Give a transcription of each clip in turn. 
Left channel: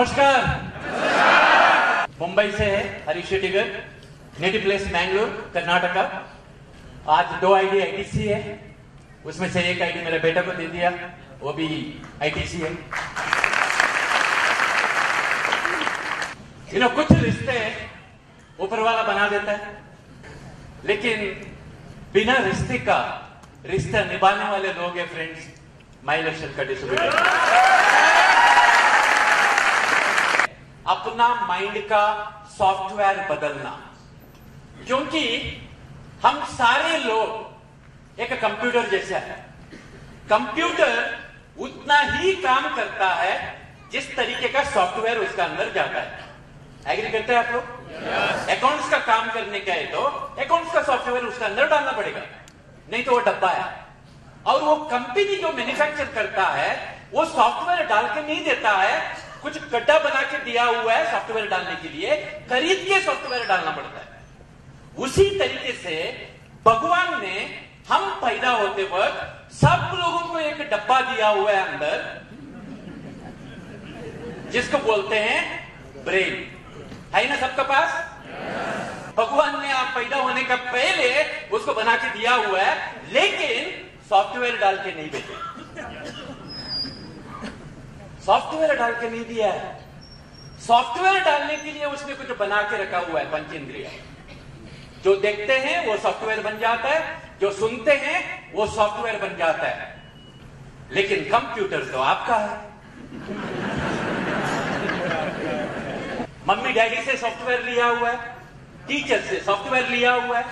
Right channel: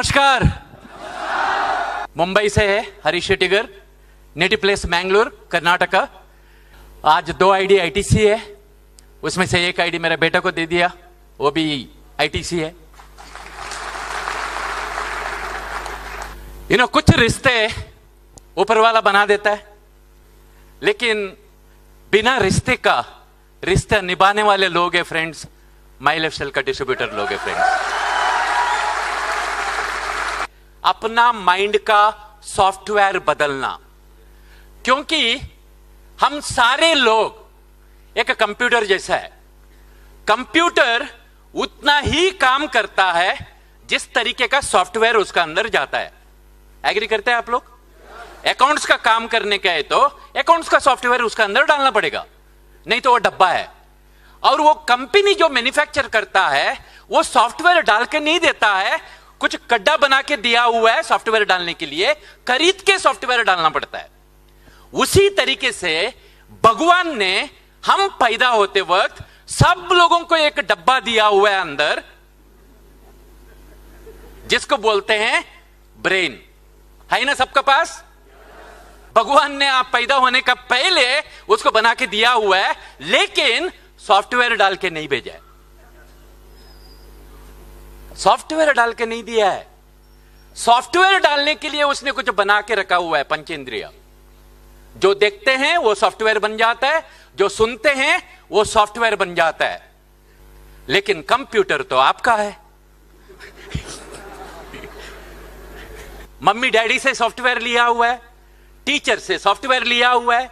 नमस्कार। मुंबई से है हरीश शेट्टीगर, नेटिव प्लेस मैंगलोर कर्नाटका। आज 2 आईडी आईटीसी है, उसमें से एक आईडी मेरे बेटा को दे दिया, वो भी आईटीसी है। कुछ रिश्ते ऊपर वाला बना देता है, लेकिन बिना रिश्ते का रिश्ता निभाने वाले लोग हैं फ्रेंड्स, माई लाइफ स्टाइल का डिस्ट्रीब्यूटर लोग हैं फ्रेंड्स। अपना माइंड का सॉफ्टवेयर बदलना, क्योंकि हम सारे लोग एक कंप्यूटर जैसा है। कंप्यूटर उतना ही काम करता है जिस तरीके का सॉफ्टवेयर उसका अंदर जाता है। एग्री करते हैं आप लोग? अकाउंट्स का काम करने का है तो अकाउंट्स का सॉफ्टवेयर उसका अंदर डालना पड़ेगा, नहीं तो वो डब्बा है। और वो कंपनी जो मैन्युफैक्चर करता है वो सॉफ्टवेयर डाल के नहीं देता है, कुछ गड्ढा बना के दिया हुआ है सॉफ्टवेयर डालने के लिए, खरीद के सॉफ्टवेयर डालना पड़ता है। उसी तरीके से भगवान ने हम पैदा होते वक्त सब लोगों को एक डब्बा दिया हुआ है अंदर, जिसको बोलते हैं ब्रेन। है ना सबका पास? भगवान ने आप पैदा होने का पहले उसको बना के दिया हुआ है, लेकिन सॉफ्टवेयर डाल के नहीं भेजा। सॉफ्टवेयर डाल के नहीं दिया है। सॉफ्टवेयर डालने के लिए उसने कुछ बना के रखा हुआ है, पंचेंद्रिय। जो देखते हैं वो सॉफ्टवेयर बन जाता है, जो सुनते हैं वो सॉफ्टवेयर बन जाता है। लेकिन कंप्यूटर तो आपका है। मम्मी डैडी से सॉफ्टवेयर लिया हुआ है, टीचर से सॉफ्टवेयर लिया हुआ है,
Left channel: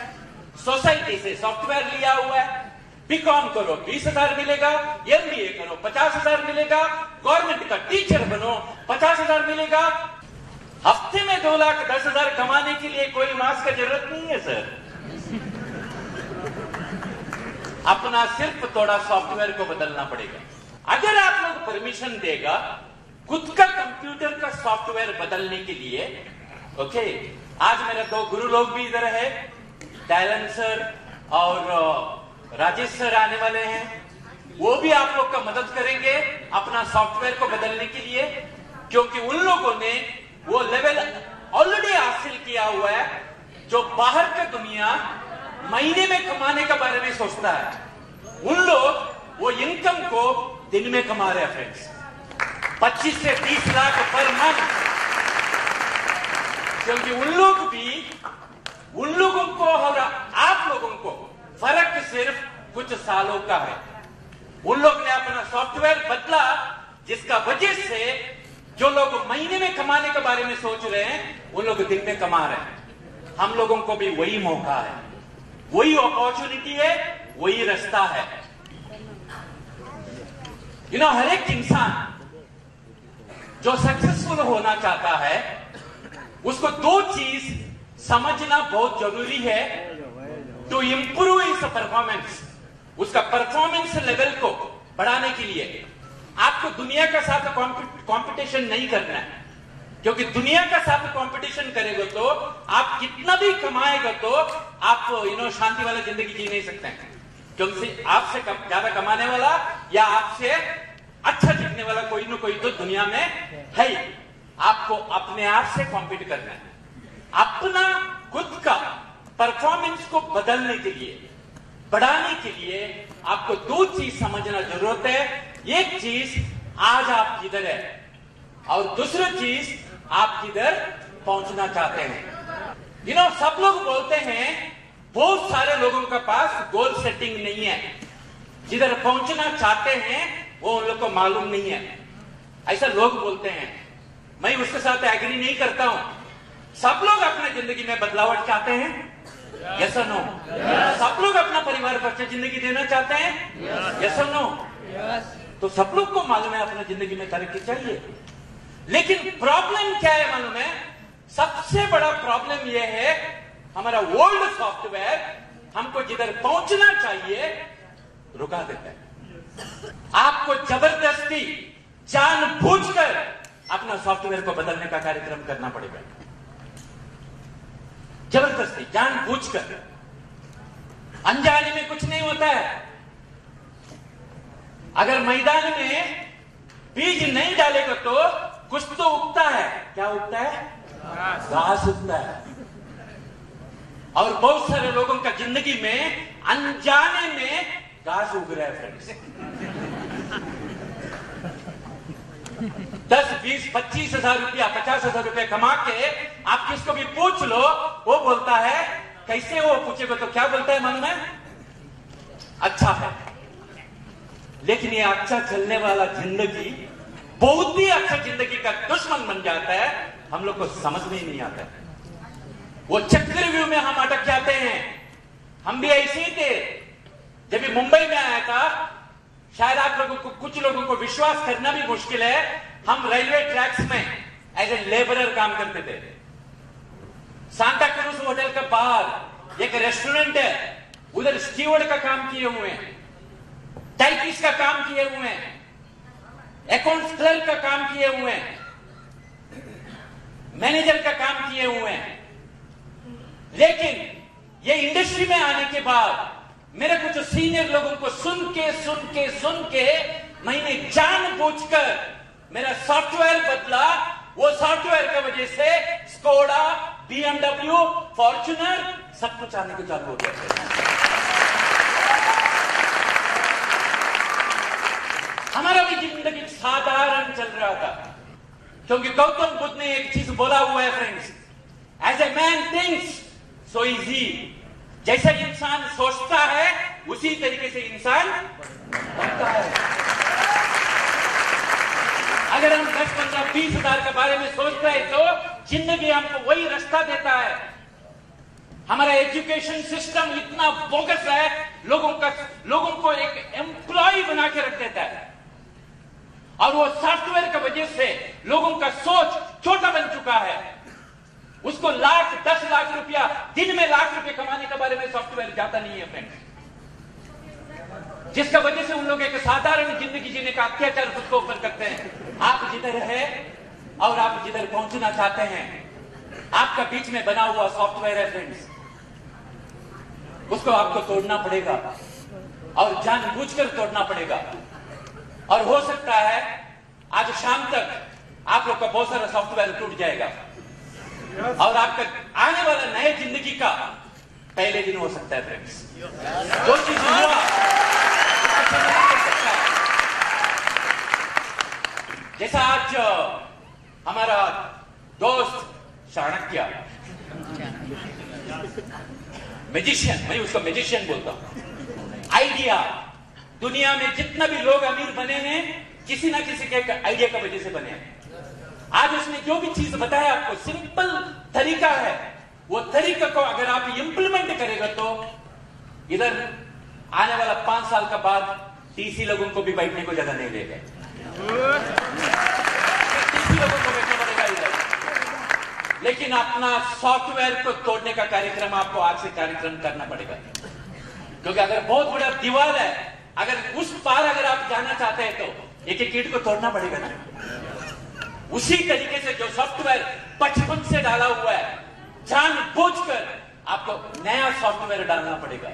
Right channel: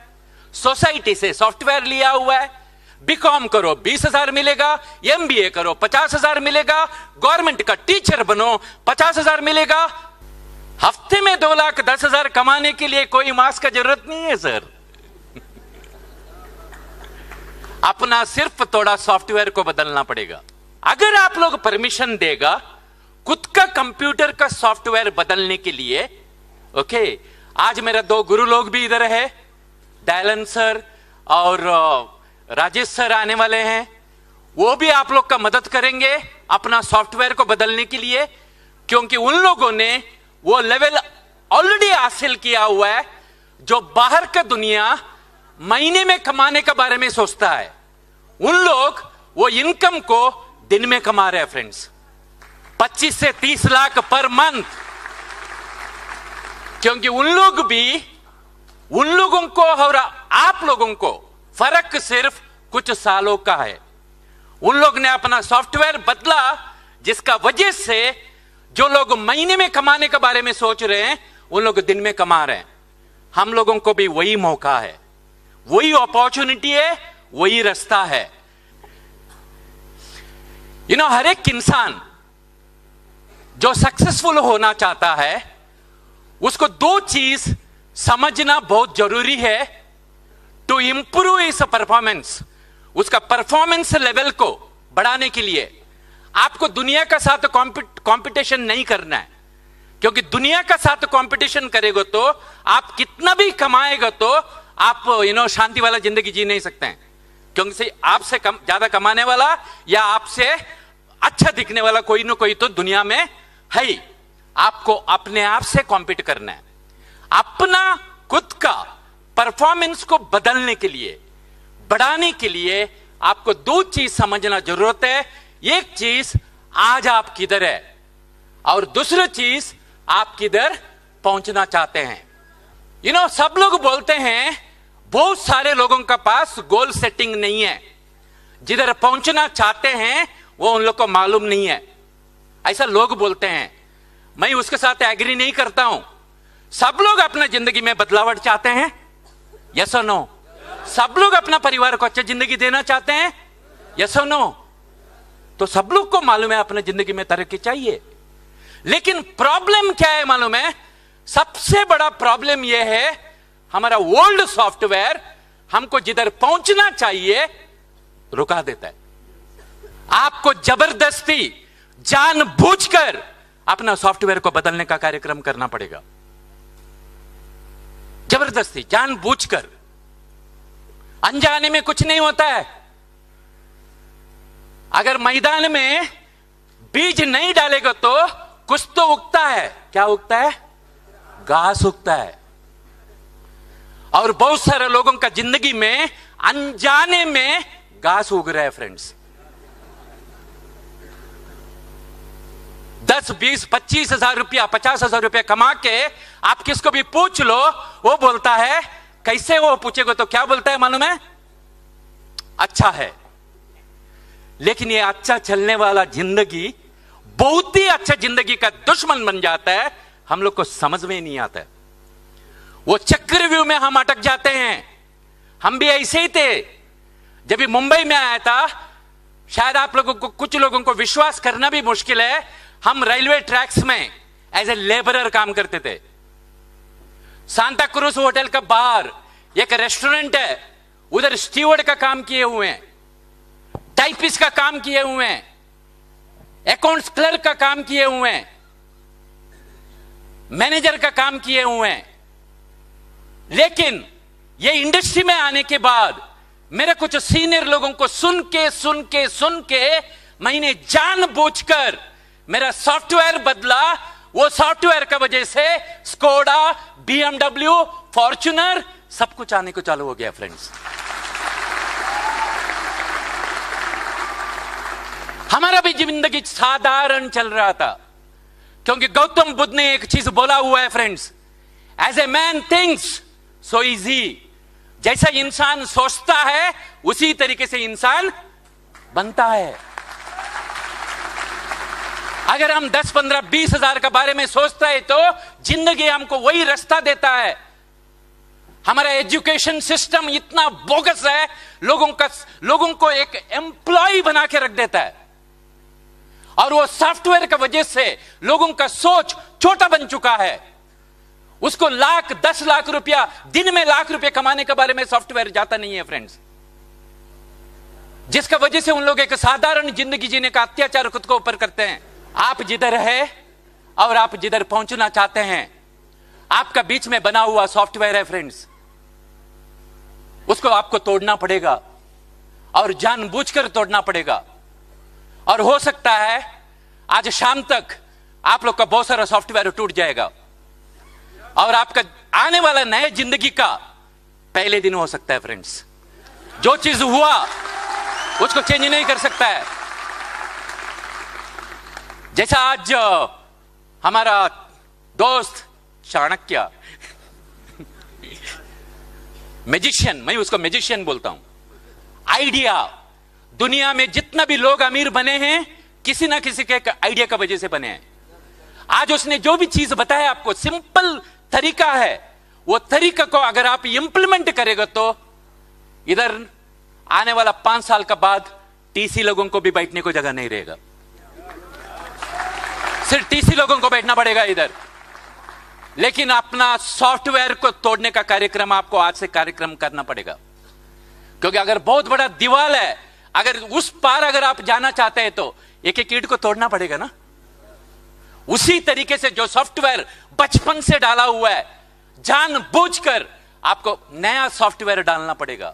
सोसाइटी से सॉफ्टवेयर लिया हुआ है। बीकॉम करो 20,000 मिलेगा, एमबीए करो 50,000 मिलेगा, गवर्नमेंट का टीचर बनो 50,000 मिलेगा। हफ्ते में 2,10,000 कमाने के लिए कोई मास का जरूरत नहीं है सर। अपना सिर्फ थोड़ा सॉफ्टवेयर को बदलना पड़ेगा। अगर आप लोग परमिशन देगा खुद का कंप्यूटर का सॉफ्टवेयर बदलने के लिए, ओके। आज मेरे 2 गुरु लोग भी इधर है, दयालन सर और राजेश सर आने वाले हैं। वो भी आप लोग का मदद करेंगे अपना सॉफ्टवेयर को बदलने के लिए, क्योंकि उन लोगों ने वो लेवल ऑलरेडी हासिल किया हुआ है जो बाहर का दुनिया महीने में कमाने के बारे में सोचता है। उन लोग वो इनकम को दिन में कमा रहे हैं फ्रेंड्स, 25 से 30 लाख पर मंथ। क्योंकि उन लोगों को और आप लोगों को फर्क सिर्फ कुछ सालों का है। उन लोग ने अपना सॉफ्टवेयर बदला, जिसका वजह से जो लोग महीने में कमाने के बारे में सोच रहे हैं उन लोग दिन में कमा रहे हैं। हम लोगों को भी वही मौका है, वही अपॉर्चुनिटी है, वही रास्ता है। हर एक इंसान जो सक्सेसफुल होना चाहता है उसको 2 चीज समझना बहुत जरूरी है टू इंप्रूव इस परफॉर्मेंस। उसका परफॉर्मेंस लेवल को बढ़ाने के लिए आपको दुनिया का साथ कंपटीशन नहीं करना है, क्योंकि दुनिया का साथ कंपटीशन करेगा तो आप कितना भी कमाएगा तो आप शांति वाला जिंदगी जी नहीं सकते हैं। क्योंकि आपसे ज्यादा कमाने वाला या आपसे अच्छा दिखने वाला कोई ना कोई तो दुनिया में है। आपको अपने आप से कॉम्पीट करना है। अपना खुद का परफॉर्मेंस को बदलने के लिए, बढ़ाने के लिए आपको 2 चीज समझना जरूरत है। एक चीज आज आप किधर है, और दूसरी चीज आप किधर पहुंचना चाहते हैं। सब लोग बोलते हैं बहुत सारे लोगों का पास गोल सेटिंग नहीं है, जिधर पहुंचना चाहते हैं वो उन लोग को मालूम नहीं है, ऐसा लोग बोलते हैं। मैं उसके साथ एग्री नहीं करता हूं। सब लोग अपना जिंदगी में बदलावट चाहते हैं, यस और नो? सब लोग अपना परिवार को अच्छी जिंदगी देना चाहते हैं, यस और नो? तो सब लोग को मालूम है अपने जिंदगी में तरक्की चाहिए, लेकिन प्रॉब्लम क्या है मालूम है? सबसे बड़ा प्रॉब्लम यह है हमारा ओल्ड सॉफ्टवेयर हमको जिधर पहुंचना चाहिए रुका देता है। आपको जबरदस्ती जानबूझकर अपना सॉफ्टवेयर को बदलने का कार्यक्रम करना पड़ेगा, जबरदस्ती जानबूझकर। अनजाने में कुछ नहीं होता है। अगर मैदान में बीज नहीं डालेगा तो कुछ तो उगता है। क्या उगता है? घास उगता है। और बहुत सारे लोगों का जिंदगी में अनजाने में घास उग रहा है फ्रेंड्स। 10, 20, 25 हजार रुपया, 50 हजार रुपया कमा के आप किसको भी पूछ लो, वो बोलता है कैसे, वो पूछेगा तो क्या बोलता है मालूम है? अच्छा है। लेकिन ये अच्छा चलने वाला जिंदगी बहुत ही अच्छा जिंदगी का दुश्मन बन जाता है। हम लोग को समझ में ही नहीं आता है। वो चक्रव्यूह में हम अटक जाते हैं। हम भी ऐसे ही थे। जब भी मुंबई में आया था, शायद आप लोगों को, कुछ लोगों को विश्वास करना भी मुश्किल है, हम रेलवे ट्रैक्स में एज ए लेबरर काम करते थे। सांता क्रूज होटल का बाहर एक रेस्टोरेंट है, उधर स्टीवर्ड का काम किए हुए हैं, टाइपिस्ट का काम किए हुए हैं, अकाउंट्स क्लर्क का काम किए हुए हैं, मैनेजर का काम किए हुए हैं। लेकिन ये इंडस्ट्री में आने के बाद मेरे कुछ सीनियर लोगों को सुन के मैंने जानबूझकर मेरा सॉफ्टवेयर बदला। वो सॉफ्टवेयर की वजह से स्कोडा, BMW, फॉर्च्यूनर सब कुछ आने को चालू हो गया फ्रेंड्स। हमारा भी जिंदगी साधारण चल रहा था, क्योंकि गौतम बुद्ध ने एक चीज बोला हुआ है friends, as a man thinks so easy. जैसा इंसान सोचता है उसी तरीके से इंसान बनता है। अगर हम 10, 15, 20 हजार के बारे में सोचते हैं तो जिंदगी हमको वही रास्ता देता है। हमारा एजुकेशन सिस्टम इतना बोगस है, लोगों को एक एम्प्लॉय बना के रख देता है। और वो सॉफ्टवेयर की वजह से लोगों का सोच छोटा बन चुका है। उसको लाख, 10 लाख रुपया, दिन में लाख रुपया कमाने के बारे में सॉफ्टवेयर जाता नहीं है फ्रेंड्स। जिसका वजह से उन लोग एक साधारण जिंदगी जीने का अत्याचार खुद को ऊपर करते हैं। आप जिधर है और आप जिधर पहुंचना चाहते हैं, आपका बीच में बना हुआ सॉफ्टवेयर है फ्रेंड्स। उसको आपको तोड़ना पड़ेगा और जानबूझकर तोड़ना पड़ेगा। और हो सकता है आज शाम तक आप लोग का बहुत सारा सॉफ्टवेयर टूट जाएगा और आपका आने वाला नए जिंदगी का पहले दिन हो सकता है फ्रेंड्स। जो चीज हुआ उसको चेंज नहीं कर सकता है। जैसा आज हमारा दोस्त चाणक्य, मैजिशियन, मैं उसको मैजिशियन बोलता हूं। आइडिया, दुनिया में जितना भी लोग अमीर बने हैं किसी ना किसी के आइडिया की वजह से बने हैं। आज उसने जो भी चीज बताया आपको, सिंपल तरीका है। वो तरीका को अगर आप इंप्लीमेंट करेगा तो इधर आने वाला 5 साल का बाद टीसी लोगों को भी बैठने को जगह नहीं रहेगा। सिर्फ टीसी लोगों को बैठना पड़ेगा इधर। लेकिन अपना सॉफ्टवेयर को तोड़ने का कार्यक्रम आपको आज से कार्यक्रम करना पड़ेगा। क्योंकि अगर बहुत बड़ा दीवार है, अगर उस पार अगर आप जाना चाहते हैं तो एक एक ईंट को तोड़ना पड़ेगा ना। उसी तरीके से जो सॉफ्टवेयर बचपन से डाला हुआ है, जानबूझकर आपको नया सॉफ्टवेयर डालना पड़ेगा।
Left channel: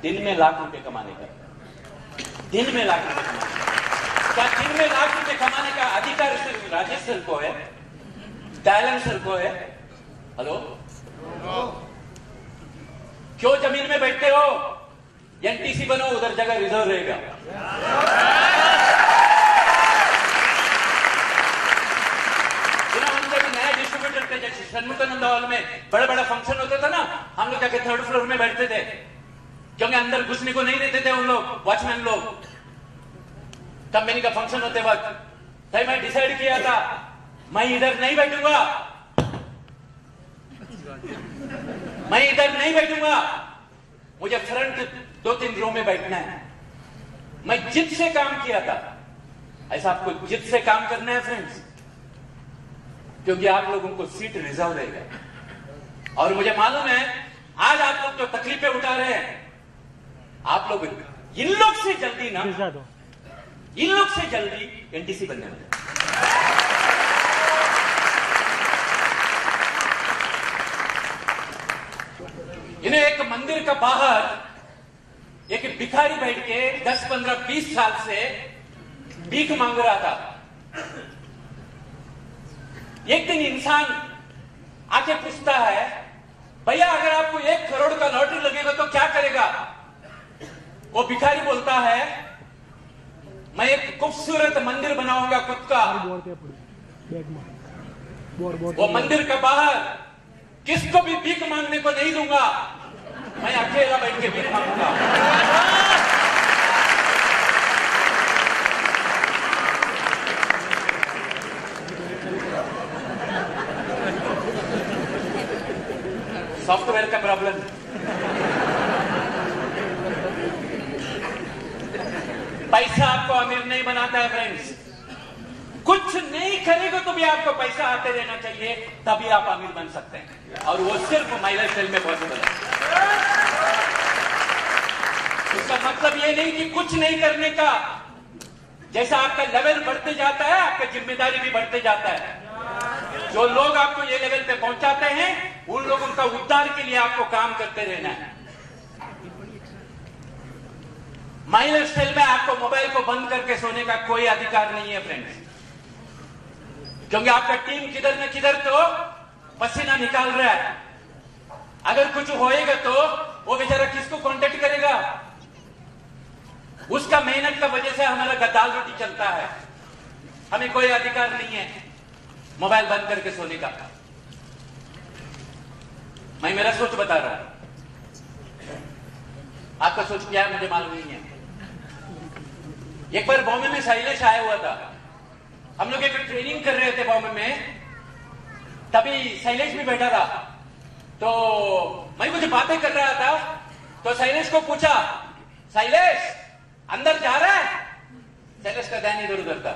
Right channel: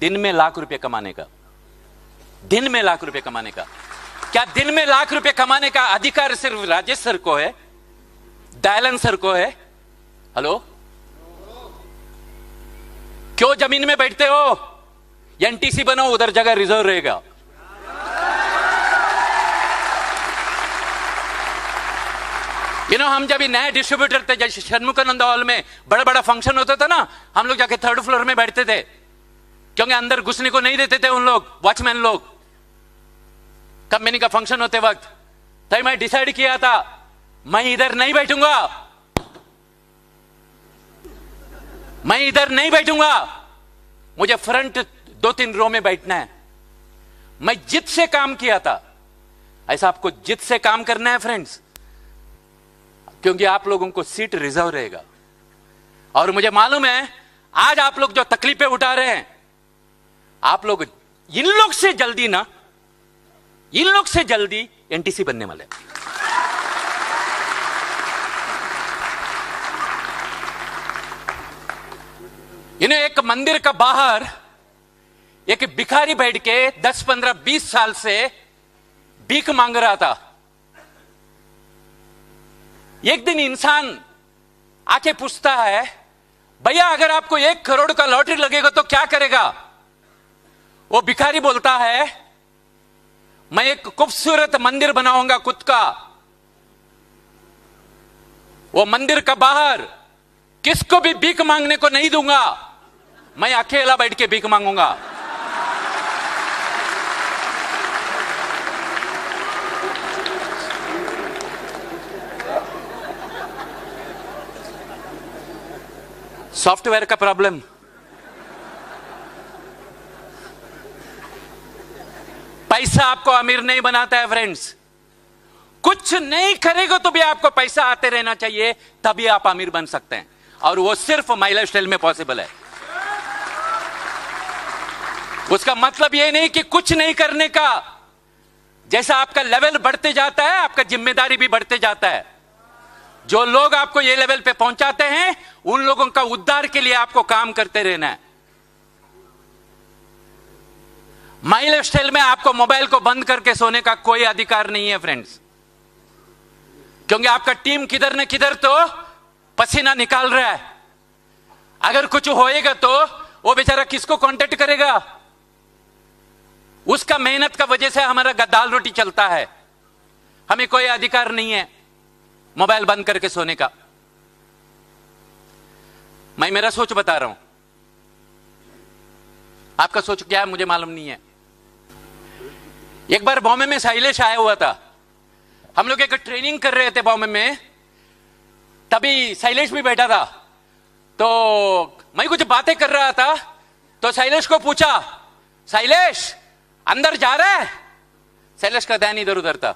दिन में लाख रुपए कमाने का, दिन में लाख रुपए कमाने का। क्या दिन में लाख रुपए कमाने का अधिकार सिर्फ राजेश सर को है, दयालन सर को है? हेलो, क्यों जमीन में बैठते हो? एनटीसी बनो, उधर जगह रिजर्व रहेगा। हम जब नए डिस्ट्रीब्यूटर थे, जैसे षणमुखानंद हॉल में बड़ा बड़ा फंक्शन होता था ना, हम लोग जाके 3rd फ्लोर में बैठते थे, क्योंकि अंदर घुसने को नहीं देते थे उन लोग, वॉचमैन लोग। कंपनी का फंक्शन होते वक्त तो मैं डिसाइड किया था मैं इधर नहीं बैठूंगा, मैं इधर नहीं बैठूंगा, मुझे फ्रंट 2-3 रो में बैठना है। मैं जिद से काम किया था। ऐसा आपको जिद से काम करना है फ्रेंड्स, क्योंकि आप लोगों को सीट रिजर्व रहेगा। और मुझे मालूम है आज आप लोग जो तकलीफें उठा रहे हैं, आप लोग इन लोग से जल्दी ना, इन लोग से जल्दी एनटीसी बनने वाले। इन्हें एक मंदिर का बाहर एक भिखारी बैठ के 10, 15, 20 साल से भीख मांग रहा था। एक दिन इंसान आके पूछता है, भैया अगर आपको 1 करोड़ का लॉटरी लगेगा तो क्या करेगा? वो भिखारी बोलता है, मैं एक खूबसूरत मंदिर बनाऊंगा खुद का। वो मंदिर का बाहर किसको भी भीख मांगने को नहीं दूंगा, मैं अकेला बैठ के भीख मांगूंगा। सॉफ्टवेयर का प्रॉब्लम। पैसा आपको अमीर नहीं बनाता है फ्रेंड्स। कुछ नहीं करेगा तो भी आपको पैसा आते रहना चाहिए, तभी आप अमीर बन सकते हैं, और वो सिर्फ माई लाइफस्टाइल में पॉसिबल है। उसका मतलब ये नहीं कि कुछ नहीं करने का। जैसा आपका लेवल बढ़ते जाता है, आपका जिम्मेदारी भी बढ़ते जाता है। जो लोग आपको ये लेवल पे पहुंचाते हैं, उन लोगों का उद्धार के लिए आपको काम करते रहना है। माई लाइफस्टाइल में आपको मोबाइल को बंद करके सोने का कोई अधिकार नहीं है फ्रेंड्स, क्योंकि आपका टीम किधर न किधर तो पसीना निकाल रहा है। अगर कुछ होएगा तो वो बेचारा किसको कांटेक्ट करेगा? उसका मेहनत का वजह से हमारा दाल रोटी चलता है। हमें कोई अधिकार नहीं है मोबाइल बंद करके सोने का। मैं मेरा सोच बता रहा हूं, आपका सोच क्या है मुझे मालूम नहीं है। एक बार बॉम्बे में शैलेश आया हुआ था, हम लोग एक ट्रेनिंग कर रहे थे बॉम्बे में, तभी शैलेश भी बैठा था। तो मैं कुछ बातें कर रहा था, तो शैलेश को पूछा, शैलेश अंदर जा रहा है? शैलेश का ध्यान इधर उधर था।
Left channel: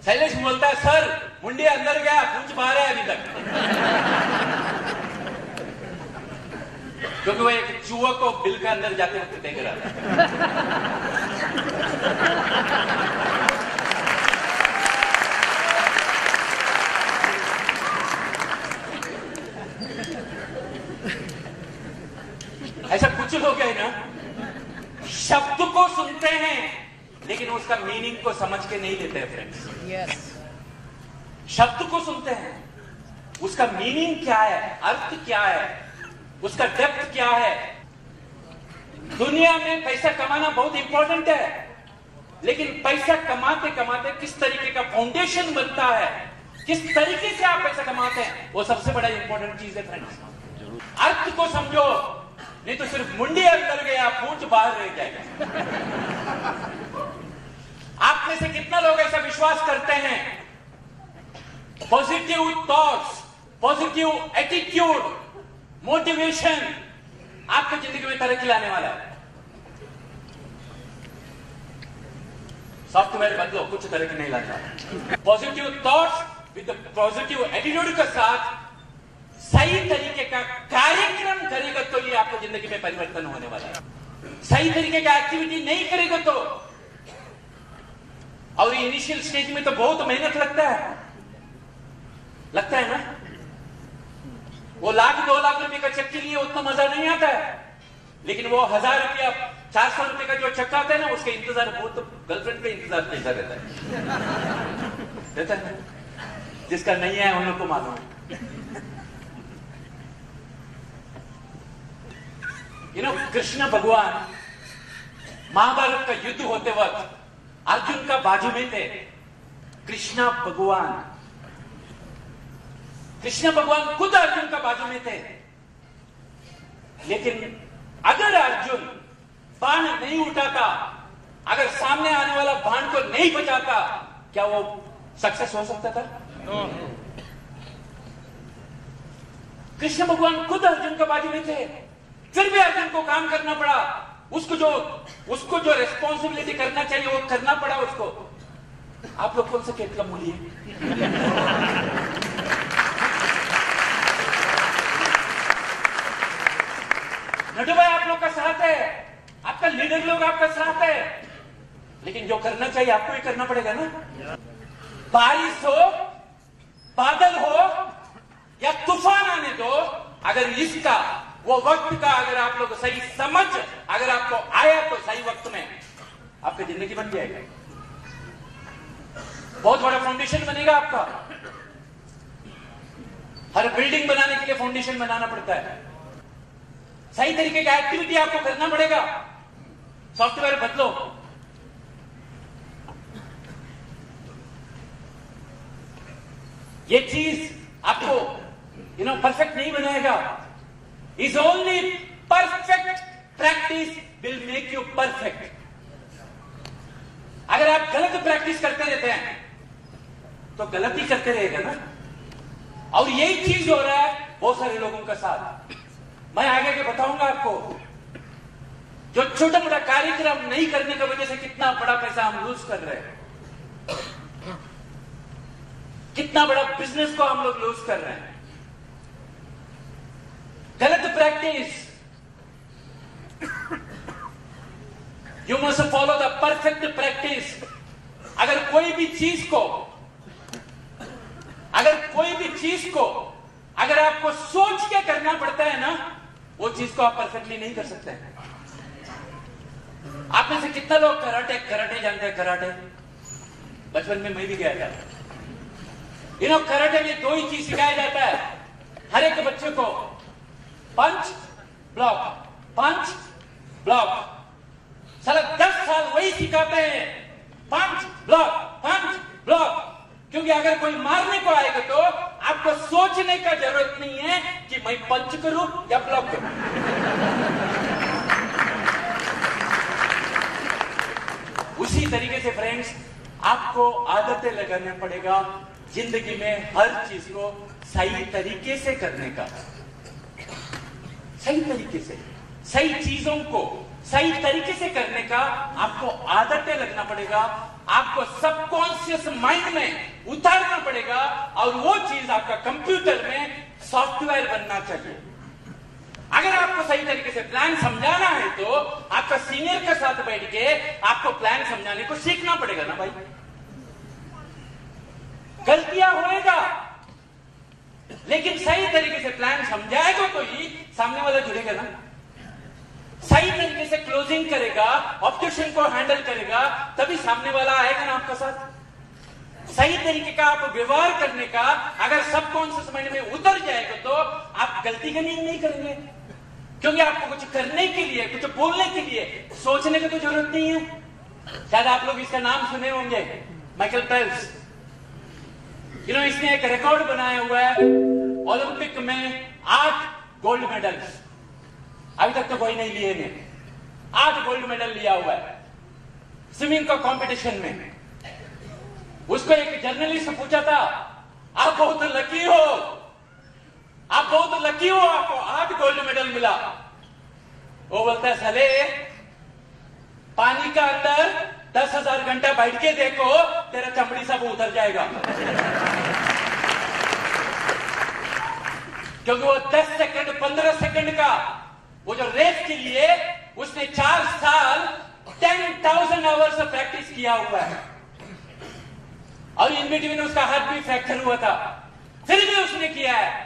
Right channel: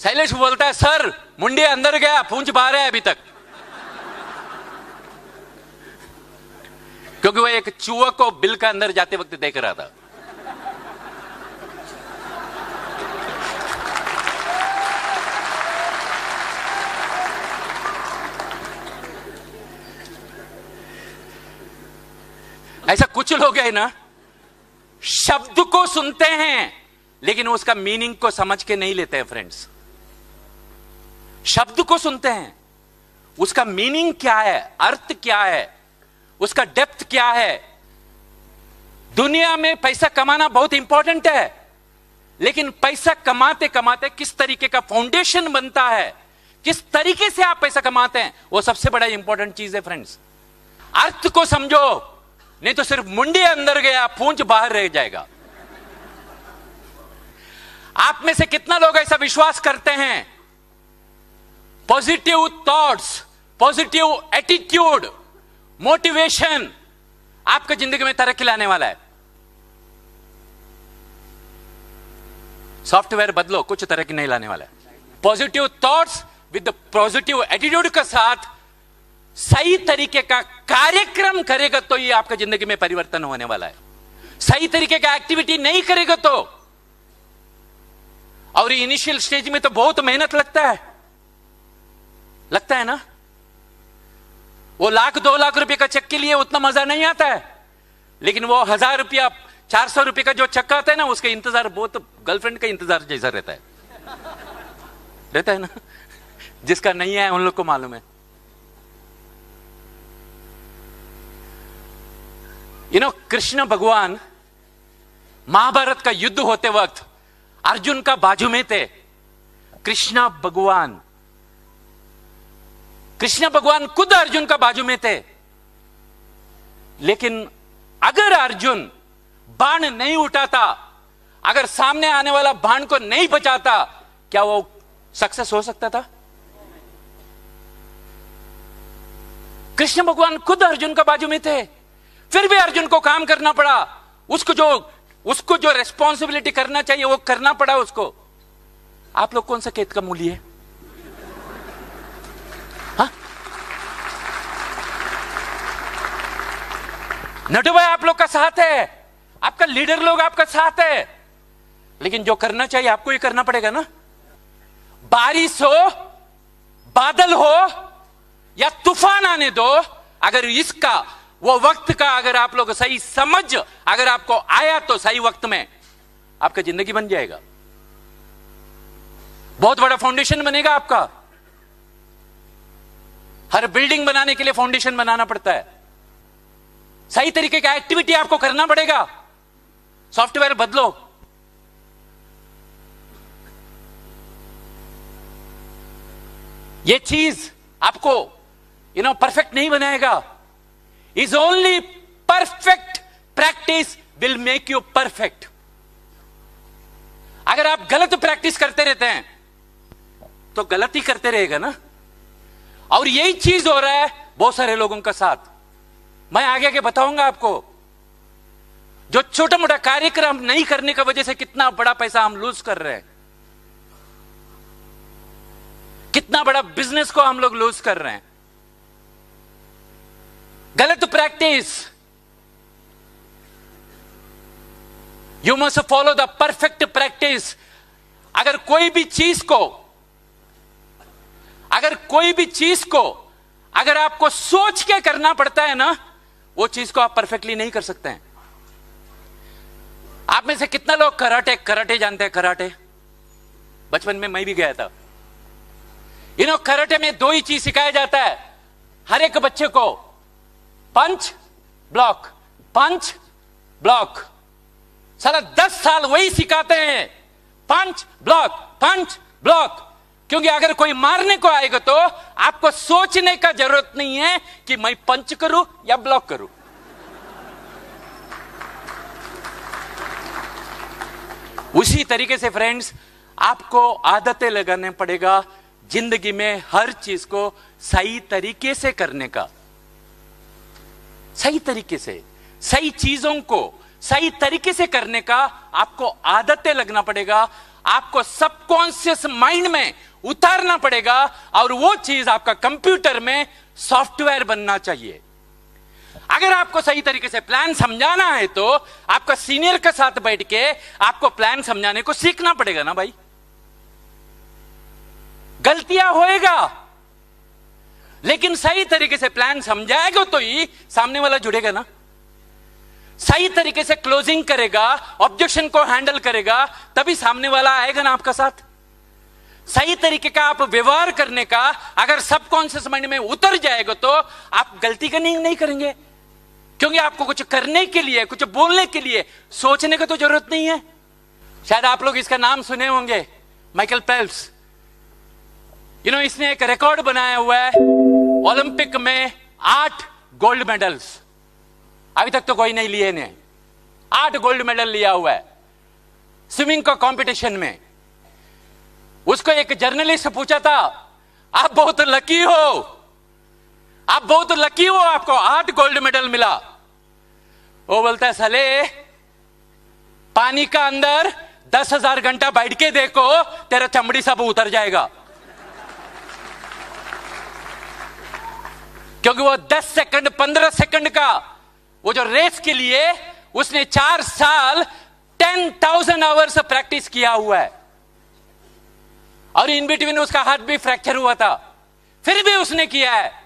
शैलेश बोलता है, सर मुंडी अंदर गया, पूंछ बाहर है अभी तक। क्योंकि वो एक चूहा को बिल का अंदर जाते वक्त देख रहा था। ऐसा कुछ लोग हैं ना, शब्द को सुनते हैं लेकिन उसका मीनिंग को समझ के नहीं लेते हैं फ्रेंड्स। शब्द को सुनते हैं, उसका मीनिंग क्या है, अर्थ क्या है, उसका डेप्थ क्या है। दुनिया में पैसा कमाना बहुत इंपॉर्टेंट है, लेकिन पैसा कमाते कमाते किस तरीके का फाउंडेशन बनता है, किस तरीके से आप पैसा कमाते हैं, वो सबसे बड़ा इंपॉर्टेंट चीज है फ्रेंड्स। अर्थ को समझो, नहीं तो सिर्फ मुंडी अंदर गया, पूंछ बाहर रह जाएगा। आप में से कितना लोग ऐसा विश्वास करते हैं, positive thoughts, positive attitude, motivation आपकी जिंदगी में तरक्की लाने वाला है? सॉफ्टवेयर बदलो, कुछ तरक्की नहीं लाने वाला। Positive thoughts with positive attitude के साथ सही तरीके का कार्यक्रम करेगा तो ये आपका जिंदगी में परिवर्तन होने वाला है। सही तरीके का एक्टिविटी नहीं करेगा तो, और इनिशियल स्टेज में तो बहुत मेहनत लगता है ना। वो 1,00,000 2 लाख रुपए का चेक के लिए उतना मजा नहीं आता है, लेकिन वो 1,000 रुपया 400 रुपए का जो चेक आता है ना, उसका इंतजार बहुत गर्लफ्रेंड का इंतजार जैसा रहता है ना। जिसका नहीं है उन लोग को मालूम है। कृष्ण भगवान महाभारत का युद्ध होते वक्त अर्जुन का बाजू में थे। कृष्ण भगवान खुद अर्जुन का बाजू में थे, लेकिन अगर अर्जुन बाण नहीं उठाता, अगर सामने आने वाला बाण को नहीं बचाता, क्या वो सक्सेस हो सकता था? कृष्ण भगवान खुद अर्जुन का बाजू में थे, फिर भी अर्जुन को काम करना पड़ा। उसको जो रिस्पॉन्सिबिलिटी करना चाहिए वो करना पड़ा उसको। आप लोग कौन सा खेत का मूली है? नड्डू भाई आप लोग का साथ है, आपका लीडर लोग आपका साथ है, लेकिन जो करना चाहिए आपको ही करना पड़ेगा ना। बारिश हो, बादल हो या तूफान आने दो, अगर इसका वो वक्त का अगर आप लोग सही समझ अगर आपको आया तो सही वक्त में आपका जिंदगी बन जाएगा, बहुत बड़ा फाउंडेशन बनेगा आपका। हर बिल्डिंग बनाने के लिए फाउंडेशन बनाना पड़ता है। सही तरीके का एक्टिविटी आपको करना पड़ेगा। सॉफ्टवेयर बदलो। ये चीज आपको परफेक्ट नहीं बनाएगा। Is only perfect practice will make you perfect. अगर आप गलत प्रैक्टिस करते रहते हैं तो गलत ही करते रहेगा ना। और यही चीज हो रहा है बहुत सारे लोगों का साथ। मैं आगे आगे बताऊंगा आपको, जो छोटा मोटा कार्यक्रम नहीं करने की वजह से कितना बड़ा पैसा हम लूज कर रहे हैं, कितना बड़ा बिजनेस को हम लोग लूज कर रहे हैं। गलत practice. You must follow the perfect practice. अगर कोई भी चीज को अगर आपको सोच के करना पड़ता है ना, वो चीज को आप परफेक्टली नहीं कर सकते हैं। आप में से कितना लोग कराटे जानते हैं? कराटे बचपन में मैं भी गया था। कराटे में दो ही चीज सिखाया जाता है हर एक बच्चे को, पंच ब्लॉक, पंच ब्लॉक। सारा 10 साल वही सिखाते हैं, पंच ब्लॉक, पंच ब्लॉक। क्योंकि अगर कोई मारने को आएगा तो आपको सोचने का जरूरत नहीं है कि मैं पंच करूं या ब्लॉक करूं। उसी तरीके से फ्रेंड्स, आपको आदतें लगाने पड़ेगा जिंदगी में हर चीज को सही तरीके से करने का। सही तरीके से, सही चीजों को सही तरीके से करने का आपको आदतें लगना पड़ेगा। आपको सबकॉन्शियस माइंड में उतारना पड़ेगा और वो चीज आपका कंप्यूटर में सॉफ्टवेयर बनना चाहिए। अगर आपको सही तरीके से प्लान समझाना है तो आपका सीनियर के साथ बैठ के आपको प्लान समझाने को सीखना पड़ेगा ना भाई। गलतियां होएगा, लेकिन सही तरीके से प्लान समझाएगा तो ही सामने वाला जुड़ेगा ना। सही तरीके से क्लोजिंग करेगा, ऑब्जेक्शन को हैंडल करेगा, तभी सामने वाला आएगा ना आपका साथ। सही तरीके का आप व्यवहार करने का अगर सबकॉन्शियस माइंड में उतर जाएगा तो आप गलती करनी नहीं करेंगे। क्योंकि आपको कुछ करने के लिए, कुछ बोलने के लिए सोचने की तो जरूरत नहीं है। शायद आप लोग इसका नाम सुने होंगे, माइकल फेल्प्स। इसने एक रिकॉर्ड बनाया हुआ है, ओलंपिक में 8 गोल्ड मेडल्स। अभी तक तो कोई नहीं लिए ने। 8 गोल्ड मेडल लिया हुआ है स्विमिंग का कंपटीशन में। उसको एक जर्नलिस्ट पूछा था, आप बहुत लकी हो, आप बहुत लकी हो, आपको 8 गोल्ड मेडल मिला। वो बोलता है, साले पानी का अंदर 10,000 घंटा बैठ के देखो, तेरा चमड़ी सब उतर जाएगा। क्योंकि वो 10 सेकंड 15 सेकंड का वो जो रेस के लिए उसने 4 साल 10,000 आवर्स प्रैक्टिस किया हुआ है। और इन बिटवीन उसका हार्ट भी फ्रैक्चर हुआ था, फिर भी उसने किया है।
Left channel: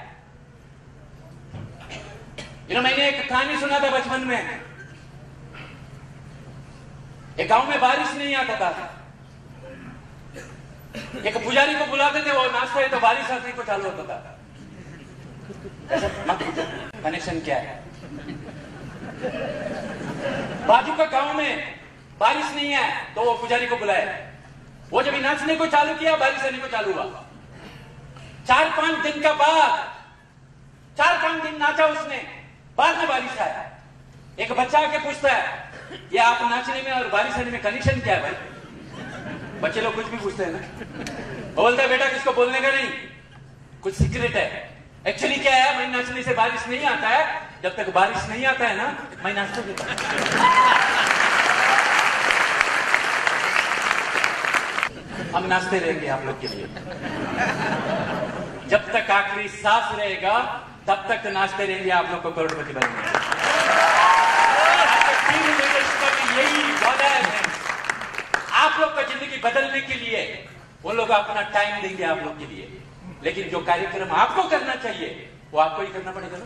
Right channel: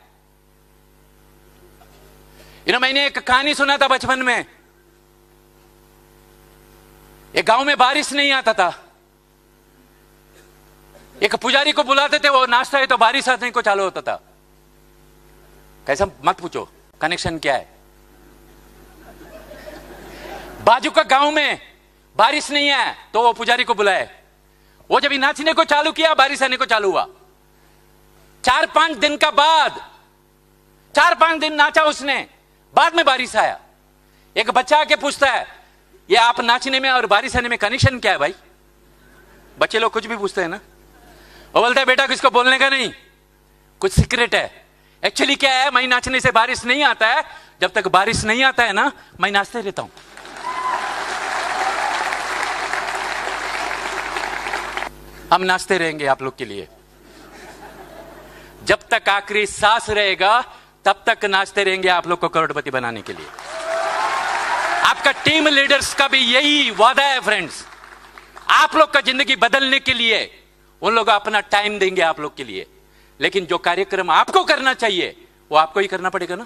मैंने एक कहानी सुना था बचपन में। एक गांव में बारिश नहीं आता था। एक पुजारी को बुलाते थे, वो नाचता है तो बारिश आने को चालू होता था। कैसा मत पूछो, कनेक्शन क्या है। बाजू का गांव में बारिश नहीं है तो वो पुजारी को बुलाए। वो जब नाचने को चालू किया, बारिश आने को चालू हुआ। 4-5 दिन का बाद, 4-5 दिन नाचा उसने, बाद में बारिश आया। एक बच्चा आके पूछता है, ये आप नाचने में और बारिश आने में कनेक्शन क्या है भाई? बच्चे लोग कुछ भी पूछते हैं ना। वो बोलता है, बेटा किसको बोलने का नहीं, कुछ सीक्रेट है। एक्चुअली क्या है, मैं नाचने से बारिश नहीं आता है। जब तक बारिश नहीं आता है ना, मैं नाचते रहता हूं। हम नाचते रहेंगे आप लोग के लिए। जब तक आखिरी सांस रहेगा तब तक नाचते रहेंगे आप लोग को करोड़पति बनाने के लिए। आपका टीम लीडर्स का भी यही वादा है फ्रेंड्स। आप लोग का जिंदगी बदलने के लिए उन लोग अपना टाइम देंगे आप लोग के लिए। लेकिन जो कार्यक्रम आपको करना चाहिए वो आपको ही करना पड़ेगा ना।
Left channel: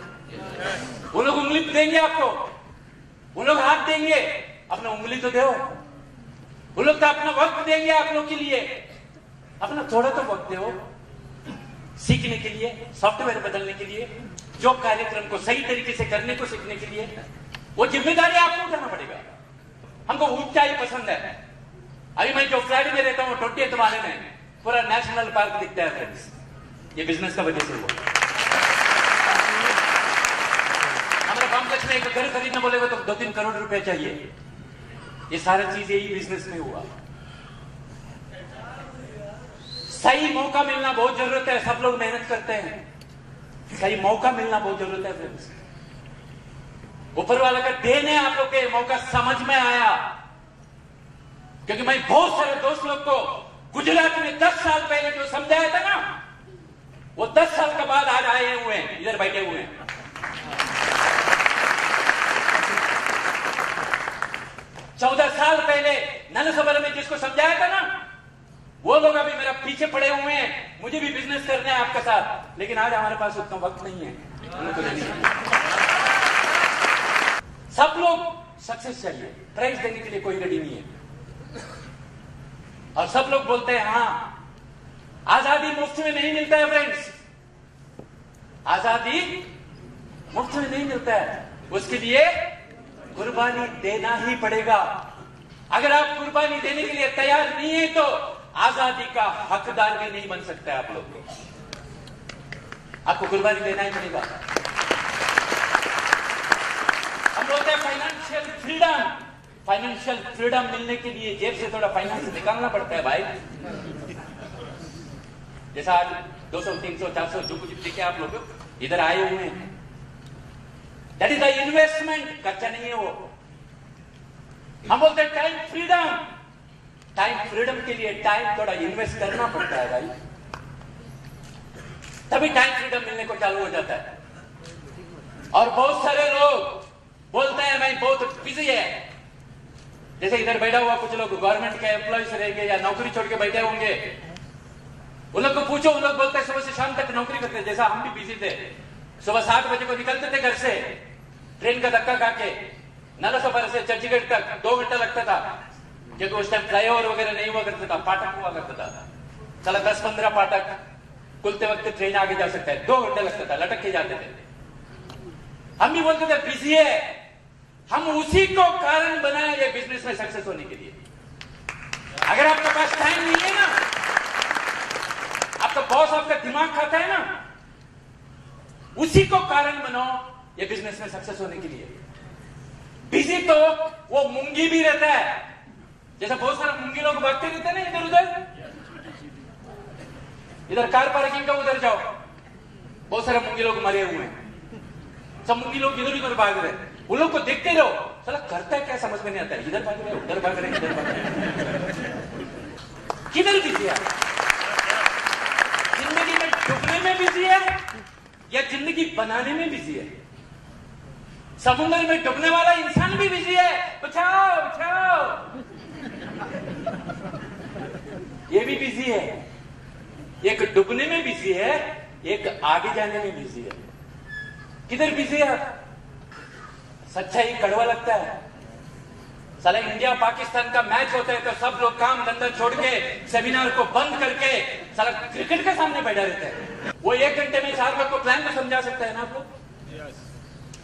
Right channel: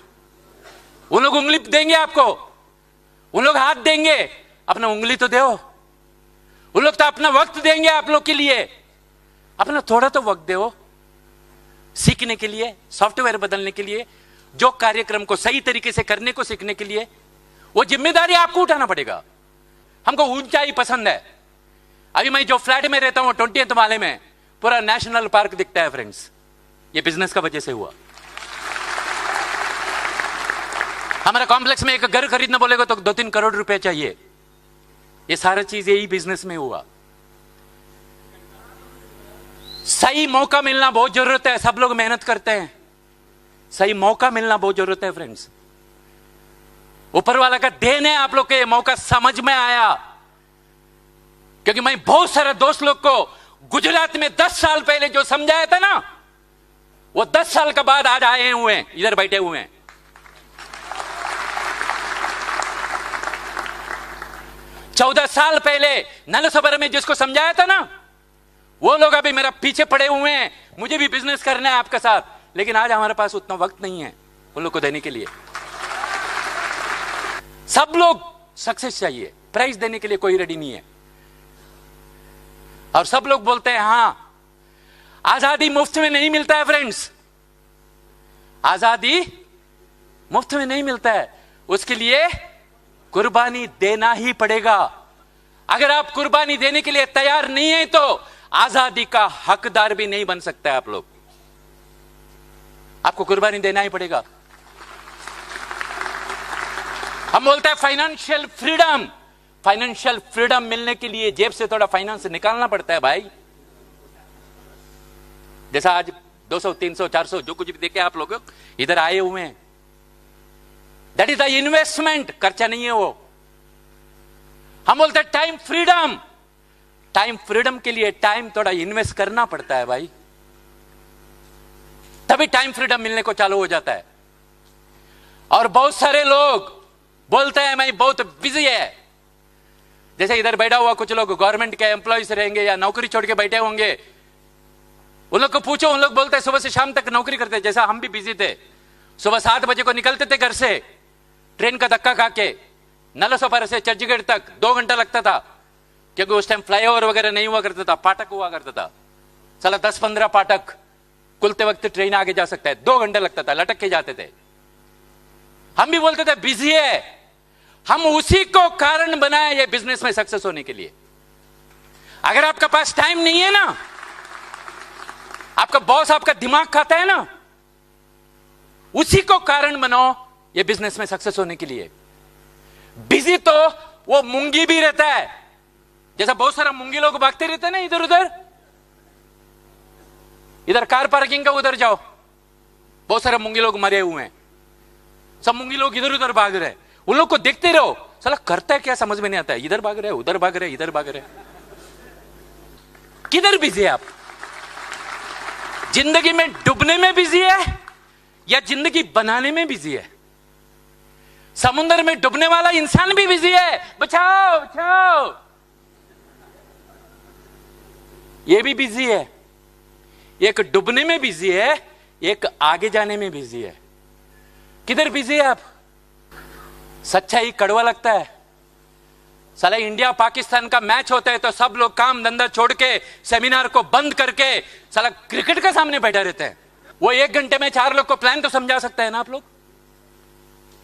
वो लोग उंगली देंगे आपको, वो लोग हाथ देंगे, अपना उंगली तो दो। वो लोग तो अपना वक्त देंगे आप लोग के लिए, अपना थोड़ा तो वक्त दो। सीखने के लिए, सॉफ्टवेयर बदलने के लिए, जो कार्यक्रम को सही तरीके से करने को सीखने के लिए, वो जिम्मेदारी आपको उठाना पड़ेगा। हमको ऊंचाई पसंद है। अभी मैं जो फ्लैट में रहता हूं 20th माले में पूरा नेशनल पार्क दिखता है फ्रेंड्स। ये बिजनेस का वजह से हुआ। हमारे कॉम्प्लेक्स में एक घर खरीदना बोलेगा तो 2-3 करोड़ रुपए चाहिए। ये सारा चीज यही बिजनेस में हुआ। सही मौका मिलना बहुत जरूरत है। सब लोग मेहनत करते हैं, सही मौका मिलना बहुत जरूरत है फ्रेंड्स। ऊपर वाला का देन है आप लोग के, ये मौका समझ में आया। क्योंकि मैं बहुत सारे दोस्त लोग को गुजरात में 10 साल पहले जो समझाया था ना, वो 10 साल के बाद आज आए हुए हैं, इधर बैठे हुए हैं। 14 साल पहले नलसबरा में जिसको समझाया था ना, वो लोग अभी मेरा पीछे पड़े हुए हैं। मुझे भी बिजनेस करना है आपके साथ, लेकिन आज हमारे पास उतना वक्त नहीं है उन लोग को देने के लिए। सब लोग सक्सेस चाहिए, प्राइज देने के लिए कोई रेडी नहीं है। और सब लोग बोलते हैं हां, आजादी मुफ्त में नहीं मिलता है फ्रेंड्स। आजादी मुफ्त में नहीं मिलता है, उसके लिए कुर्बानी देना ही पड़ेगा। अगर आप कुर्बानी देने के लिए तैयार नहीं है तो आजादी का हकदार भी नहीं बन सकता है आप लोग। आपको कुर्बानी देना ही पड़ेगा। हम बोलते हैं फाइनेंशियल फ्रीडम। फाइनेंशियल फ्रीडम मिलने के लिए जेब से थोड़ा फाइनेंस निकालना पड़ता है भाई। जैसा आज 200, 300, 400 जो कुछ देखे आप लोग इधर आए हुए हैं, दैट इज द इन्वेस्टमेंट। खर्चा नहीं है वो। हम बोलते हैं टाइम फ्रीडम। टाइम फ्रीडम के लिए टाइम थोड़ा इन्वेस्ट करना पड़ता है भाई, तभी टाइम फ्रीडम मिलने को चालू हो जाता है। और बहुत सारे लोग बोलते हैं मैं बहुत बिजी है। जैसे इधर बैठा हुआ कुछ लोग गवर्नमेंट के एम्प्लॉयज रहेंगे या नौकरी छोड़ के बैठे होंगे, उन लोग को पूछो, उन लोग बोलते हैं सुबह से शाम तक नौकरी करते हैं। जैसा हम भी बिजी थे, सुबह 7 बजे को निकलते थे घर से, ट्रेन का धक्का खा के नलसबरा से चर्चगेट तक 2 घंटा लगता था, क्योंकि उस टाइम फ्लाईओवर वगैरह नहीं हुआ करता था, फाटक हुआ करता था। साला 10-15 फाटक खुलते वक्त ट्रेन आगे जा सकता है, 2 घंटे लगता था, लटक के जाते थे। हम भी बोलते थे बिजी है। हम उसी को कारण बनाए ये बिजनेस में सक्सेस होने के लिए। अगर आपके पास टाइम नहीं है ना, आपका बॉस आपका दिमाग खाता है ना, उसी को कारण बनाओ ये बिजनेस में सक्सेस होने के लिए। बिजी तो वो मूंगी भी रहता है, जैसा बहुत सारे मूंगी लोग भागते रहते हैं ना इधर उधर। इधर कार पार्किंग का उधर जाओ, बहुत सारे मूंगी लोग मरे हुए हैं। सब मूंगी लोग इधर उधर भाग रहे हैं। उन लोग को देखते रहो, साला करता है क्या समझ में नहीं आता है। इधर भाग रहे, उधर भाग रहे, इधर भाग रहे। किधर बिजी है आप? जिंदगी में डूबने में बिजी है या जिंदगी बनाने में बिजी है? समुद्र में डूबने वाला इंसान भी बिजी है, बचाओ बचाओ, ये भी बिजी है। एक डूबने में बिजी है, एक आगे जाने में बिजी है। किधर बिजी है आप? सच्चाई कड़वा लगता है। सारे इंडिया पाकिस्तान का मैच होता है तो सब लोग काम धंधा छोड़ के सेमिनार को बंद करके सारा क्रिकेट के सामने बैठा रहते हैं। वो 1 घंटे में 4 लोग को प्लान तो समझा सकता है ना आप लोग।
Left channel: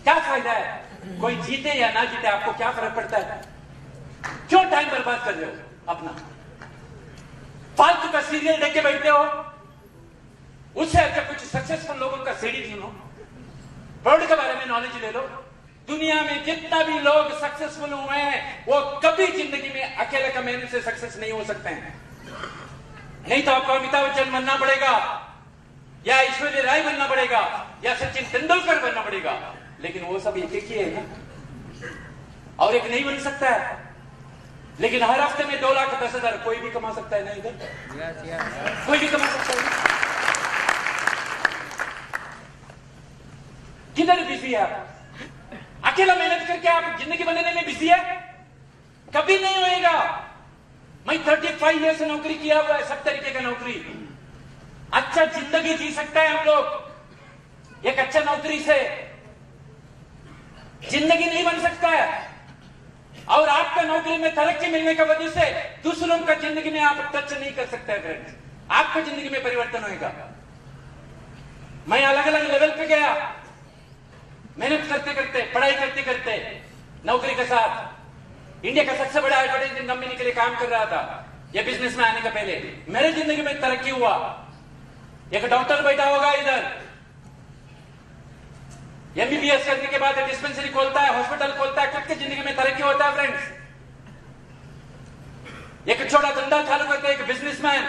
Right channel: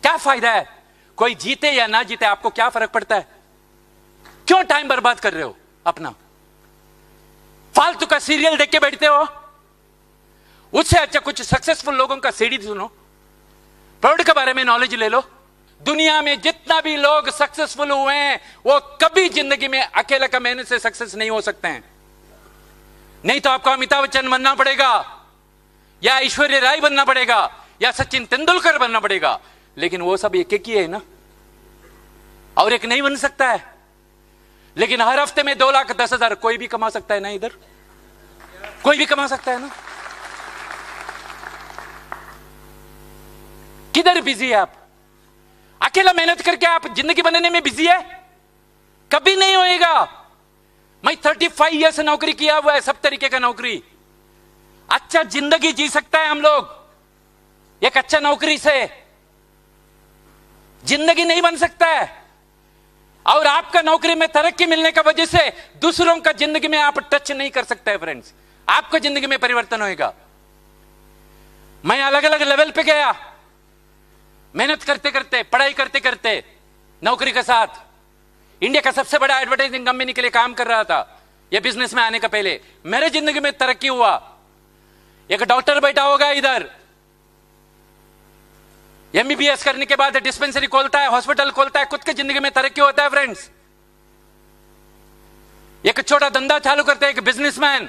क्या फायदा है? कोई जीते या ना जीते आपको क्या फर्क पड़ता है? क्यों टाइम बर्बाद कर रहे हो अपना? फालतू का सीरियल देख के बैठते हो। उससे अच्छा कुछ सक्सेसफुल लोगों का सीडी सुनो, प्रोडक्ट के बारे में नॉलेज ले लो। दुनिया में जितना भी लोग सक्सेसफुल हुए हैं वो कभी जिंदगी में अकेला का मेहनत से सक्सेस नहीं हो सकते हैं। नहीं तो आपको अमिताभ बच्चन बनना पड़ेगा या ऐश्वर्या राय बनना पड़ेगा या सचिन तेंदुलकर बनना पड़ेगा, लेकिन वो सब एक ही है ना, और एक नहीं बन सकता है। लेकिन हर हफ्ते में 2,10,000 कोई भी कमा सकता है ना, इधर कोई भी कमा सकता है ना। किधर बिजी है आप? अकेला मेहनत करके आप जिंदगी बनाने में बिजी है? कभी नहीं होएगा। मैं 35 ईयर से नौकरी किया हुआ है, सब तरीके का नौकरी। अच्छा जिंदगी जी सकता है हम लोग एक अच्छा नौकरी से, जिंदगी नहीं बन सकता है। और आपका नौकरी में तरक्की मिलने का वजह से दूसरों का जिंदगी में आप टच नहीं कर सकते हैं फ्रेंड्स। आपका जिंदगी में परिवर्तन होएगा। मैं अलग अलग लेवल पे गया, मेहनत करते करते, पढ़ाई करते करते, नौकरी के साथ इंडिया का सबसे बड़ा एडवर्टाइजिंग कंपनी के लिए काम कर रहा था। यह बिजनेस में आने का पहले मेरे जिंदगी में तरक्की हुआ। एक डॉक्टर बैठा होगा इधर, एमबीबीएस करने के बाद डिस्पेंसरी खोलता है, हॉस्पिटल खोलता है, खुद की जिंदगी में तरक्की होता है फ्रेंड्स। एक छोटा धंधा चालू करता है एक बिजनेसमैन,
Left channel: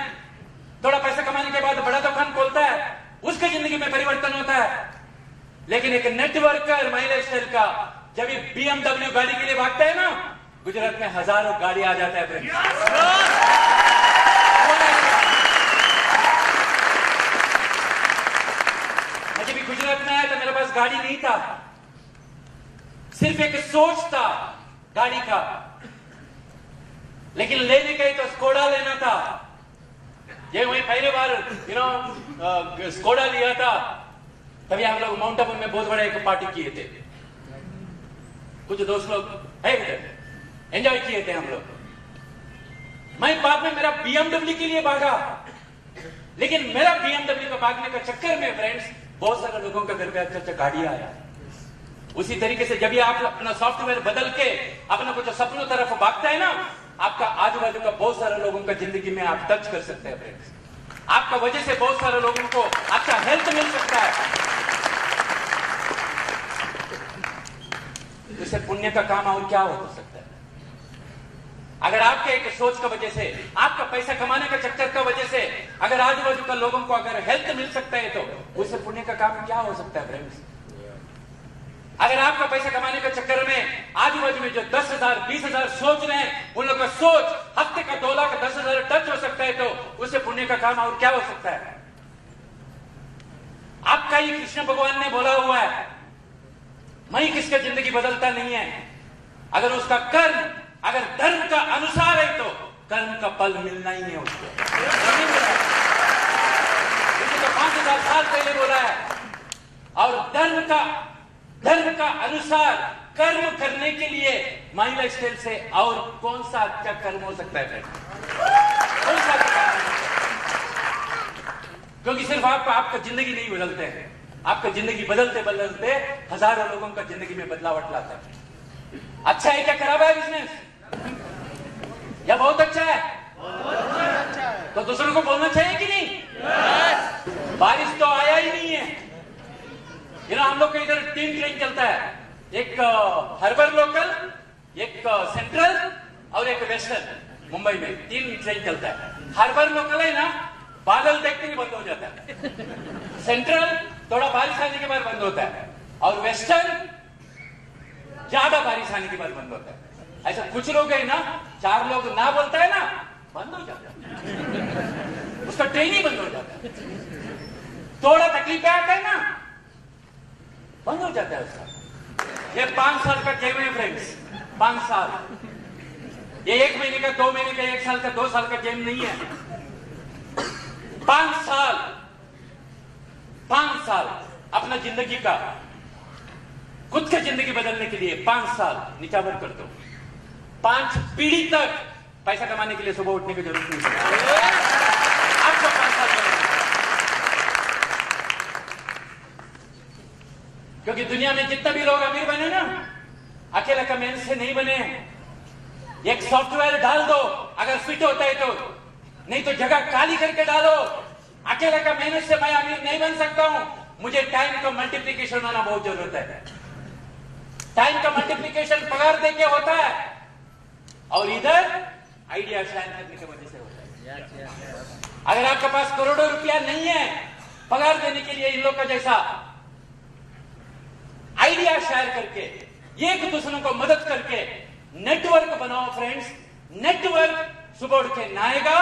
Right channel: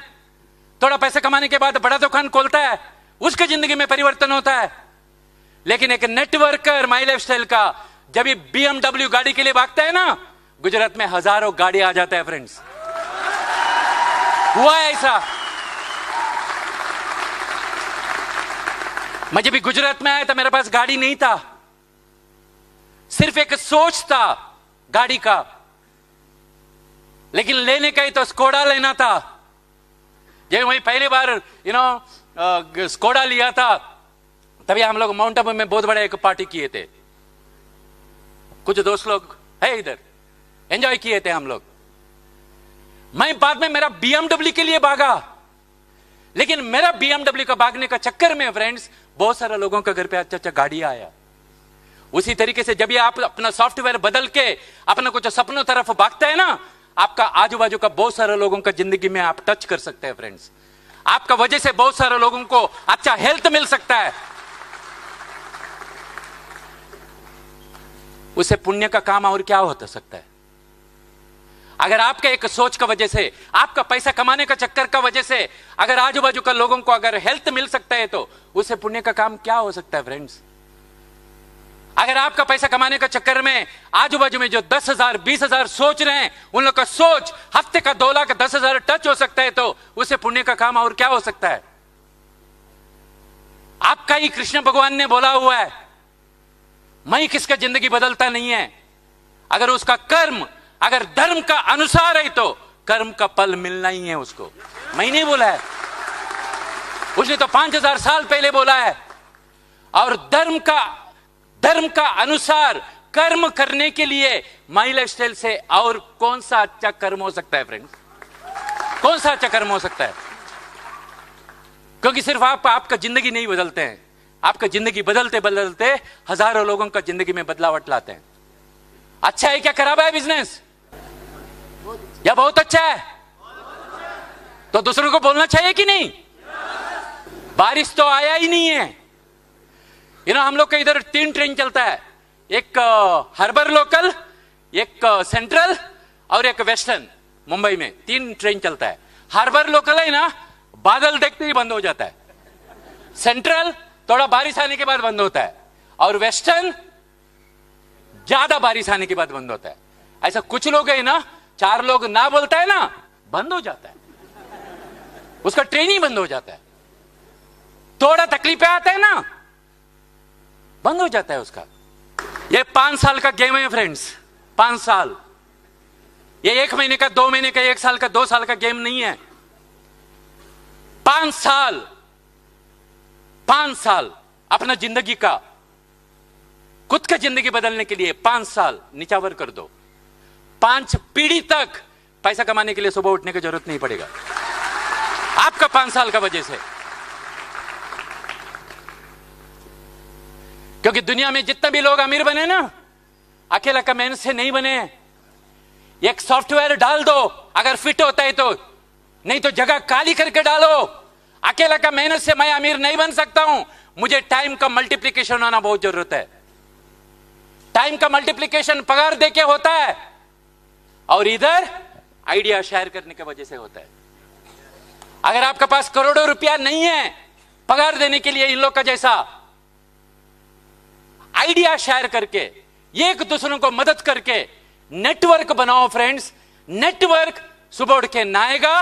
थोड़ा पैसे कमाने के बाद बड़ा दुकान खोलता है, उसके जिंदगी में परिवर्तन होता है। लेकिन एक नेटवर्कर माई लाइफस्टाइल का जब BMW गाड़ी के लिए भागता है ना, गुजरात में हजारों गाड़ी आ जाता है फ्रेंड्स। हुआ ऐसा। मैं जब गुजरात में आया था मेरे पास गाड़ी नहीं था, सिर्फ एक सोच था गाड़ी का, लेकिन लेने का ही तो स्कोडा लेना था। जब वही पहली बार स्कोडा लिया था, तभी हम लोग माउंट आबू में बहुत बड़े एक पार्टी किए थे, कुछ दोस्त लोग है इधर, एंजॉय किए थे हम लोग। मैं बाद में मेरा BMW के लिए भागा, लेकिन मेरा BMW का भागने का चक्कर में फ्रेंड्स बहुत सारे लोगों के घर पे अच्छा गाड़ी आया। उसी तरीके से जब ये आप अपना सॉफ्टवेयर बदल के अपना कुछ सपनों तरफ भागता है ना, आपका आजू बाजू का बहुत सारे लोगों का जिंदगी में आप टच कर सकते हैं फ्रेंड्स। आपका वजह से बहुत सारे लोगों को अच्छा हेल्थ मिल सकता है। उसे पुण्य का काम और क्या हो सकता है? अगर आपके एक सोच का वजह से, आपका पैसा कमाने का चक्कर का वजह से अगर आजू बाजू का लोगों को अगर हेल्थ मिल सकता है, तो उसे पुण्य का काम क्या हो सकता है फ्रेंड्स? अगर आपका पैसा कमाने का चक्कर में आजू बाजू में जो 10,000 20,000 सोच रहे हैं, उन लोग का सोच हफ्ते का 2 लाख 10,000 टच हो सकता है, तो उसे पुण्य का काम और क्या हो सकता है? आपका ही कृष्ण भगवान ने बोला हुआ है, मैं किसका जिंदगी बदलता नहीं है। अगर उसका कर्म अगर धर्म का अनुसार है, तो कर्म का फल मिलना ही है उसको। मैं नहीं बोला है, उसने तो 5,000 साल पहले बोला है। और धर्म का अनुसार कर्म करने के लिए माई लाइफस्टाइल से और कौन सा अच्छा कर्म हो सकता है फ्रेंड? कौन सा अच्छा कर्म हो सकता है? क्योंकि सिर्फ आपका जिंदगी नहीं बदलते हैं, आपका जिंदगी बदलते बदलते हजारों लोगों का जिंदगी में बदलावट लाते हैं। अच्छा है क्या खराब है बिजनेस? या बहुत अच्छा है? तो दूसरों को बोलना चाहिए कि नहीं? बारिश तो आया ही नहीं है। हम लोग का इधर 3 ट्रेन चलता है, एक हार्बर लोकल, एक सेंट्रल और एक वेस्टर्न। मुंबई में 3 ट्रेन चलता है। हार्बर लोकल है ना, बादल देखते ही बंद हो जाता है। सेंट्रल थोड़ा बारिश आने के बाद बंद होता है, और वेस्टर्न ज्यादा बारिश आने के बाद बंद होता है। ऐसा कुछ लोग है ना, 4 लोग ना बोलता है ना, बंद हो जाता है, उसका ट्रेन ही बंद हो जाता है। थोड़ा तकलीफें आता है ना, बंद हो जाता है उसका। ये 5 साल का गेम है फ्रेंड्स, 5 साल। ये 1 महीने का, 2 महीने का, 1 साल का, 2 साल का गेम नहीं है। 5 साल, 5 साल अपना जिंदगी का, खुद का जिंदगी बदलने के लिए 5 साल निछावर कर दो। 5 पीढ़ी तक पैसा कमाने के लिए सुबह उठने की जरूरत नहीं पड़ेगा आपका 5 साल का वजह से। क्योंकि दुनिया में जितने भी लोग अमीर बने ना, अकेला का मेहनत से नहीं बने। एक सॉफ्टवेयर डाल दो, अगर फिट होता है तो, नहीं तो जगह खाली करके डालो। अकेला का मेहनत से मैं अमीर नहीं बन सकता हूं, मुझे टाइम का मल्टीप्लिकेशन होना बहुत जरूरत है। टाइम का मल्टीप्लिकेशन पगार देके होता है, और इधर आइडिया शेयर करने की वजह से होता है। अगर आपके पास करोड़ों रुपया नहीं है पगार देने के लिए इन लोग का जैसा, आइडिया शेयर करके, एक दूसरों को मदद करके नेटवर्क बनाओ फ्रेंड्स। नेटवर्क सुबह उठ के ना आएगा,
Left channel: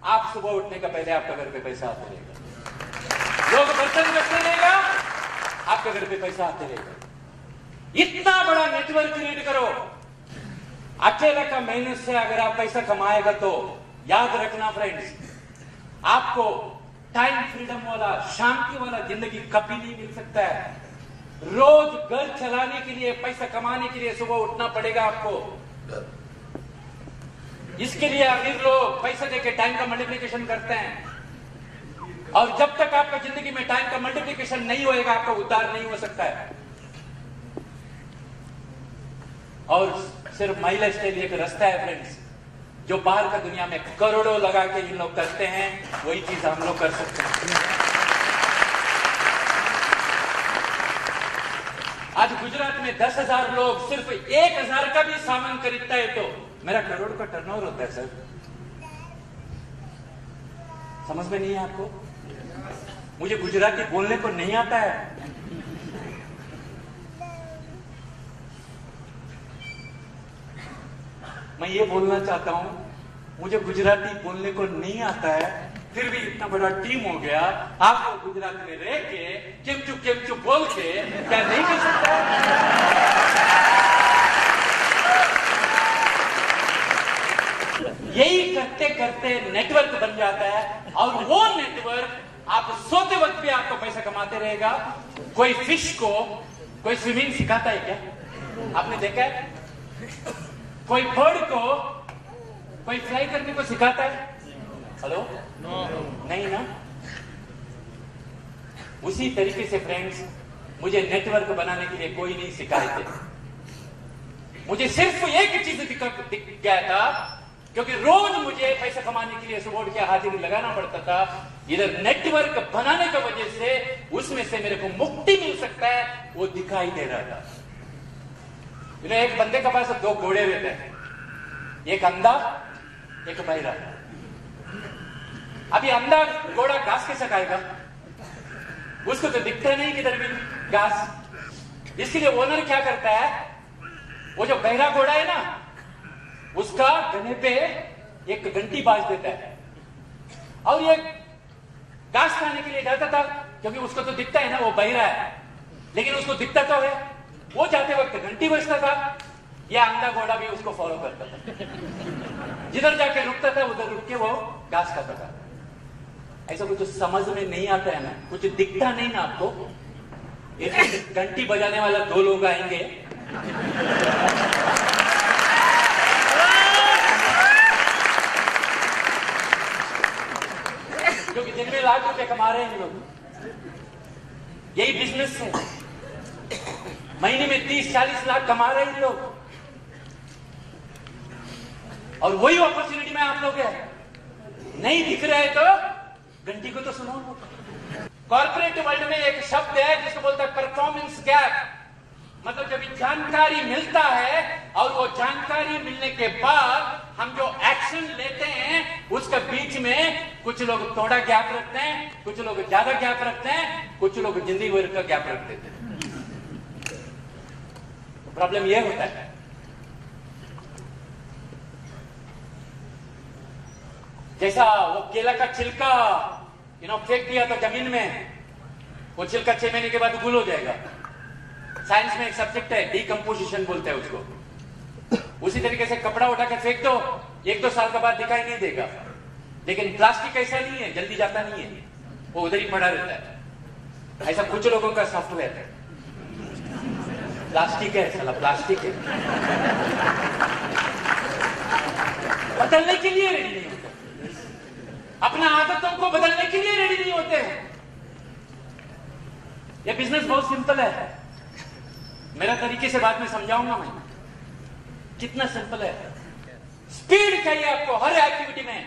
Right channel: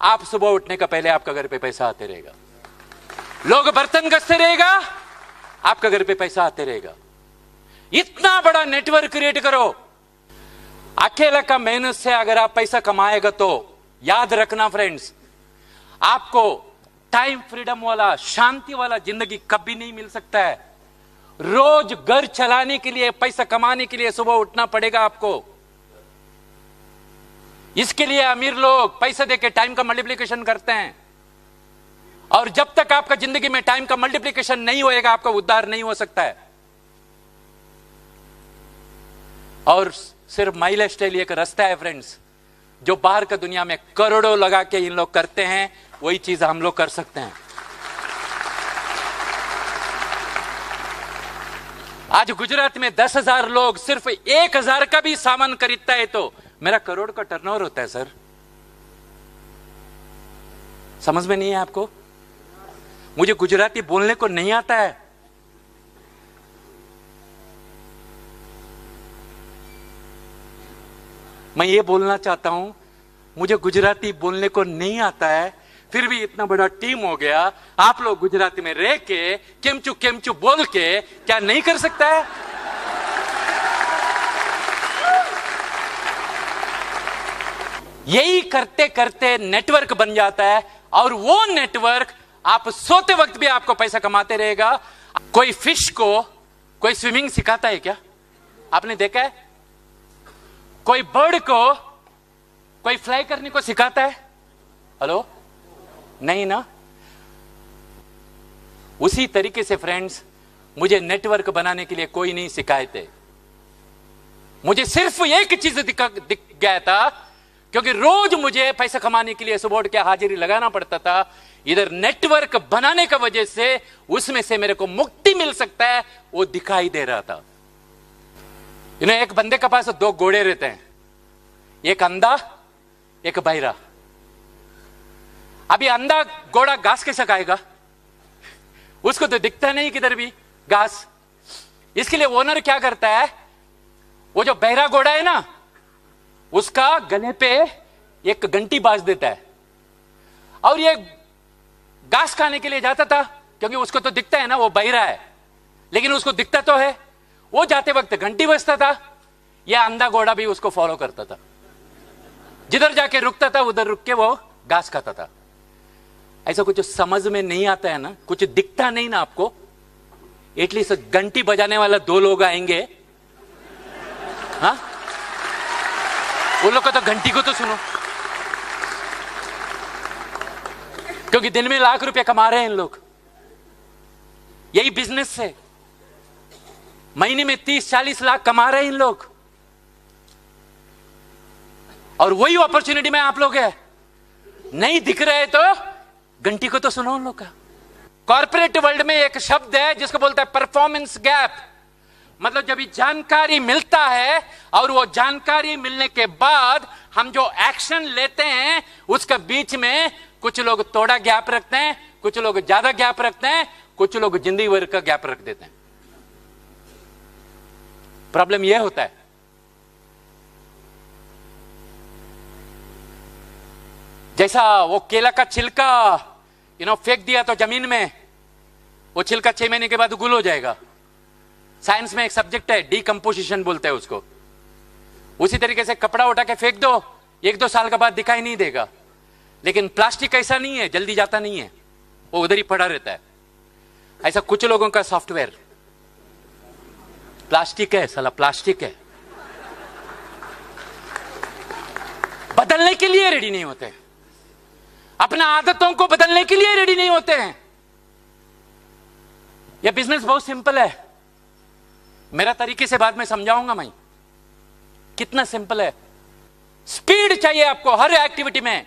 आप सुबह उठने का पहले आपका घर पे पैसा आते रहेगा। लोग बर्तन घसते रहेगा, आपका घर पे पैसा आते रहेगा। इतना बड़ा नेटवर्क क्रिएट करो। अकेला का मेहनत से अगर आप पैसा कमाएगा तो याद रखना फ्रेंड्स, आपको टाइम फ्रीडम वाला, शांति वाला जिंदगी कभी नहीं मिल सकता है। रोज घर चलाने के लिए, पैसा कमाने के लिए सुबह उठना पड़ेगा आपको। इसके लिए अमीर लोग पैसा देके टाइम का मल्टीप्लिकेशन करते हैं। और जब तक आपका जिंदगी में टाइम का मल्टीप्लिकेशन नहीं होएगा, आपका उद्धार नहीं हो सकता है। और सिर्फ माई लाइफ स्टाइल एक रास्ता है फ्रेंड्स, जो बाहर का दुनिया में करोड़ों लगा के ये लोग करते हैं, वही चीज हम लोग कर सकते हैं। आज गुजरात में 10,000 लोग सिर्फ 1,000 का भी सामान खरीदता है तो मेरा करोड़ का टर्नओवर होता है सर। समझ में नहीं है आपको? मुझे गुजराती बोलने को नहीं आता है। मैं ये बोलना चाहता हूं, मुझे गुजराती बोलने को नहीं आता है, फिर भी इतना बड़ा टीम हो गया, आप लोग गुजराती में रह के केमचू बोल के क्या नहीं कर सकता है? यही करते करते नेटवर्क बन जाता है, और वो नेटवर्क आप सोते वक्त भी आपको पैसा कमाते रहेगा। कोई फिश को कोई स्विमिंग सिखाता है क्या? आपने देखा है? कोई बर्ड को कोई फ्लाई करने को सिखाता है? हेलो? नहीं ना। उसी तरीके से फ्रेंड्स, मुझे नेटवर्क बनाने के लिए कोई नहीं सिखाए थे। मुझे सिर्फ एक चीज दिख गया था, क्योंकि रोज मुझे पैसा कमाने के लिए सुबह उठ के हाजिरी लगाना पड़ता था। इधर नेटवर्क बनाने की वजह से उसमें से मेरे को मुक्ति मिल सकता है, वो दिखाई दे रहा था। एक बंदे के पास 2 घोड़े रहते हैं, एक अंधा एक बहरा। अभी अंधा घोड़ा घास कैसे खाएगा? उसको तो दिखता नहीं किधर भी घास। इसके लिए ओनर क्या करता है, वो जो बहरा घोड़ा है ना, उसका गले पे एक घंटी बाज देता है, और ये घास खाने के लिए जाता था, क्योंकि उसको तो दिखता है ना वो बहरा है, लेकिन उसको दिखता तो है। वो जाते वक्त घंटी बजता था, यह अंधा घोड़ा भी उसको फॉलो करता था। जिधर जाके रुकता था उधर रुक के वो घास खाता था। ऐसा कुछ समझ में नहीं आता है ना, कुछ दिखता नहीं ना आपको। एटलीस्ट घंटी बजाने वाला 2 लोग आएंगे, हाँ? उन लोग को तो घंटी को तो सुनो, क्योंकि दिन में लाख रुपए कमा रहे हैं इन लोग। यही बिजनेस है, महीने में 30-40 लाख कमा रहे हैं इन लोग, और वही अपॉर्चुनिटी में आप लोग है। नहीं दिख रहे तो घंटी को तो सुनो उन लोग का। कॉर्पोरेट वर्ल्ड में एक शब्द है जिसको बोलता है परफॉर्मेंस गैप। मतलब जब जानकारी मिलता है और वो जानकारी मिलने के बाद हम जो एक्शन लेते हैं उसके बीच में कुछ लोग थोड़ा गैप रखते हैं, कुछ लोग ज्यादा गैप रखते हैं, कुछ लोग जिंदगी भर का गैप रख देते हैं। प्रॉब्लम यह होता है, जैसा वो केला का छिलका फेंक दिया तो जमीन में, वो छिलका 6 महीने के बाद गुल हो जाएगा। साइंस में एक सब्जेक्ट है डीकंपोजिशन बोलते हैं उसको। उसी तरीके से कपड़ा उठा के फेंक दो, 1-2 साल के बाद दिखाई नहीं देगा। लेकिन प्लास्टिक ऐसा नहीं है, जल्दी जाता नहीं है, वो उधर ही पड़ा रहता है। ऐसा कुछ लोगों का सॉफ्टवेयर प्लास्टिक है, साला प्लास्टिक है, बदलने के लिए रेडी नहीं होते, अपना आदतों को बदलने के लिए रेडी नहीं होते हैं। यह बिजनेस बहुत सिंपल है, मेरा तरीके से बाद में समझाऊंगा मैं कितना सिंपल है। स्पीड चाहिए आपको हर एक्टिविटी में।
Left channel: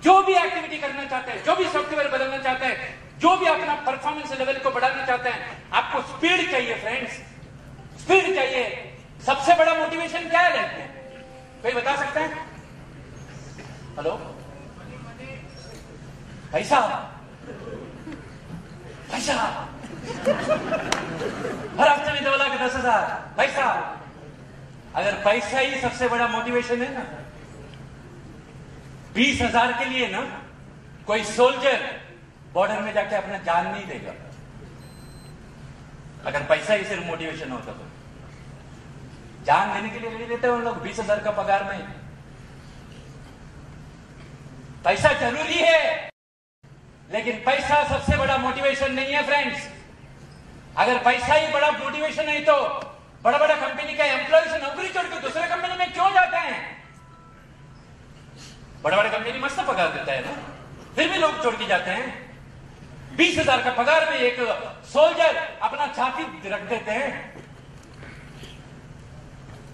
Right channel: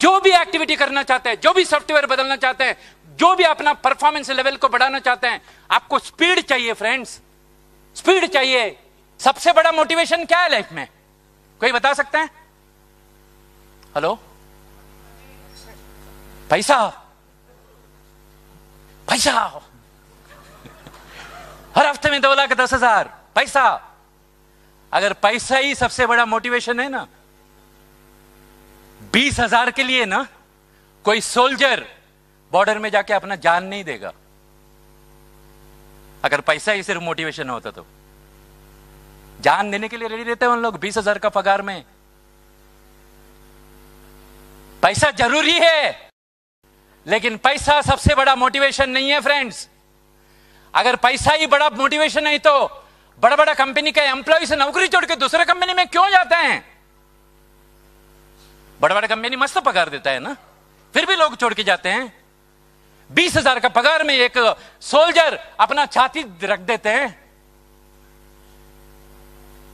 जो भी एक्टिविटी करना चाहते हैं, जो भी सॉफ्टवेयर बदलना चाहते हैं, जो भी अपना परफॉर्मेंस लेवल को बढ़ाना चाहते हैं, आपको स्पीड चाहिए फ्रेंड्स, स्पीड चाहिए। सबसे बड़ा मोटिवेशन क्या है लाइफ में, कोई बता सकता है? हेलो? पैसा, पैसा। हर हफ्ते में 2,10,000 पैसा। अगर पैसा ही सबसे बड़ा मोटिवेशन है ना, 20,000 के लिए ना कोई सोल्जर बॉर्डर में जाके अपना जान नहीं देगा। अगर पैसा ही सिर्फ मोटिवेशन होता तो जान देने के लिए रेडी रहते हैं उन लोग 20,000 का पगार में। पैसा जरूरी है, लेकिन पैसा सबसे बड़ा मोटिवेशन नहीं है फ्रेंड्स। अगर पैसा ही बड़ा मोटिवेशन है तो बड़ा बड़ा कंपनी के एम्प्लॉय से नौकरी छोड़ के दूसरे कंपनी में क्यों जाते हैं? बड़ा बड़ा कंपनी मस्त पगार देता है ना, फिर भी लोग छोड़ के जाते हैं। 20,000 का पगार में एक सोल्जर अपना छाती रख देते हैं।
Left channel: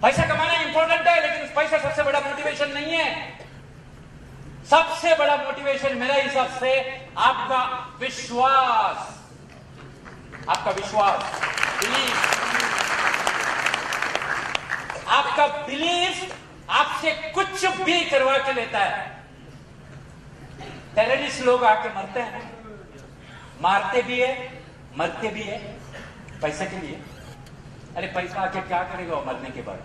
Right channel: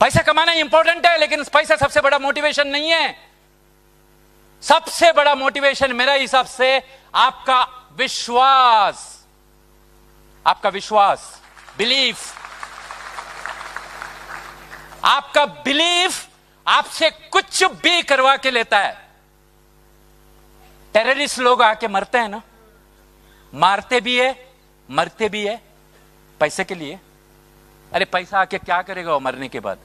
पैसा कमाना इंपॉर्टेंट है, लेकिन पैसा सबसे बड़ा मोटिवेशन नहीं है। सबसे बड़ा मोटिवेशन मेरे हिसाब से आपका विश्वास, आपका विश्वास, बिलीफ। आपका बिलीफ आपसे कुछ भी करवा के लेता है। टेररिस्ट लोग आके मरते हैं ना, मारते भी है, मरते भी है पैसे के लिए। अरे पैसा आके क्या करेगा वो मरने के बाद?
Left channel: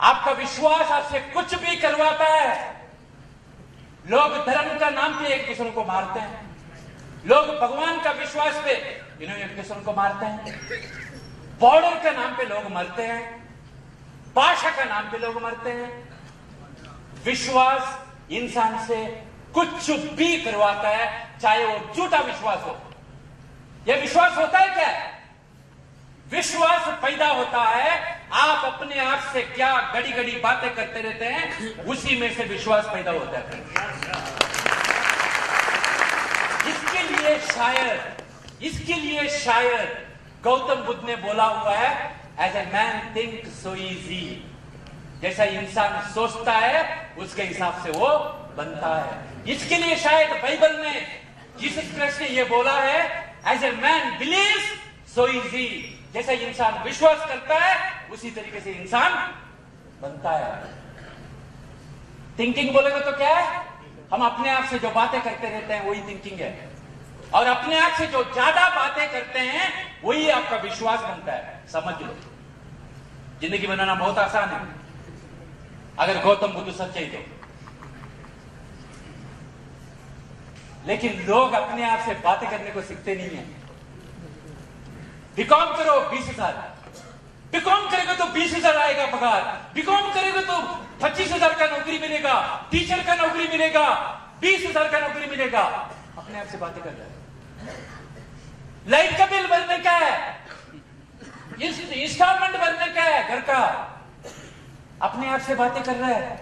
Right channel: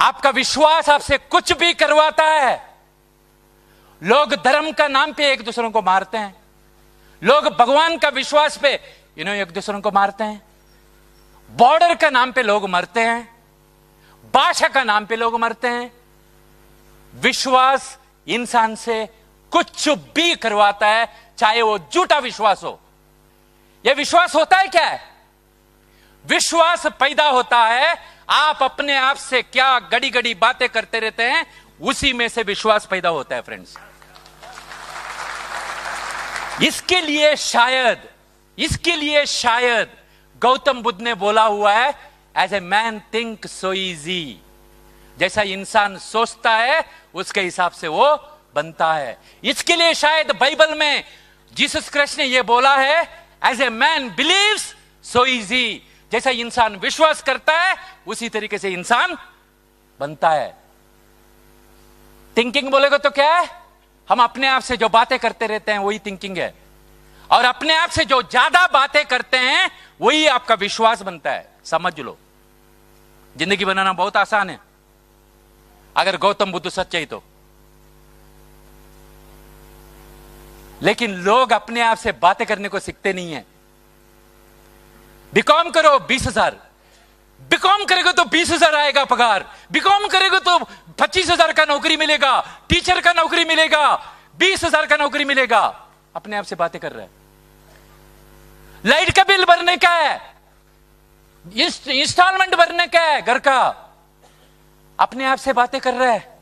आपका विश्वास आपसे कुछ भी करवाता है। लोग धर्म का नाम पे एक दूसरों को मारते हैं, लोग भगवान का विश्वास पे एक दूसरों को मारते हैं, बॉर्डर का नाम पे लोग मरते हैं, भाषा का नाम पे लोग मरते हैं। विश्वास इंसान से कुछ भी करवाता है, चाहे वो झूठा विश्वास हो। यह विश्वास होता है क्या है? विश्वास पैदा होता है, आप अपने आप से क्या गड़ी गड़ी बातें करते रहते हैं, उसी में से विश्वास पैदा होता है फ्रेंड्स। इसके लिए शायद गौतम बुद्ध ने बोला हुआ है, as a man think so easy. जैसा इंसान सोचता है उसके हिसाब से वो बनता है। इसके लिए शायद बाइबल में जीसस क्राइस्ट ने यह बोला है, as a man believes so easy. जैसा इंसान विश्वास करता है उसी तरीके से इंसान बनता है। थिंकिंग बोलेगा तो क्या है? हम अपने आप से जो बातें करते रहते हैं वही थिंकिंग है, और अपने आप से जो ज्यादा बातें करते हैं वही आपका विश्वास बनता है। समझ लो, जिंदगी बनाना बहुत आसान है अगर गौतम बुद्ध सच्चे तो। लेकिन लोग अपने आप से बातें करने को सीखते नहीं है। बीकॉम करो 20,000, बीकॉम करेगा तो 20,000 आएगा पगार, बीकॉम करेगा तो 25,000 का नौकरी मिलेगा, टीचर का नौकरी मिलेगा, 20,000 का नौकरी मिलेगा। अपने आप से बातें कर रहा है। लाइट का बिल भरने का है, इंस्टॉलमेंट भरने का है घर का, अपने आप से बातें कर रहा है।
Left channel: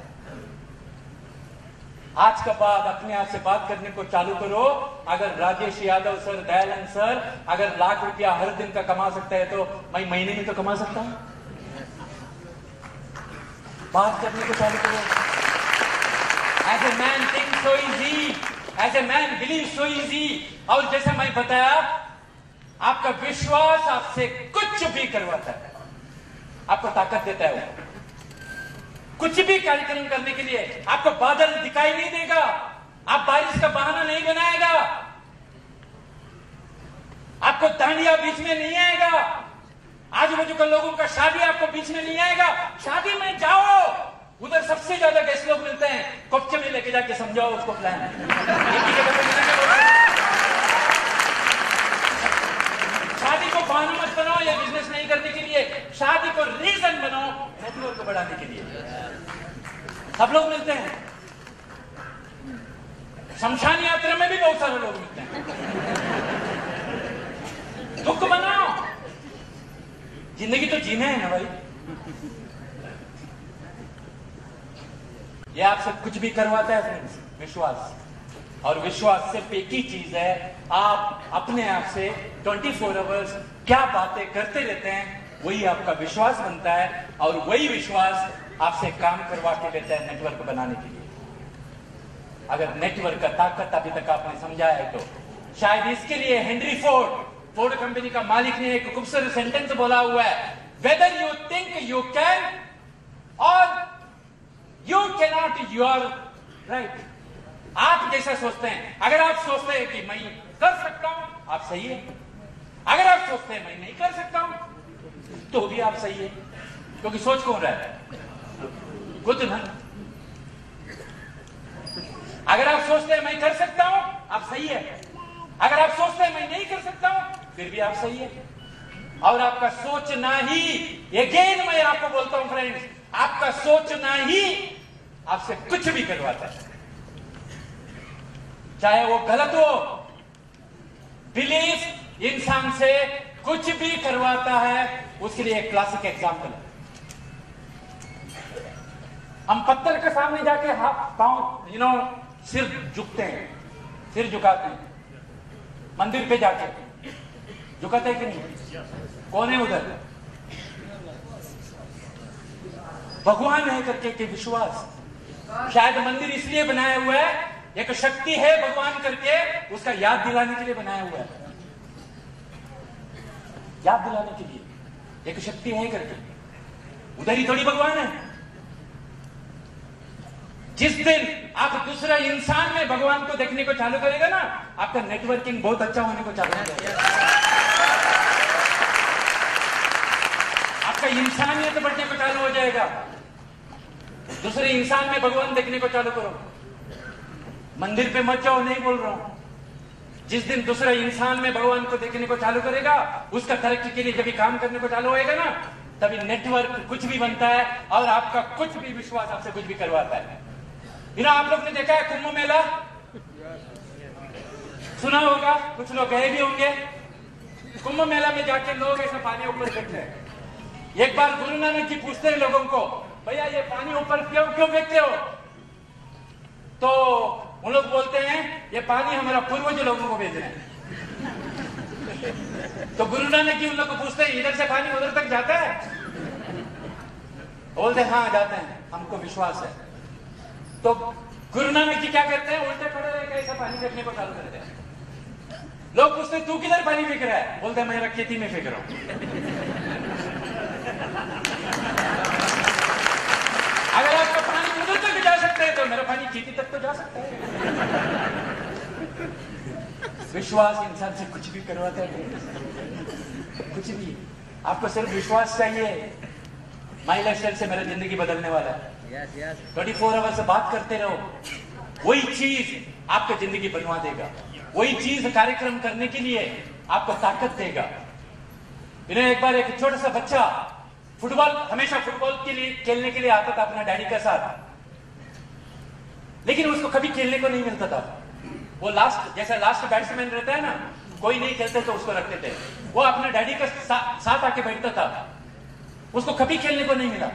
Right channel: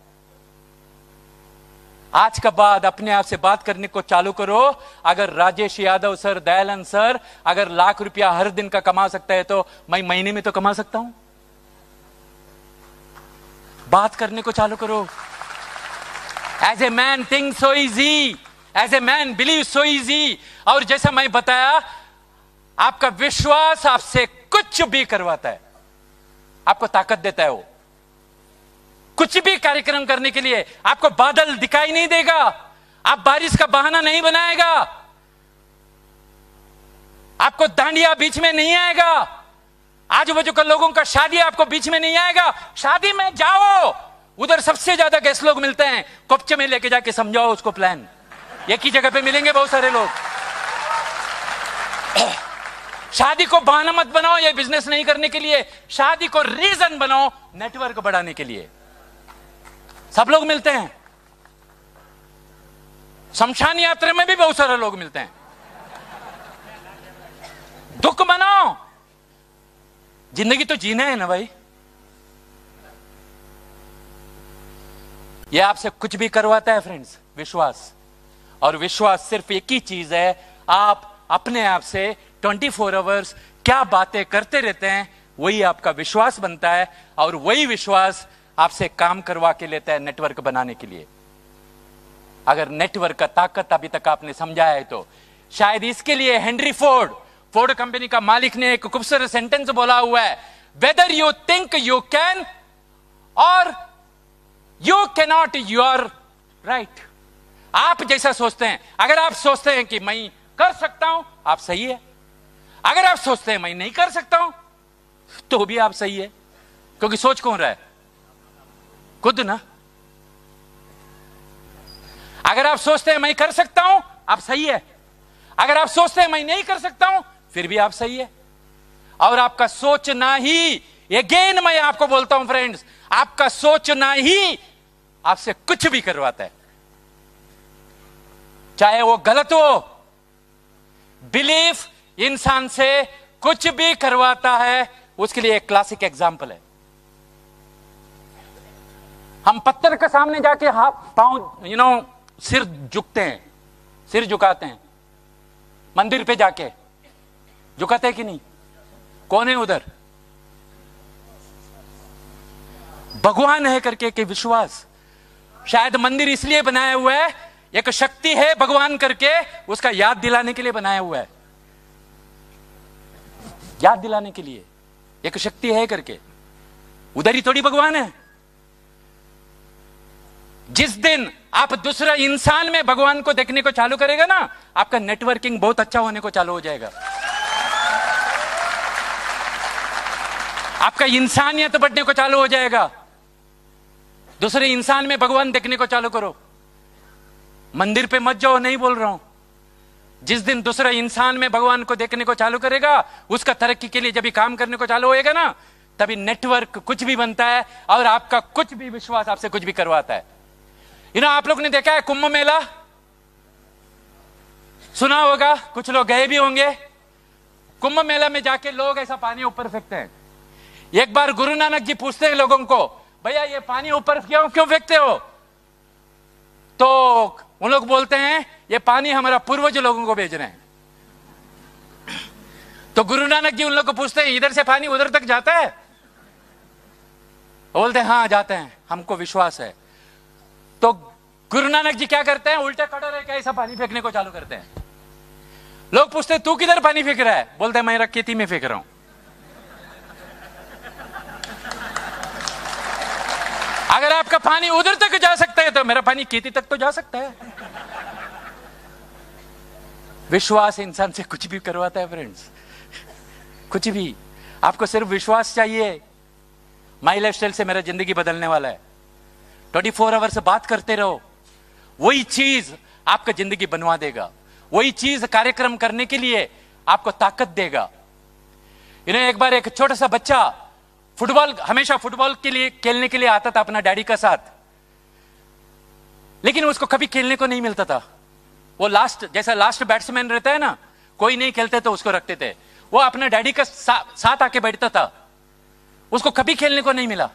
आज का बाद अपने आप से बात करने को चालू करो। अगर राजेश यादव सर, दयानंद सर अगर लाख रुपया हर दिन का कमा सकता है तो मैं महीने में तो कमा सकता हूं। बात करने को चालू करो। As a man think so easy, as a man believe so easy. और जैसा मैं बताया, आपका विश्वास आपसे कुछ भी करवाता है, आपको ताकत देता है। वो कुछ भी कार्यक्रम करने के लिए आपको बादल दिखाई नहीं देगा, आप बारिश का बहाना नहीं बनाएगा, आपको दांडिया बीच में नहीं आएगा, आजू बाजू के लोगों का शादी आपको बीच में नहीं आएगा। शादी में जाओ, उधर सबसे ज्यादा गेस्ट लोग मिलते हैं, कोपचे में लेके जाके समझाओ उसको प्लान। एक ही जगह पे मिलेंगे बहुत सारे लोग। शादी को बहाना मत बनाओ ये बिजनेस नहीं करने के लिए, शादी को रीजन बनाओ नेटवर्क बढ़ाने के लिए। सब लोग मिलते हैं, शमशान यात्रा में भी बहुत सारे लोग मिलते हैं। दुख बनाओ, जिंदगी तो जीना है ना भाई। यह आपसे कुछ भी करवाता है फ्रेंड्स, विश्वास। और विश्वास सिर्फ एक ही चीज है, आप अपने आप से 24 आवर्स क्या बातें करते रहते हैं वही आपका विश्वास बनता है, और वही विश्वास आपसे काम करवा के लेता है नेटवर्क बनाने के लिए। अगर नेटवर्क का ताकत अभी तक आपने समझा है तो शायद इसके लिए हेनरी फोर्ड कंपनी का मालिक ने एक खूबसूरत सेंटेंस बोला हुआ है, whether you think you can और you can not, you are right. आप जैसा सोचते हैं, अगर आप सोचते हैं कि मैं कर सकता हूं, आप सही है। अगर आप सोचते हैं मैं नहीं कर सकता हूं, तो भी आप सही है। क्योंकि सोच कौन रहा है? खुद ना। अगर आप सोचते हैं मैं कर सकता हूं, आप सही है। अगर आप सोचते हैं मैं नहीं कर सकता हूं, फिर भी आप सही है। और आपका सोचना ही, अगेन मैं आपको बोलता हूं फ्रेंड्स, आपका सोचना ही आपसे कुछ भी करवाता है, चाहे वो गलत हो। बिलीफ इंसान से कुछ भी करवाता है। उसके लिए एक क्लासिक एग्जांपल है। हम पत्थर के सामने जाके हाथ पांव सिर झुकते हैं, सिर झुकाते हैं। मंदिर पे जाके झुकाते हैं कि नहीं? कौन है उधर? भगवान है करके के विश्वास। शायद मंदिर इसलिए बनाया हुआ है, एक शक्ति है भगवान करके, उसका याद दिलाने के लिए बनाया हुआ है, याद दिलाने के लिए एक शक्ति है करके। उधर ही थोड़ी भगवान है। जिस दिन आप दूसरा इंसान में भगवान को देखने को चालू करेगा ना, आपका नेटवर्किंग बहुत अच्छा होने को चालू हो जाएगा, आपका इंसानियत बढ़ने को चालू हो जाएगा। दूसरे इंसान में भगवान देखने को चालू करो। मंदिर पे मत जाओ, नहीं बोल रहा हूं। जिस दिन दूसरा इंसान में भगवान को देखने को चालू करेगा, उसका तरक्की के लिए जब भी काम करने को चालू होएगा ना, तभी नेटवर्क कुछ भी बनता है और आपका कुछ भी विश्वास आपसे कुछ भी करवाता है। आप लोग ने देखा है कुंभ मेला, सुना होगा, कुछ लोग गए भी होंगे। कुंभ मेला में जाके लोग ऐसा पानी ऊपर फेंकते हैं। एक बार गुरु नानक जी पूछते हैं लोगों को, भैया ये पानी ऊपर क्यों फेंकते हो? तो वो लोग बोलते हैं ये पानी हमारा पूर्वज लोगों को भेज रहे हैं। तो गुरु नानक जी उन लोगों को पूछते हैं, इधर से पानी उधर तक जाता है? बोलते हैं हाँ जाते हैं, हमको विश्वास है। तो गुरु नानक जी क्या करते हैं? उल्टा खड़ा रहकर ऐसा पानी फेंकने को चालू करते हैं। लोग पूछते हैं तू किधर पानी फेंक रहा है? बोलते हैं मैं खेती में फेंक रहा हूं। अगर आपका पानी उधर तक जा सकता है तो मेरा पानी खेती तक तो जा सकता है। विश्वास इंसान से कुछ भी करवाता है फ्रेंड्स, कुछ भी। आपको सिर्फ विश्वास चाहिए। माई लाइफस्टाइल से मेरा जिंदगी बदलने वाला है। 24 आवर से बात करते रहो, वही चीज आपका जिंदगी बनवा देगा। वही चीज कार्यक्रम करने के लिए आपको ताकत देगा। एक बार एक छोटा सा बच्चा फुटबॉल, हमेशा फुटबॉल के लिए खेलने के लिए आता था अपना डैडी का साथ, लेकिन उसको कभी खेलने को नहीं मिलता था। वो जैसा लास्ट बैट्समैन रहता है ना, कोई नहीं खेलते तो उसको रखते थे। वो अपना डैडी का साथ आके बैठता था, उसको कभी खेलने को नहीं मिला।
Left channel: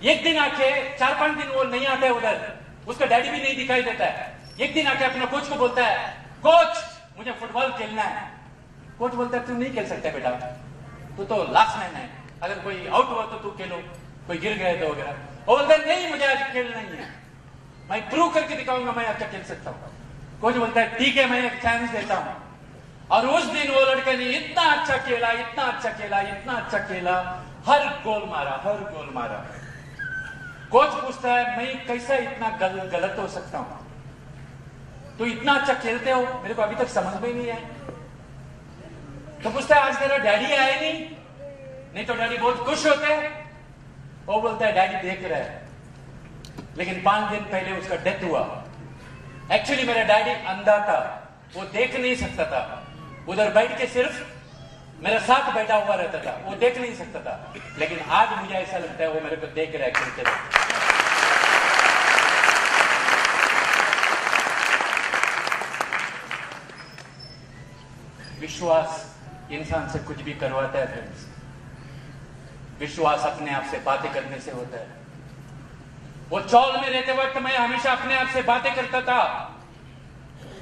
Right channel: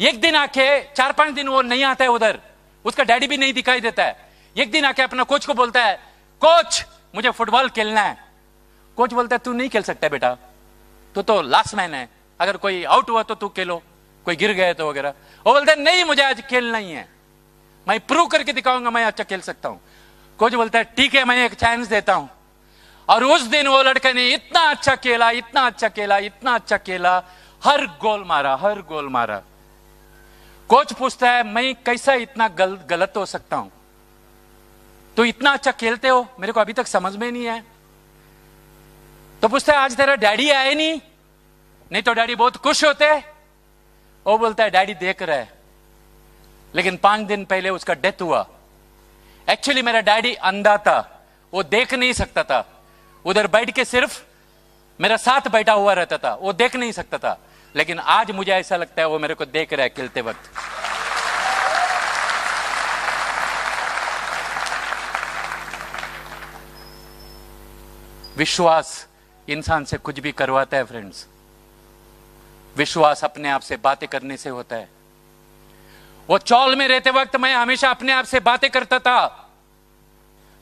एक दिन आके 4-5 दिन वो नहीं आता है उधर, उसका डैडी भी नहीं दिखाई देता है। एक दिन आके अपना कोच को बोलता है, कोच मुझे फुटबॉल खेलना है। कोच बोलता है तू नहीं खेल सकता बेटा, तू तो लास्ट मैन है, अगर कोई आउट हुआ तो तू खेलो, कोई गिर गया तो वगैरह। वो बोलते हैं नहीं मुझे आज खेलना ही है, मैं प्रूव करके दिखाऊंगा मैं अच्छा खेल सकता हूं। कोच बोलता है ठीक है मैं एक चांस देता हूं। और उस दिन वो लड़के ने इतना अच्छा खेला, इतना अच्छा खेला, इतना अच्छा खेला, हर गोल मारा, हर गोल मारा। कोच पूछता है मैं कैसा इतना गलत हो सकता हूं? तो इतना अच्छा खेलते हो, मेरे को अभी तक समझ में नहीं है। तो पूछता है आज तेरा डैडी आया नहीं तो डैडी बहुत खुश होते हैं। वो बोलता है डैडी देख रहा है, लेकिन 5 दिन पहले उसका डेथ हुआ। एक्चुअली मेरा डैडी अंधा था, वो देख नहीं सकता था, उधर बैठ के सिर्फ मेरा साथ बैठा हुआ रहता था, वो देख नहीं सकता था। लेकिन आज मुझे ऐसा लगता है वो मेरे को देख रहा है खेलते वक्त। विश्वास इंसान से कुछ भी करवाता है फ्रेंड्स। विश्वास अपने आप से बातें करने से होता है। वो चौल में रहते वक्त मैं हमेशा अपने आप से बातें करता था,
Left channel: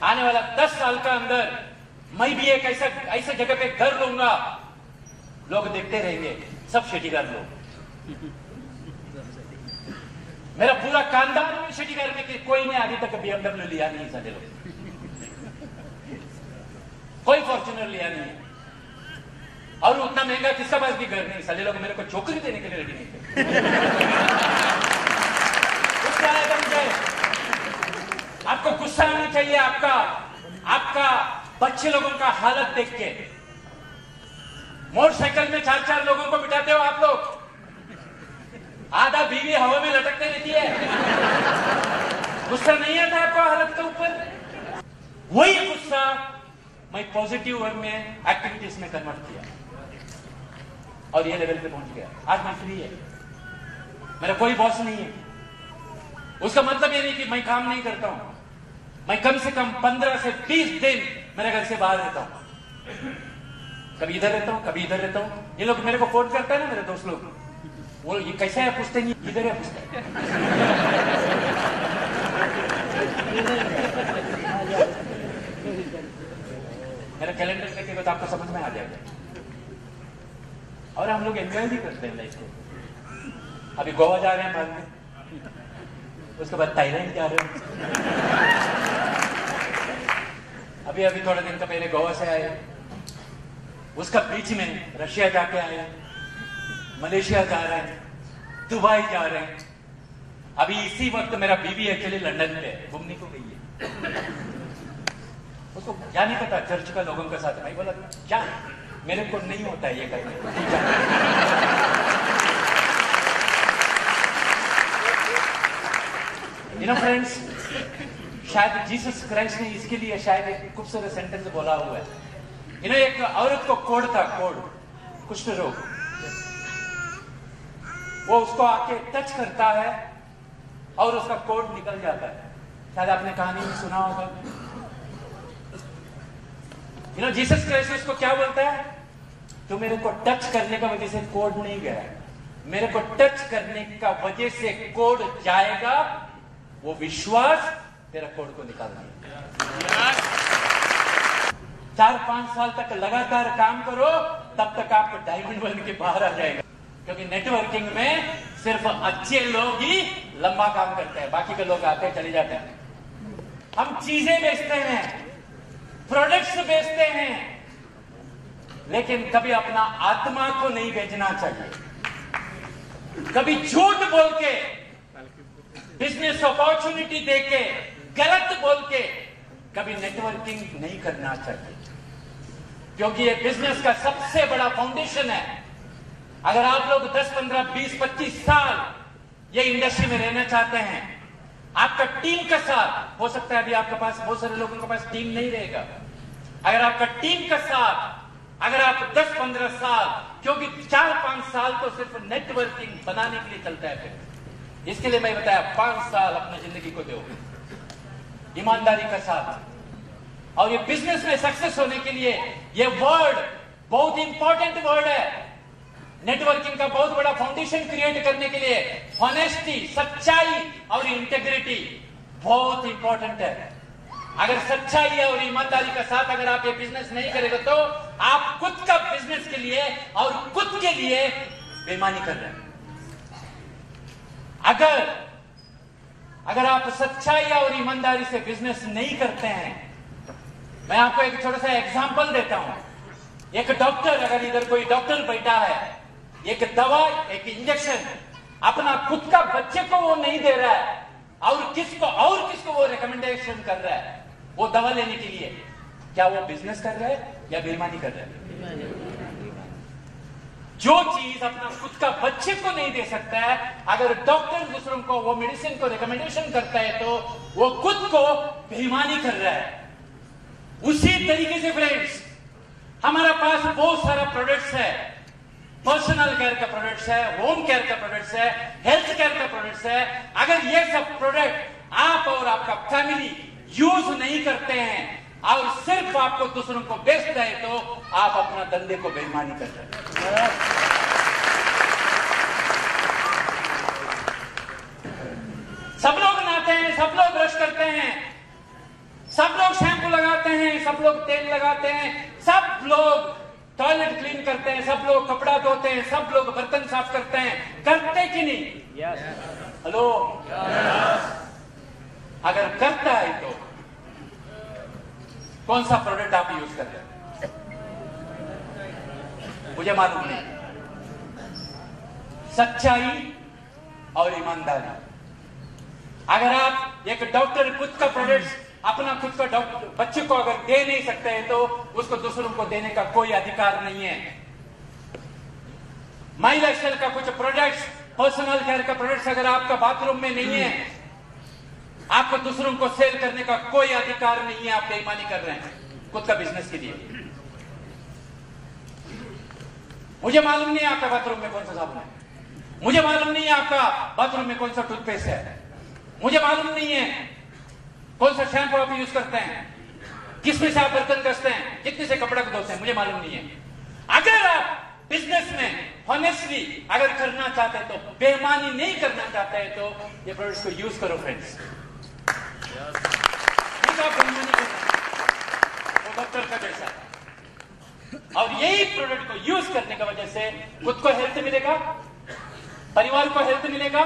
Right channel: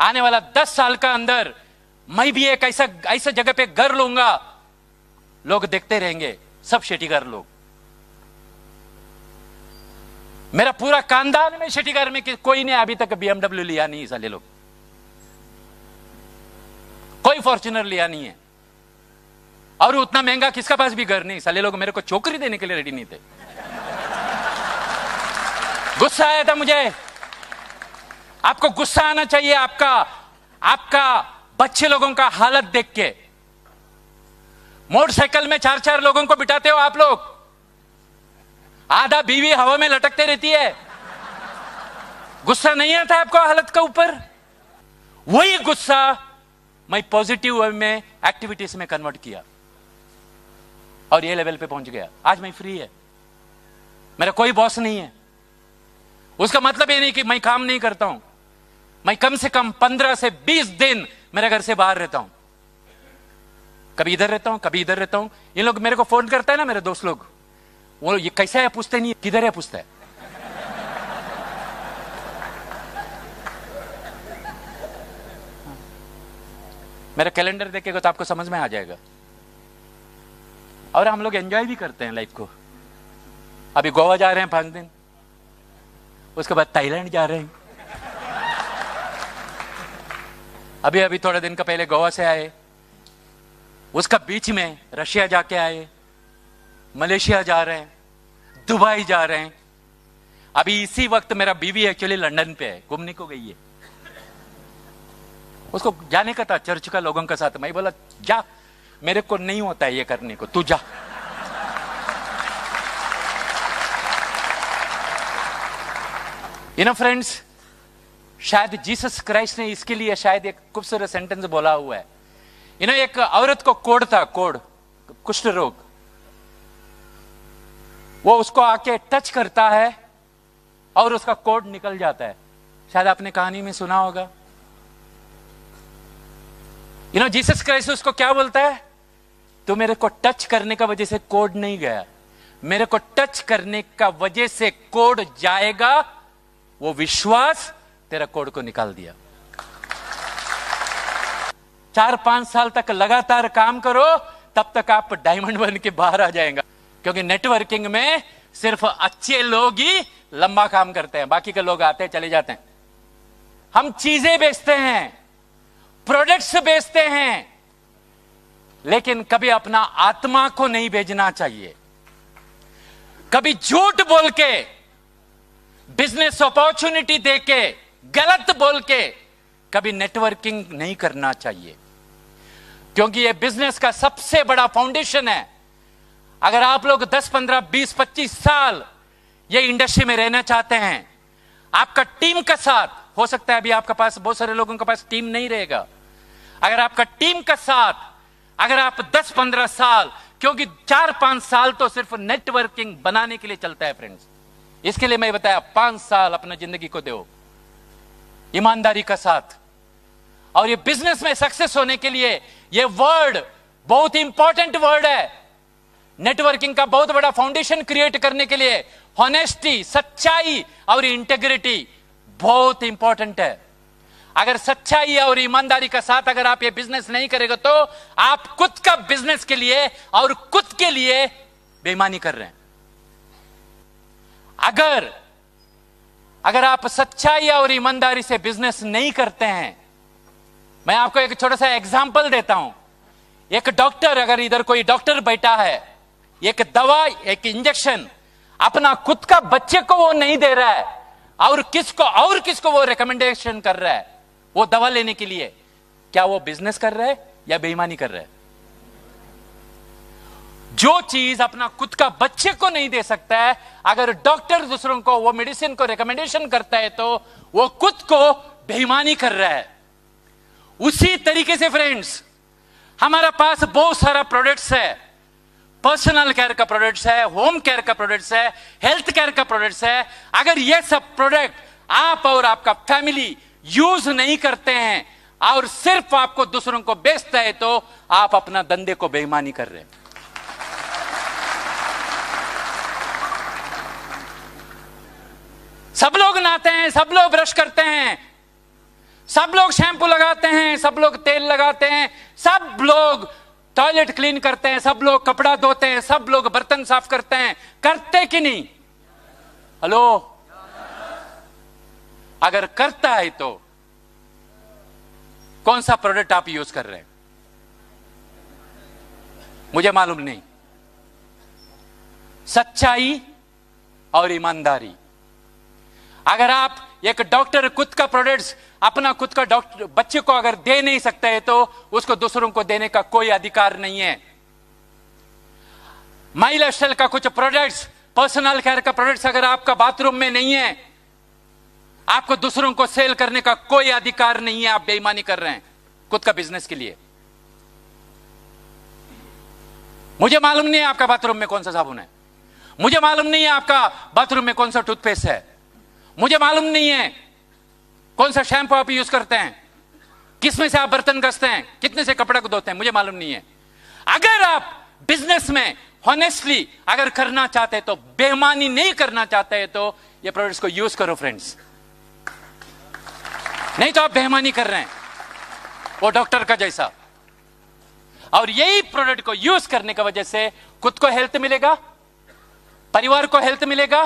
आने वाला 10 साल का अंदर मैं भी एक ऐसा जगह पे घर लूंगा, लोग देखते रहेंगे सब शेटीगर लोग, मेरा पूरा खानदान में शेटीगर में कोई ने अभी तक BMW लिया नहीं, साले लोग कोई फॉर्च्यूनर लिया नहीं है, और उतना महंगा किसका पास भी घर नहीं। साले लोग मेरे को चौकरी देने के लिए रेडी नहीं थे। गुस्सा आया था मुझे। आपको गुस्सा आना चाहिए, आपका बच्चे लोगों का हालत देख के। मोटरसाइकिल में 4-4 लोगों को बिठाते हो आप लोग, आधा बीवी हवा में लटकते रहती है, गुस्सा नहीं आता आपको हालत का ऊपर? वही गुस्सा मैं पॉजिटिव वे में एक्टिविटीज में कन्वर्ट किया और ये लेवल पे पहुंच गया। आज मैं फ्री है, मेरा कोई बॉस नहीं है। उसका मतलब ये नहीं कि मैं काम नहीं करता हूं, मैं कम से कम 15 से 20 दिन मेरे घर से बाहर रहता हूं। कभी इधर रहता हूं, कभी इधर रहता हूं। ये लोग मेरे को फोन करते हैं ना, मेरे दोस्त लोग, वो ये कैसा है पूछते नहीं, किधर है पूछता है। मेरा कैलेंडर देखेगा तो आपको समझ में आ जाएगा। और हम लोग एंजॉय भी करते हैं लाइफ को। अभी गोवा जा रहे हैं भागने, उसके बाद थाईलैंड जा रहे हैं, अभी अभी थोड़े दिन का पहले गोवा से आए, उसका बीच में रशिया जाके आए, मलेशिया जा रहे हैं, दुबई जा रहे हैं। अभी इसी वक्त मेरा बीवी एक्चुअली लंदन पे है, घूमने को गई है। उसको जाने का था चर्च का लोगों के साथ। मैं बोला जा, मेरे को नहीं होता है ये करने को, तू जा। यू नो फ्रेंड्स, शायद जीसस क्राइस्ट ने इसके लिए शायद एक खूबसूरत सेंटेंस बोला हुआ है। यू नो, एक औरत को कोढ़ था, कोढ़, कुष्ठ रोग। वो उसको आके टच करता है और उसका कोढ़ निकल जाता है। शायद आपने कहानी में सुना होगा। यू नो, जीसस क्राइस्ट उसको क्या बोलता है? तू मेरे को टच करने का वजह से कोढ़ नहीं गया, मेरे को टच करने का वजह से कोढ़ जाएगा। वो विश्वास तेरा कोढ़ को निकाल दिया। 4-5 साल तक लगातार काम करो, तब तक आप डायमंड बन के बाहर आ जाएगा। क्योंकि नेटवर्किंग में सिर्फ अच्छे लोग ही लंबा काम करते हैं, बाकी के लोग आते हैं चले जाते हैं। हम चीजें बेचते हैं, प्रोडक्ट्स बेचते हैं, लेकिन कभी अपना आत्मा को नहीं बेचना चाहिए। कभी झूठ बोल के, बिजनेस अपॉर्चुनिटी देके, गलत बोल के कभी नेटवर्किंग नहीं करना चाहिए, क्योंकि ये बिजनेस का सबसे बड़ा फाउंडेशन है। अगर आप लोग 10, 15, 20, 25 साल ये इंडस्ट्री में रहना चाहते हैं, आपका टीम का साथ हो सकता है, अभी आपके पास बहुत सारे लोगों के पास टीम नहीं रहेगा। अगर आपका टीम का साथ, अगर आप 10-15 साल, क्योंकि 4-5 साल तो सिर्फ नेटवर्किंग बनाने के लिए चलता है फ्रेंड्स। इसके लिए मैं बताया 5 साल अपना जिंदगी को दो ईमानदारी का साथ। और ये बिजनेस में सक्सेस होने के लिए ये वर्ड बहुत इंपॉर्टेंट वर्ड है। नेटवर्किंग का बहुत बड़ा फाउंडेशन क्रिएट करने के लिए ऑनेस्टी, सच्चाई और इंटेग्रिटी बहुत इंपॉर्टेंट है। अगर सच्चाई और ईमानदारी का साथ अगर आप ये बिजनेस नहीं करेंगे तो आप खुद का बिजनेस के लिए और खुद के लिए बेईमानी कर रहे हैं। अगर आप सच्चाई और ईमानदारी से बिजनेस नहीं करते हैं, मैं आपको एक छोटा सा एग्जांपल देता हूं। एक डॉक्टर, अगर इधर कोई डॉक्टर बैठा है, एक दवा, एक इंजेक्शन अपना खुद का बच्चे को वो नहीं दे रहा है और किसको वो रिकमेंडेशन कर रहा है वो दवा लेने के लिए, क्या वो बिजनेस कर रहा है या बेईमानी कर रहा है? जो चीज अपना खुद का बच्चे को नहीं दे सकता है, अगर डॉक्टर दूसरों को वो मेडिसिन को रिकमेंडेशन करता है तो वो खुद को बेईमानी कर रहा है। उसी तरीके से फ्रेंड्स, हमारे पास बहुत सारा प्रोडक्ट्स है, पर्सनल केयर का प्रोडक्ट्स है, होम केयर का प्रोडक्ट्स है, हेल्थ केयर का प्रोडक्ट्स है। अगर ये सब प्रोडक्ट आप और आपका फैमिली यूज नहीं करते हैं और सिर्फ आपको दूसरों को बेचता है तो आप अपना धंधे को बेईमानी कर रहे हैं। सब लोग नहाते हैं, सब लोग ब्रश करते हैं, सब लोग शैम्पू लगाते हैं, सब लोग तेल लगाते हैं, सब लोग टॉयलेट क्लीन करते हैं, सब लोग कपड़ा धोते हैं, सब लोग बर्तन साफ करते हैं। करते कि नहीं? हेलो, अगर करता है तो कौन सा प्रोडक्ट आप यूज कर रहे हैं मुझे मालूम नहीं। सच्चाई और ईमानदारी। अगर आप एक डॉक्टर खुद का प्रोडक्ट्स अपना खुद का डॉक्टर बच्चे को अगर दे नहीं सकते है तो उसको दूसरों को देने का कोई अधिकार नहीं है। महिला स्टाइल का कुछ प्रोडक्ट्स, पर्सनल केयर का प्रोडक्ट्स अगर आपका बाथरूम में नहीं है, आपको दूसरों को सेल करने का कोई अधिकार नहीं है। आप बेईमानी कर रहे हैं खुद का बिजनेस के लिए। मुझे मालूम नहीं है आपका बाथरूम में कौन सा साबुन है, मुझे मालूम नहीं है आपका बाथरूम में कौन सा टूथपेस्ट है, मुझे मालूम नहीं है कौन सा शैम्पू आप यूज करते हैं, किसमें से आप बर्तन घसते हैं, कितने से कपड़ा को धोते हैं, मुझे मालूम नहीं है। अगर आप बिजनेस में हॉनेस्टली अगर करना चाहते तो, बेईमानी नहीं करना चाहते हैं तो ये प्रोडक्ट्स को यूज करो फ्रेंड्स। नहीं तो आप बेईमानी कर रहे हैं वो डॉक्टर का जैसा। और यही प्रोडक्ट को यूज करने की वजह से खुद को हेल्थ मिलेगा, परिवार को हेल्थ मिलेगा,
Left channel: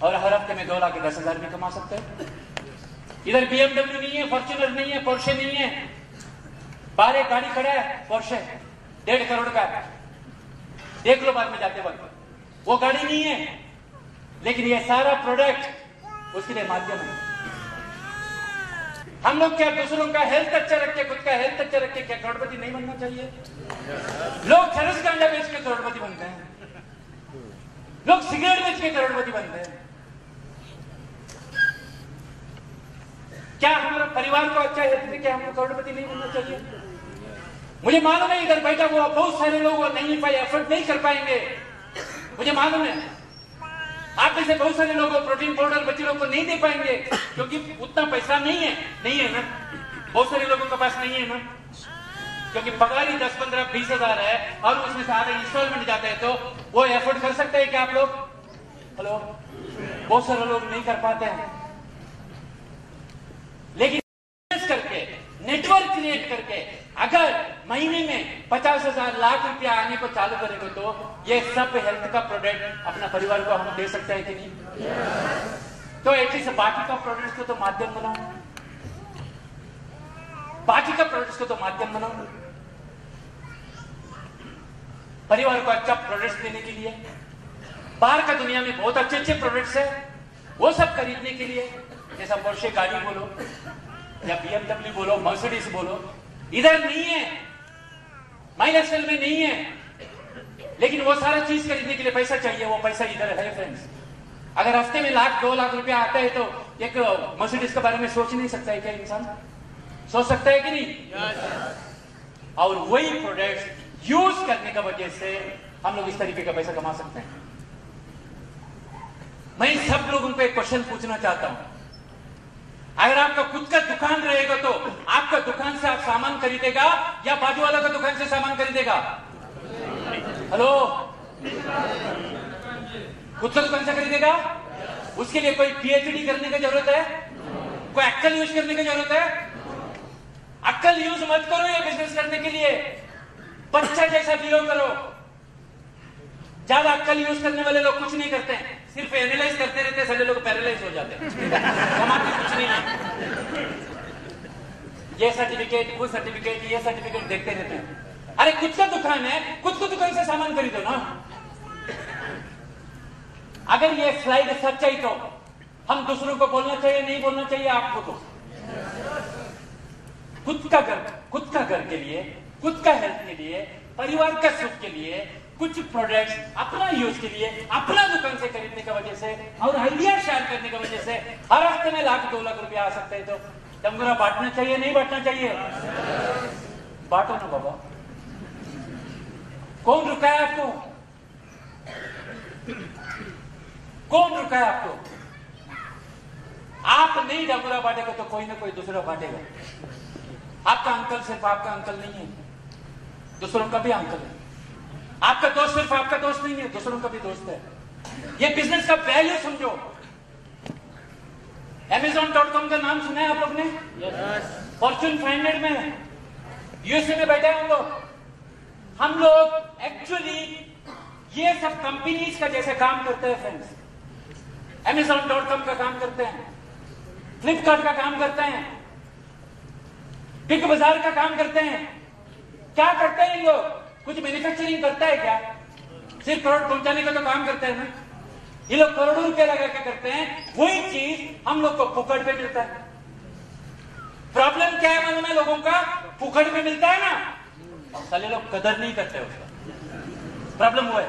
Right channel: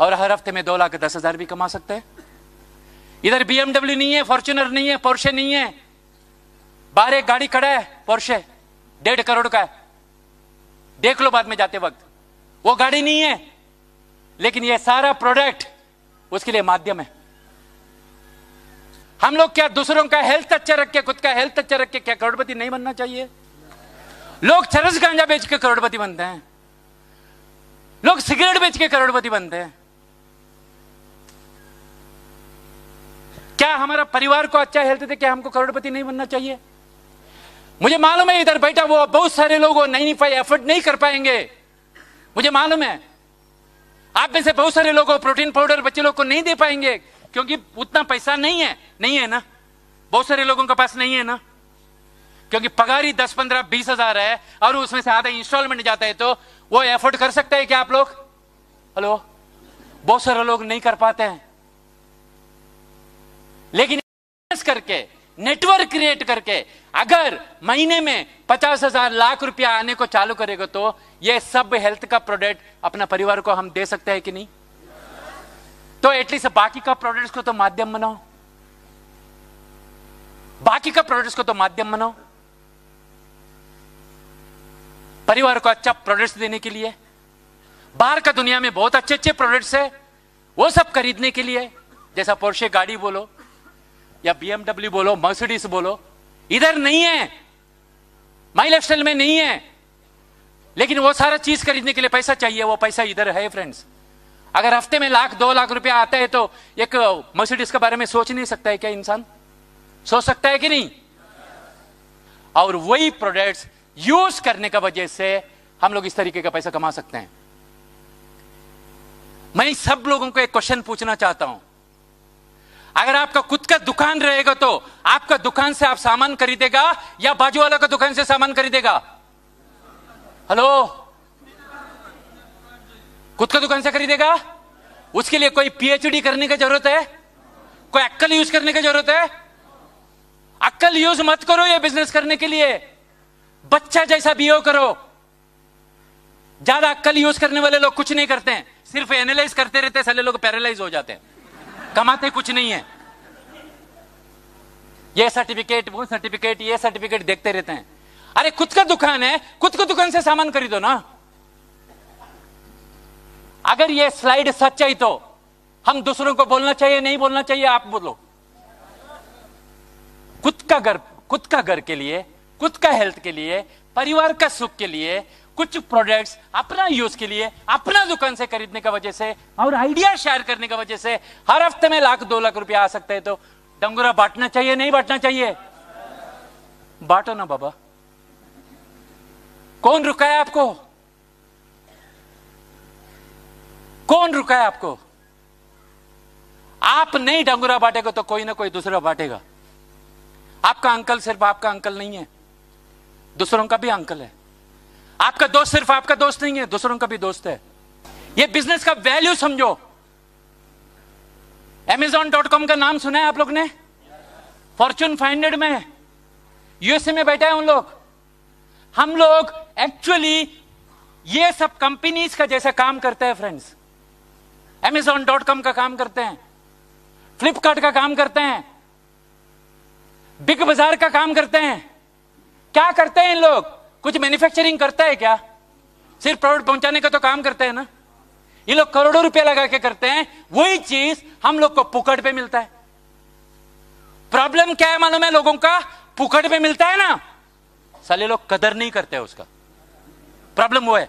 और हर हफ्ते में 2,10,000 भी कमा सकते हैं। इधर BMW नहीं है, फॉर्च्यूनर नहीं है, पोर्शे नहीं है, बाहर एक गाड़ी खड़ा है पोर्शे 1.5 करोड़ का है, देख लो बाद में जाते वक्त, वो गाड़ी नहीं है, लेकिन ये सारा प्रोडक्ट उसके लिए माध्यम है। हम लोग क्या दूसरों का हेल्थ अच्छा रख के, खुद का हेल्थ अच्छा रख के क्या करोड़पति नहीं बनना चाहिए? लोग चरस गांजा बेच के करोड़पति बनते हैं, लोग सिगरेट बेच के करोड़पति बनते हैं। क्या हमारा परिवार को अच्छा हेल्थ दे, क्या हमको करोड़पति नहीं बनना चाहिए? मुझे मालूम है इधर बैठा वो बहुत सारे लोग नहीं एफर्ट नहीं कर पाएंगे, मुझे मालूम है। आप में से बहुत सारे लोग प्रोटीन पाउडर बच्चे लोग को नहीं दे पाएंगे क्योंकि उतना पैसा नहीं है ना, बहुत सारे लोगों के पास नहीं है ना, क्योंकि पगार ही 10, 15, 20 हजार है और उसमें से आधे इंस्टॉलमेंट जाते हैं, तो वो एफर्ट कर सकते हैं क्या आप लोग? हेलो, बहुत सारे लोग नहीं कर पाते हैं। लेकिन करके नेटवर्क क्रिएट करके अगर महीने में 50,000 लाख रुपया आने को चालू करेगा तो ये सब हेल्थ का प्रोडक्ट अपना परिवार को हम दे सकते हैं कि नहीं? तो एटलीस्ट बाकी का प्रोडक्ट्स को तो माध्यम बनाओ, बाकी का प्रोडक्ट्स को तो माध्यम बनाओ, परिवार को अच्छा प्रोडक्ट्स देने के लिए। बाहर का दुनिया में बहुत अच्छे अच्छे प्रोडक्ट्स है, वो सब खरीदने के लिए, जैसा पोर्शे गाड़ी बोलो या BMW बोलो, मर्सिडीज बोलो, इधर नहीं है, माई लाइफस्टाइल में नहीं है। लेकिन वो सारा चीज खरीदने के लिए पैसा चाहिए, वो पैसा इधर है फ्रेंड्स। अगर हफ्ते में 1,00,000 2,00,000 रुपया आता है तो एक मर्सिडीज के बारे में सोच नहीं सकता है क्या इंसान? सोच सकता है कि नहीं? और वही प्रोडक्ट्स यूज करने का वजह से हम लोग इस तरीके का पैसा कमा सकते हैं। मैं सब लोगों को एक क्वेश्चन पूछना चाहता हूं, अगर आपका खुद का दुकान रहेगा तो आपका दुकान से आप सामान खरीदेगा या बाजू वालों का दुकान से सामान खरीदेगा? हेलो, खुद का दुकान से खरीदेगा? उसके लिए कोई PhD करने की जरूरत है? कोई अक्ल यूज करने की जरूरत है? अक्ल यूज मत करो ये बिजनेस करने के लिए, बच्चा जैसा बिहेव करो। ज्यादा अक्ल यूज करने वाले लोग कुछ नहीं करते हैं, सिर्फ एनालाइज करते रहते हैं, सारे लोग पैरालाइज हो जाते हैं, कमाते कुछ नहीं है। ये सर्टिफिकेट, वो सर्टिफिकेट, ये सर्टिफिकेट देखते रहते हैं। अरे खुद का दुकान है, खुद को दुकान से सामान खरीदो ना। अगर ये स्लाइड सच है तो हम दूसरों को बोलना चाहिए नहीं बोलना चाहिए? आप बोलो। खुद का घर के लिए, खुद का हेल्थ के लिए, परिवार का सुख के लिए कुछ प्रोडक्ट्स अपना यूज के लिए अपना दुकान से खरीदने की वजह से और आइडिया शेयर करने की वजह से हर हफ्ते में 1,00,000 2,00,000 रुपया आ सकता है। तो डंगोरा बांटना चाहिए नहीं बांटना चाहिए? बांटो ना बाबा, कौन रुका है आपको? कौन रुका है आपको? आप नहीं डंगोरा बांटेगा तो कोई ना कोई दूसरा बांटेगा। आपका अंकल सिर्फ आपका अंकल नहीं है, दूसरों का भी अंकल है। आपका दोस्त सिर्फ आपका दोस्त नहीं है, दूसरों का भी दोस्त है। ये बिजनेस का वैल्यू समझो। Amazon.com का नाम सुना है आप लोग ने? फॉर्च्यून 500 में USA में बैठे हैं उन लोग। हम लोग एक्चुअली ये सब कंपनीज का जैसा काम करते हैं फ्रेंड्स। Amazon.com का काम करते हैं, फ्लिपकार्ट का काम करते हैं, बिग बाजार का काम करते हैं। क्या करते हैं इन लोग? कुछ मैन्युफैक्चरिंग करता है क्या? सिर्फ प्रोडक्ट पहुंचाने का तो काम करते हैं ना। ये लोग करोड़ों रुपए लगा के करते हैं, वही चीज हम लोग को पुकड़ पे मिलता है। प्रॉब्लम क्या है मालूम है लोगों का? पुकड़ पे मिलता है ना, साले लोग कदर नहीं करते उसका। प्रॉब्लम वो है।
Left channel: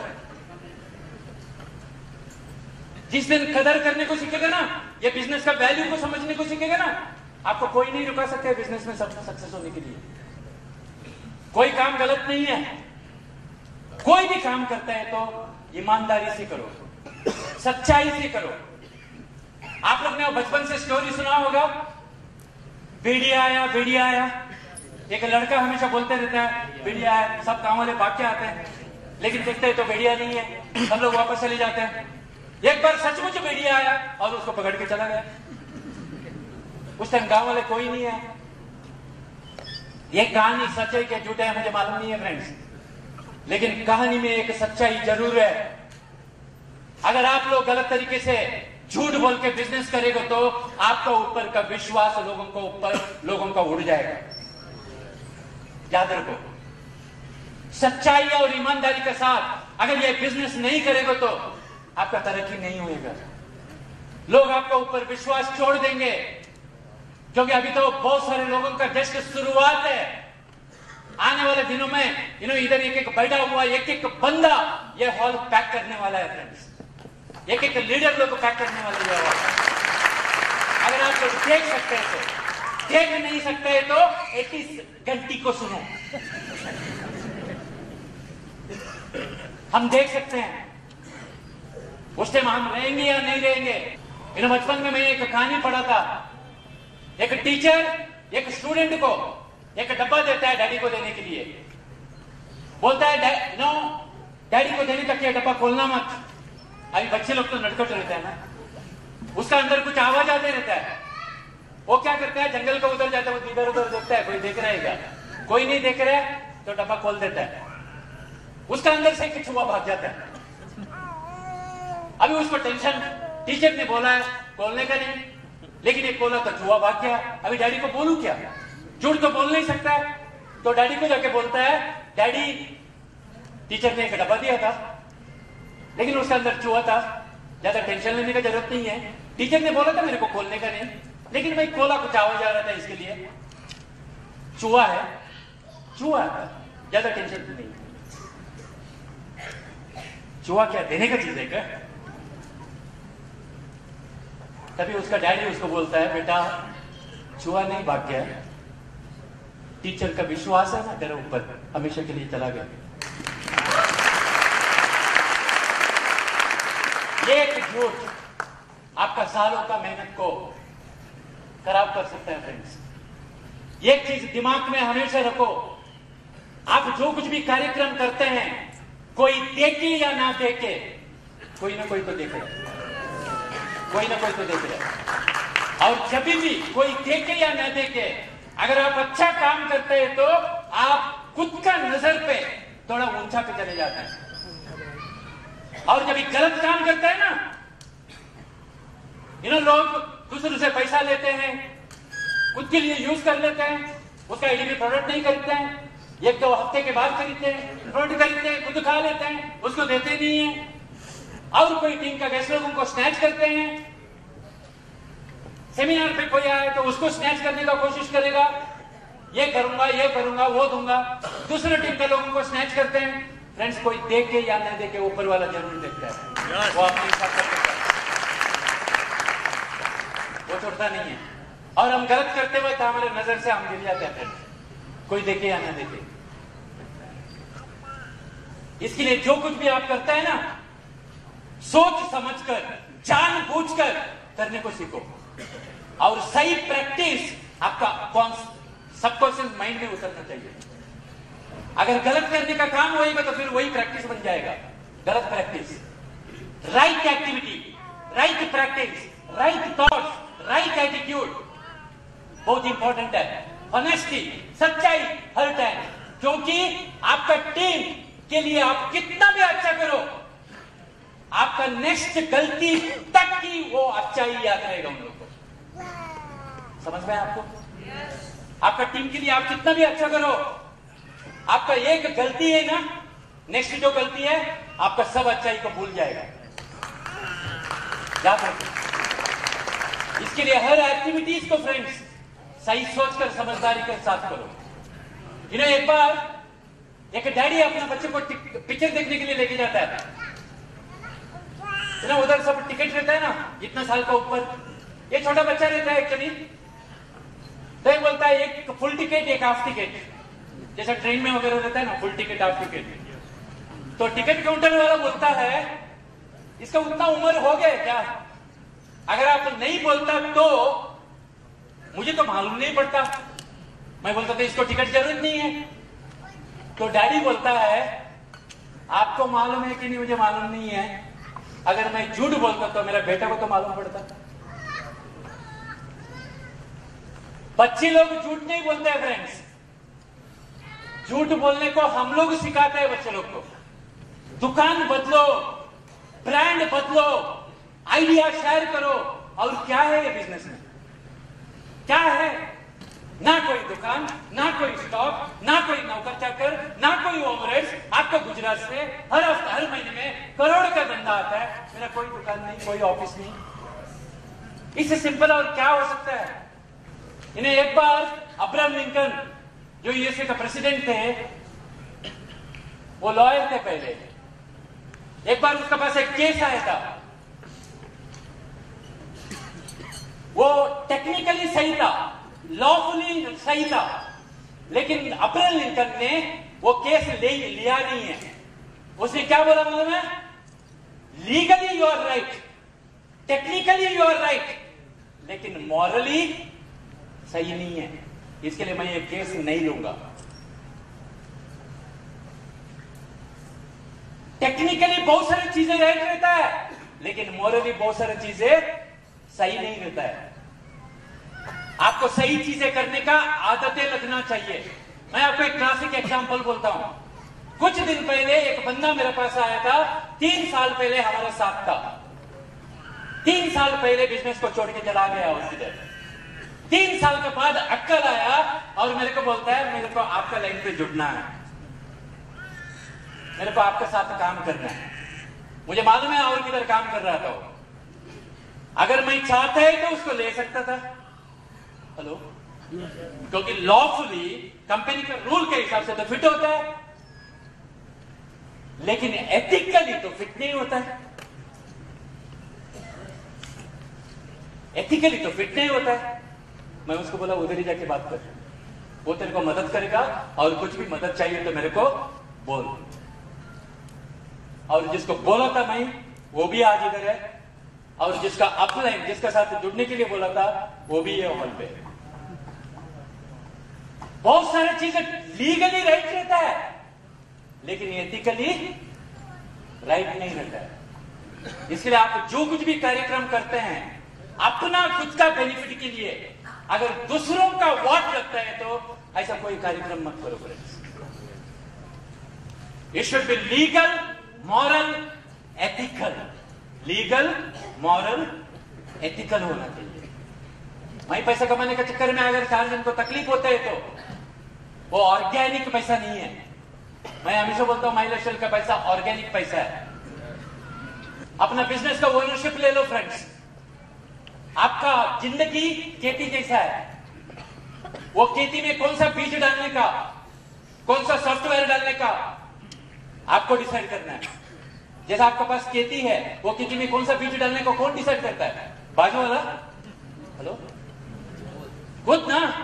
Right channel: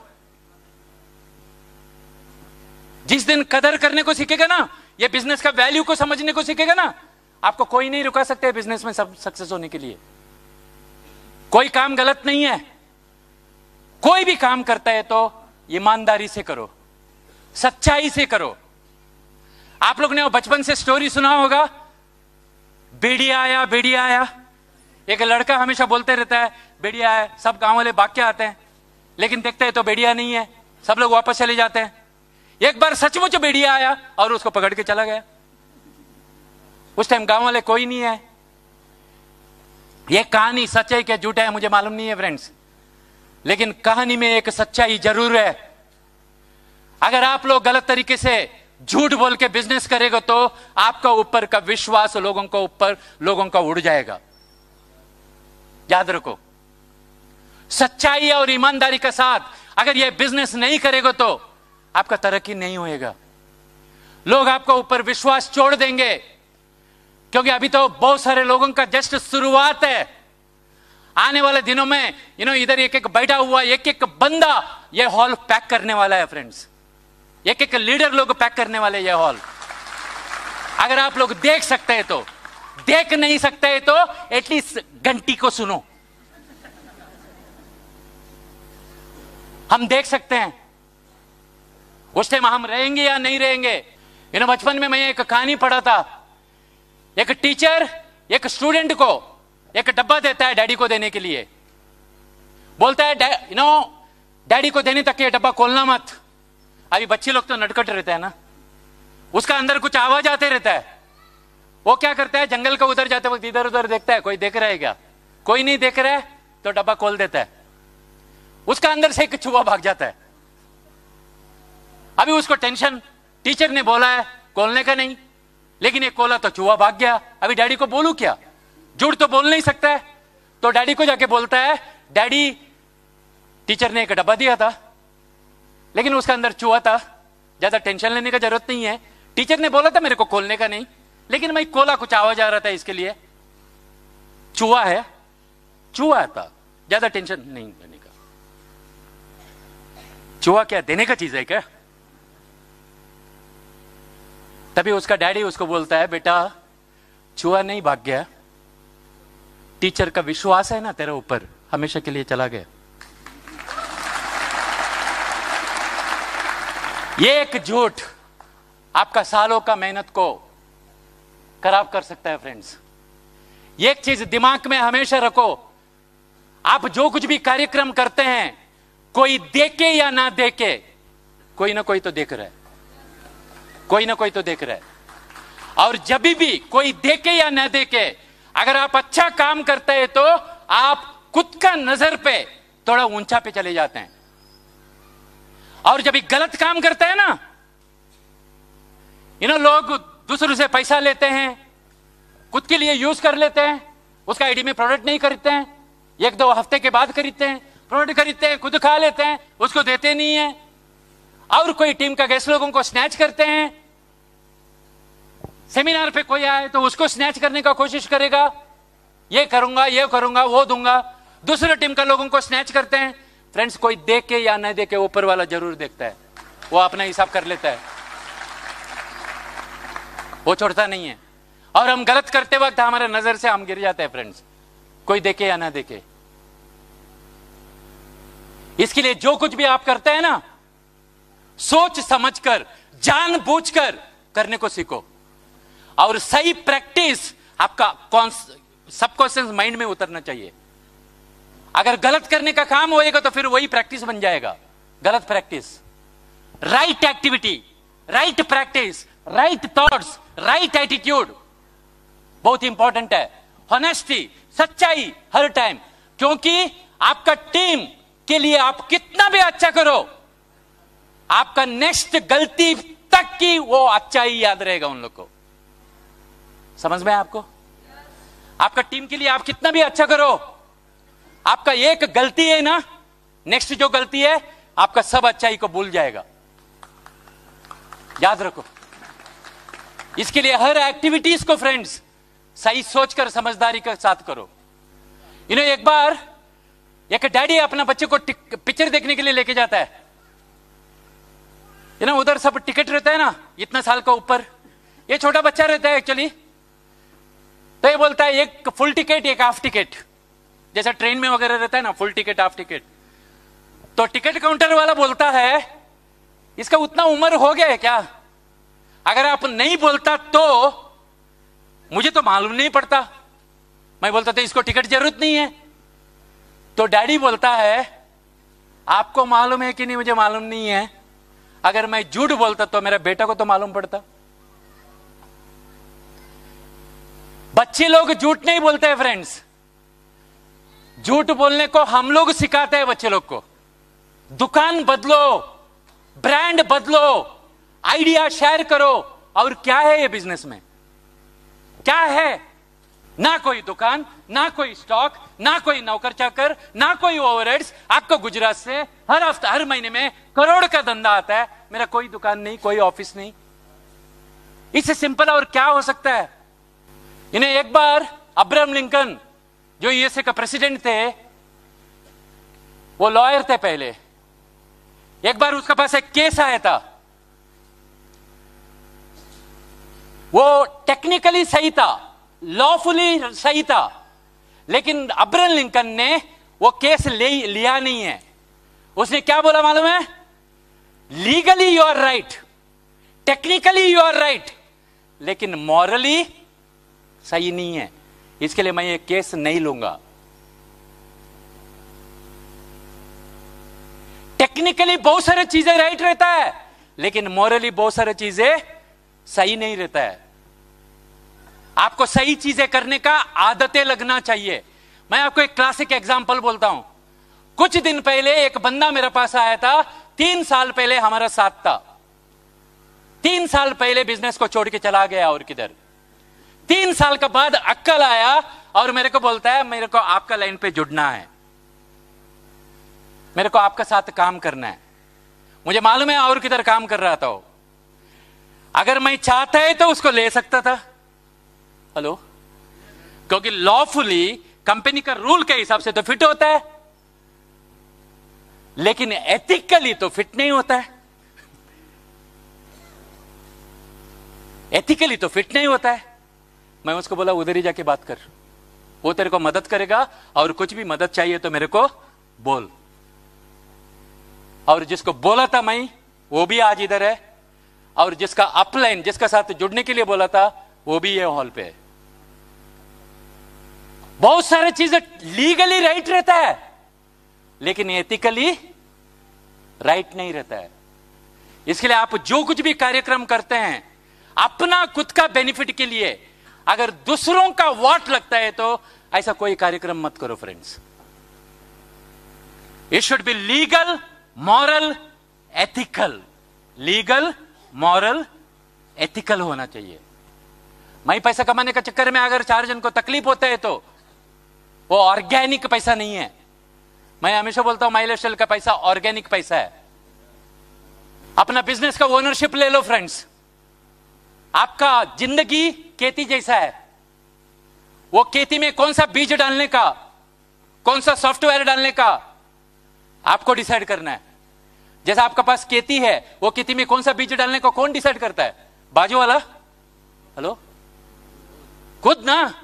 जिस दिन कदर करने को सीखेगा ना, ये बिजनेस का वैल्यू को समझने को सीखेगा ना, आपको कोई नहीं रुका सकते बिजनेस में सक्सेस होने के लिए। कोई काम गलत नहीं है, कोई भी काम करता है तो ईमानदारी से करो, सच्चाई से करो। आप लोग ने वो बचपन से स्टोरी सुना होगा, भेड़िया आया भेड़िया आया, एक लड़का हमेशा बोलते रहता है भेड़िया है, सब गांव वाले भाग के आते हैं, लेकिन देखते हैं तो भेड़िया नहीं है, सब लोग वापस चले जाते हैं। एक बार सचमुच भेड़िया आया और उसको पकड़ के चला गया। उस टाइम गांव वाले कोई नहीं है। ये कहानी सच है क्या झूठ है मुझे मालूम नहीं है फ्रेंड्स, लेकिन कहानी में एक सच्चाई जरूर है। अगर आप लोग गलत तरीके से झूठ बोल के बिजनेस करेगा तो आपका ऊपर का विश्वास लोगों का उड़ जाएगा। याद रखो, सच्चाई और ईमानदारी के साथ अगर ये बिजनेस नहीं करेगा तो आपका तरक्की नहीं होएगा। लोग आपका ऊपर विश्वास छोड़ देंगे, क्योंकि अभी तो बहुत सारे लोगों का जस्ट शुरुआत है। आने वाले दिनों में इधर एक एक बैठा हुआ एक एक बंदा ये हॉल पैक करने वाला है फ्रेंड्स। एक एक लीडर लोग पैक करने वाले ये हॉल। अगर आप लोग देख सकते हैं तो, देख नहीं सकते हैं तो एटलीस्ट घंटी को सुनो। हम देख सकते हैं उस टाइम हम रहेंगे या नहीं रहेंगे। बचपन में मैं एक कहानी पढ़ा था। एक टीचर एक स्टूडेंट को एक डब्बा देता है डैडी को देने के लिए, बोलता है डैडी को देने तक ये डब्बा खोलना मत। अभी बच्चे लोग तो नटखट रहते हैं ना, उसका अंदर कुछ आवाज आते रहता है। वो क्या करता है, जंगल का उधर जाते वक्त इधर उधर देखता है कोई देख रहा है क्या, कोई नहीं देख रहा है तो डब्बा खोल देता है। उसका अंदर से एक चूहा भाग जाता है। अभी उसको टेंशन, टीचर ने बोला है खोलने का नहीं, लेकिन एक खोला तो चूहा भाग गया। अभी डैडी को बोलूं क्या, झूठ तो बोल नहीं सकता है। तो डैडी को जाके बोलता है डैडी टीचर ने एक डब्बा दिया था लेकिन उसका अंदर चूहा था, ज्यादा टेंशन लेने का जरूरत नहीं है। टीचर ने बोला था मेरे को खोलने का नहीं, लेकिन मैं खोला कुछ आवाज आ रहा था इसके लिए। चूहा है, चूहा था, ज्यादा टेंशन नहीं। चूहा क्या देने का चीज है क्या? तभी उसका डैडी उसको बोलता है बेटा चूहा नहीं भाग गया, टीचर का विश्वास है ना तेरे ऊपर, हमेशा के लिए चला गया। ये एक झूठ आपका सालों का मेहनत को खराब कर सकता है फ्रेंड्स। ये एक चीज दिमाग में हमेशा रखो, आप जो कुछ भी कार्यक्रम करते हैं, कोई देखे या ना देखे, कोई ना कोई तो देख रहा है, कोई ना कोई तो देख रहा है। और जब भी कोई देखे या ना देखे, अगर आप अच्छा काम करते हैं तो आप खुद का नजर पे थोड़ा ऊंचा पे चले जाते हैं। और जब गलत काम करते हैं ना, लोग दूसरों से पैसा लेते हैं, खुद के लिए यूज कर लेते हैं, उसका आईडी में प्रोडक्ट नहीं खरीदते हैं, एक दो हफ्ते के बाद खरीदते हैं, प्रोडक्ट खरीदते हैं, खुद खा लेते हैं, उसको देते नहीं है। और कोई टीम का गेस्ट लोगों को स्नैच करते हैं। सेमिनार पे कोई आए तो उसको स्नैच करने का कोशिश करेगा, ये करूंगा वो दूंगा। दूसरे टीम का लोगों को स्नैच करते हैं। फ्रेंड्स, कोई देखे या न देखे, ऊपर वाला जरूर देखता है, वो अपना हिसाब कर लेता है, वो छोड़ता नहीं है। और हम गलत करते वक्त हमारे नजर से हम गिर जाते हैं फ्रेंड्स, कोई देखे या ना देखे। इसके लिए जो कुछ भी आप करते हैं ना, सोच समझकर, जानबूझकर करने को सीखो। और सही प्रैक्टिस आपका सबकॉन्शियस माइंड में उतरना चाहिए। अगर गलत करने का काम होएगा तो फिर वही प्रैक्टिस बन जाएगा। गलत practice, right activity, right practice, right thoughts, right attitude बहुत इंपॉर्टेंट है। ऑनेस्टी, सच्चाई हर टाइम, क्योंकि आपका टीम के लिए आप कितना भी अच्छा करो, आपका नेक्स्ट गलती तक की वो अच्छा ही याद रहेगा उन लोग को। समझ में आपको? आपका टीम के लिए आप कितना भी अच्छा करो, आपका एक गलती है ना, नेक्स्ट जो गलती है आपका सब अच्छाई को भूल जाएगा। याद रखो। इसके लिए हर एक्टिविटीज को फ्रेंड्स सही सोचकर समझदारी के साथ करो। एक बार एक डैडी अपना बच्चे को पिक्चर देखने के लिए लेके जाता है। उधर सब टिकट रहता है ना, इतना साल का ऊपर, ये छोटा बच्चा रहता है एक्चुअली। तो ये बोलता है एक फुल टिकट एक हाफ टिकट, जैसा ट्रेन में वगैरह रहता है ना, फुल टिकट हाफ टिकट। तो टिकट काउंटर वाला बोलता है इसका उतना उम्र हो गया है क्या? अगर आप नहीं बोलता तो मुझे तो मालूम नहीं पड़ता। मैं बोलता था इसको टिकट जरूरत नहीं है, तो डैडी बोलता है आपको मालूम है कि नहीं मुझे मालूम नहीं है, अगर मैं झूठ बोलता तो मेरा बेटा को तो मालूम पड़ता। बच्चे लोग झूठ नहीं बोलते हैं फ्रेंड्स, झूठ बोलने को हम लोग सिखाते हैं बच्चे लोग को। दुकान बदलो, ब्रांड बदलो, आइडिया शेयर करो। और क्या है ये बिजनेस में, क्या है? ना कोई दुकान, ना कोई स्टॉक, ना कोई नौकर चाकर, ना कोई ओवरहेड्स। आपको गुजरात से हर हफ्ते हर महीने में करोड़ का धंधा आता है, मेरा कोई दुकान नहीं, कोई ऑफिस नहीं। इससे सिंपल और क्या हो सकता है? इन्हें एक बार अब्राहम लिंकन जो यूएसए का प्रेसिडेंट थे, वो लॉयर थे पहले, एक बार उसके पास एक केस आया था, वो टेक्निकली सही था, लॉफुली सही था, लेकिन अब्राहम लिंकन ने वो केस लिया नहीं है। उसने क्या बोला मालूम है? Legally you are right, technically you are right, लेकिन मॉरली सही नहीं है, इसके लिए मैं ये केस नहीं लूंगा। टेक्निकली बहुत सारी चीजें राइट रहता है, लेकिन मॉरली बहुत सारी चीजें सही नहीं रहता है। आपको सही चीजें करने का आदतें लगना चाहिए। मैं आपको एक क्लासिक एग्जांपल बोलता हूं। कुछ दिन पहले एक बंदा मेरे पास आया था, 3 साल पहले हमारा साथ था, 3 साल पहले बिजनेस को छोड़ के चला गया और किधर। 3 साल के बाद अक्कल आया और मेरे को बोलता है मेरे को आपका लाइन पे जुड़ना है, मेरे को आपके साथ काम करना है। मुझे मालूम है और किधर काम कर रहा था वो। अगर मैं चाहता है तो उसको ले सकता था, हेलो, क्योंकि लॉफुली कंपनी का रूल के हिसाब से तो फिट होता है, लेकिन एथिकली तो फिट नहीं होता है। एथिकली तो फिट नहीं होता है। मैं उसको बोला उधर ही जाके बात कर, वो तेरे को मदद करेगा, और कुछ भी मदद चाहिए तो मेरे को बोल। और जिसको बोला था मैं, वो भी आज इधर है, और जिसका अपलाइन, जिसका साथ जुड़ने के लिए बोला था, वो भी ये हॉल पे है। बहुत सारी चीजें लीगली राइट रहता है, लेकिन एथिकली राइट नहीं रहता है। इसके लिए आप जो कुछ भी कार्यक्रम करते हैं अपना खुद का बेनिफिट के लिए, अगर दूसरों का वाट लगता है तो ऐसा कोई कार्यक्रम मत करो friends. It should be legal, moral, ethical. Legal, moral, ethical होना चाहिए। मैं पैसा कमाने का चक्कर में अगर 4 जन को तकलीफ होता है तो वो ऑर्गेनिक पैसा नहीं है। मैं हमेशा बोलता हूं माइलर का पैसा ऑर्गेनिक पैसा है। अपना बिजनेस का ओनरशिप ले लो फ्रेंड्स। आपका जिंदगी खेती जैसा है, वो खेती में कौन सा बीज डालने का, कौन सा सॉफ्टवेयर डालने का आपको डिसाइड करना है। जैसा आपका पास खेती है, वो खेती में कौन सा बीज डालने को कौन डिसाइड करता है? बाजू वाला, हेलो, खुद ना।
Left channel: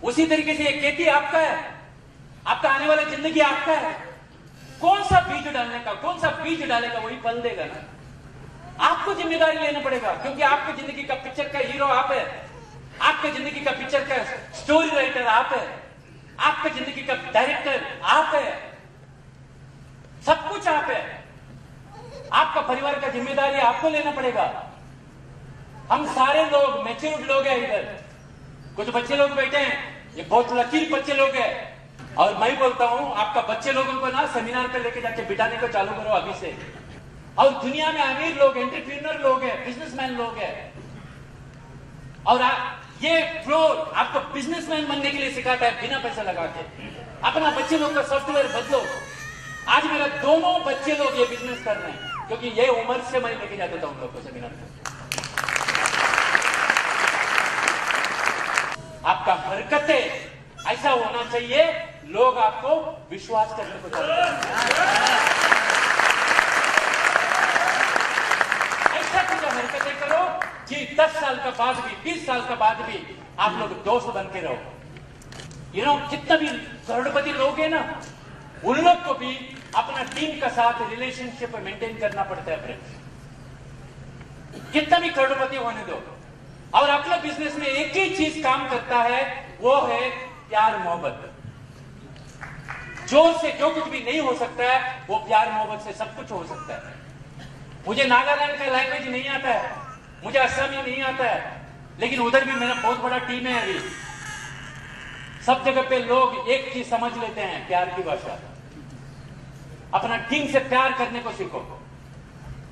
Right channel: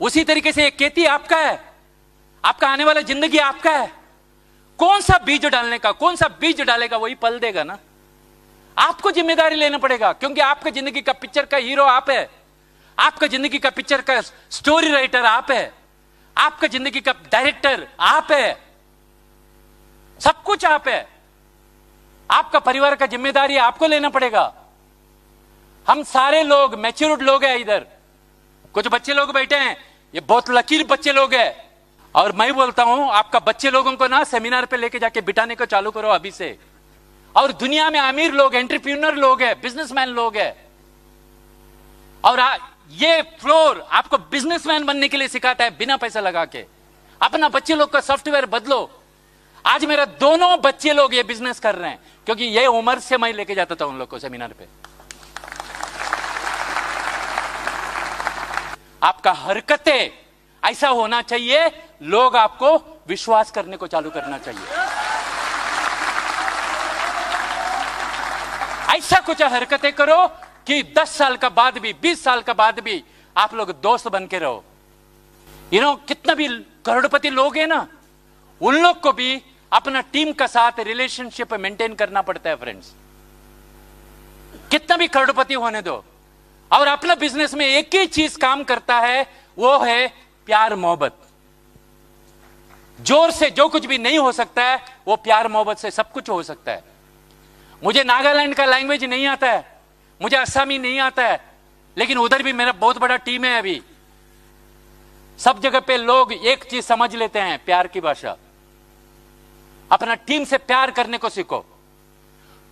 उसी तरीके से एक खेती आपका है, आपका आने वाला जिंदगी आपका है। कौन सा बीज डालने का, कौन सा बीज डालेगा वही पल देगा ना। आपको जिम्मेदारी लेना पड़ेगा, क्योंकि आपका जिंदगी का पिक्चर का हीरो आप है, आपका जिंदगी का पिक्चर का स्टोरी राइटर आप है, आपका जिंदगी का डायरेक्टर आप है, सब कुछ आप है। आपका परिवार का जिम्मेदारी आपको लेना पड़ेगा। हम सारे लोग मैच्योर्ड लोग हैं इधर, कुछ बच्चे लोग बैठे हैं, ये बहुत लकीर बच्चे लोग हैं। और मैं बोलता हूं आपका बच्चे लोगों को ना सेमिनार पे लेके जाके बिठाने को चालू करो अभी से। और दुनिया में अमीर लोग, एंटरप्रेन्योर लोग हैं, बिजनेसमैन लोग हैं, और ये फ्लोर आपको बिजनेसमैन बनने के लिए सिखाता है बिना पैसा लगा के। अपना बच्चे लोग का सॉफ्टवेयर बदलो। आज मेरा दोनों बच्चे लोग ये बिजनेस कर रहे हैं, क्योंकि ये उम्र से मैं लेके जाता था उन लोग को सेमिनार पे। आपका हरकतें ऐसा होना चाहिए, लोग आपको विश्वास करने को चालू करना चाहिए। ऐसा कुछ हरकतें करो कि 10 साल का बाद भी, 20 साल का बाद भी आप लोग दोस्त बन के रहो। कितना भी करोड़पति लोग हैं ना, उन लोग को भी अपना टीम का साथ रिलेशनशिप मेंटेन करना पड़ता है फ्रेंड्स। कितना भी करोड़पति होने दो, और अपना बिजनेस में एक ही चीज काम करता है, वो है प्यार मोहब्बत। जोर से जो कुछ भी नहीं हो सकता है वो प्यार मोहब्बत से सब कुछ हो सकता है। मुझे नागालैंड का लैंग्वेज नहीं आता है, मुझे असमी नहीं आता है, लेकिन उधर भी मेरा बहुत बड़ा टीम है। अभी सब जगह पे लोग एक चीज समझ लेते हैं, प्यार की भाषा। अपना टीम से प्यार करने को सीखो।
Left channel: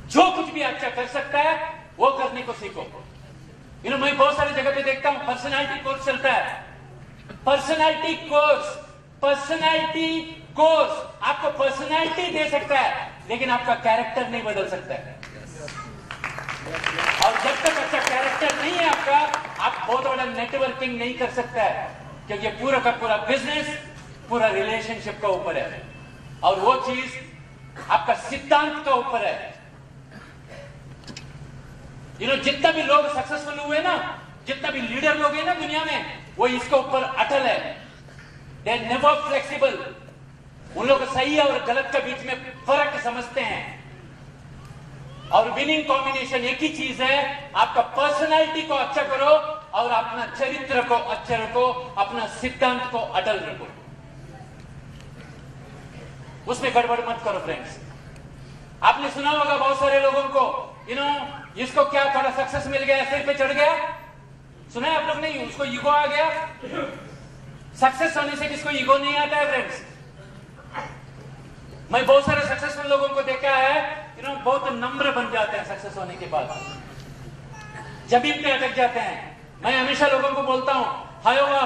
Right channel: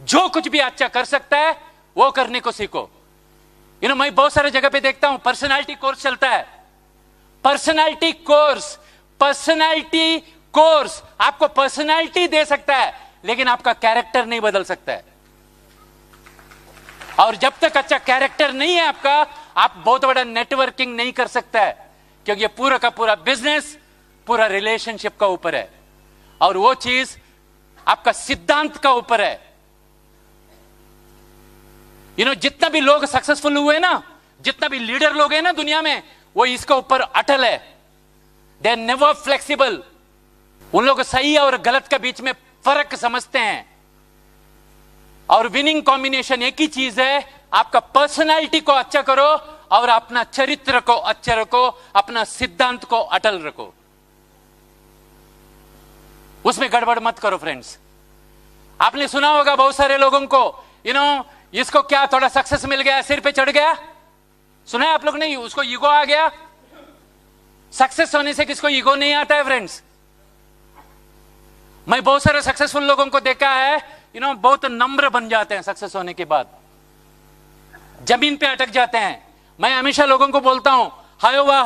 जो कुछ भी अच्छा कर सकता है वो करने को सीखो। मैं बहुत सारे जगह पे देखता हूं पर्सनालिटी कोर्स चलता है। पर्सनालिटी कोर्स आपको पर्सनालिटी दे सकता है, लेकिन आपका कैरेक्टर नहीं बदल सकता है। और जब तक अच्छा कैरेक्टर नहीं है आपका, आप बहुत बड़ा नेटवर्किंग नहीं कर सकता है, क्योंकि ये पूरा का पूरा बिजनेस पूरा रिलेशनशिप का ऊपर है, और वो चीज आपका सिद्धांत का ऊपर है। जितना भी लोग सक्सेसफुल हुए ना, जितना भी लीडर लोग हैं ना दुनिया में, वो इसके ऊपर अटल है। They are never flexible. उन लोग सही और गलत के बीच में फर्क समझते हैं। और विनिंग कॉम्बिनेशन एक ही चीज है, आपका पर्सनालिटी को अच्छा करो और अपना चरित्र को अच्छा रखो, अपना सिद्धांत को अटल रखो, उसमें गड़बड़ मत करो फ्रेंड्स। आपने सुना होगा बहुत सारे लोगों को, इसको क्या थोड़ा सक्सेस मिल गया, सिर पे चढ़ गया, सुना है आप लोग ने? उसको ईगो आ गया। सक्सेस होने से किसको ईगो नहीं आता है फ्रेंड्स? मैं बहुत सारे सक्सेसफुल लोगों को देखा है, बहुत नम्र बन जाते हैं सक्सेस होने के बाद, जमीन पे अटक जाते हैं। मैं हमेशा लोगों को बोलता हूं,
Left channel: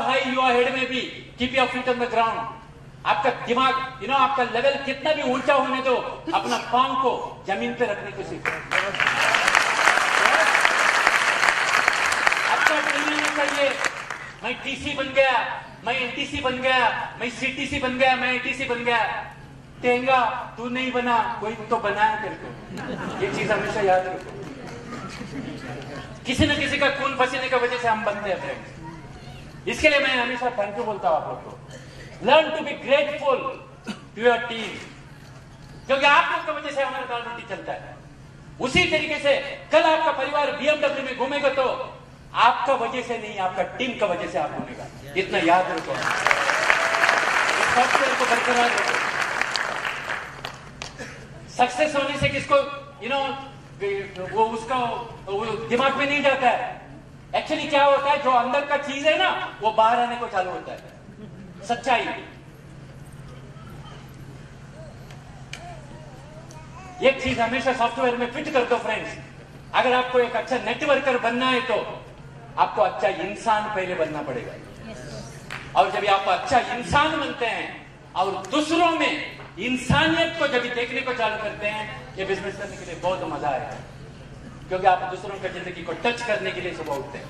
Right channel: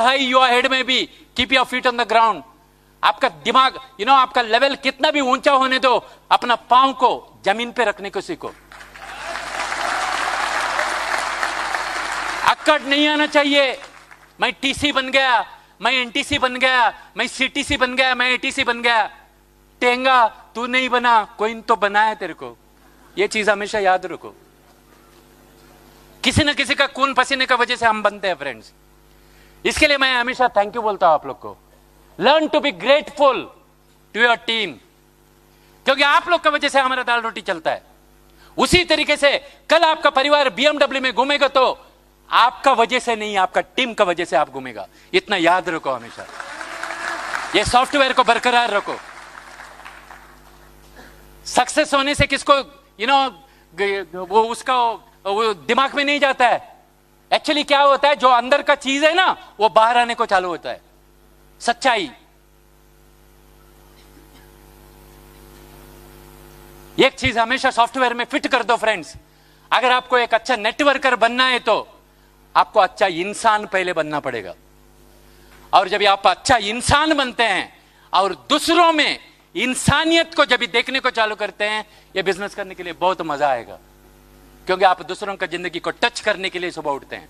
हाई योर हेड में be, keep your feet on the ground. आपका दिमाग आपका लेवल कितना भी ऊंचा होने दो, अपना पांव को जमीन पे रखने को सीखो। अटकट नहीं आना चाहिए। मैं टीसी बन गया, मैं एनटीसी बन गया, मैं सीटीसी बन गया, मैं एटीसी बन गया। टेंगा तू नहीं बना, कोई तो बनाया तेरे को। ये चीज हमेशा याद रखो। किसी न किसी का खून पसीने का वजह से हम बनते हैं फ्रेंड्स। इसके लिए मैं हमेशा थैंक यू बोलता हूं आप लोग को। Learn to be grateful to your team, क्योंकि आप लोग की वजह से हमारा दाल रोटी चलता है। उसी तरीके से कल आपका परिवार बीएमडब्ल्यू में घूमेगा तो आपका वजह से नहीं, आपका टीम का वजह से आप घूमेगा। इतना याद रखो। ये सॉफ्टवेयर को बरकरार रखो। सक्सेस होने से किसको वो उसका वो दिमाग में नहीं जाता है। एक्चुअली क्या होता है, जो अंदर का चीज है ना, वो बाहर आने को चालू होता है। सच्चाई। एक चीज हमेशा सॉफ्टवेयर में फिट कर दो फ्रेंड्स, अगर आपको एक अच्छा नेटवर्कर बनना है तो आपको अच्छा इंसान पहले बनना पड़ेगा। और जब आप अच्छा इंसान बनते हैं और दूसरों में इंसानियत को जब देखने को चालू करते हैं, ये बिजनेस करने के लिए बहुत मजा आएगा, क्योंकि आप दूसरों का जिंदगी को टच करने के लिए सुबह उठते हैं।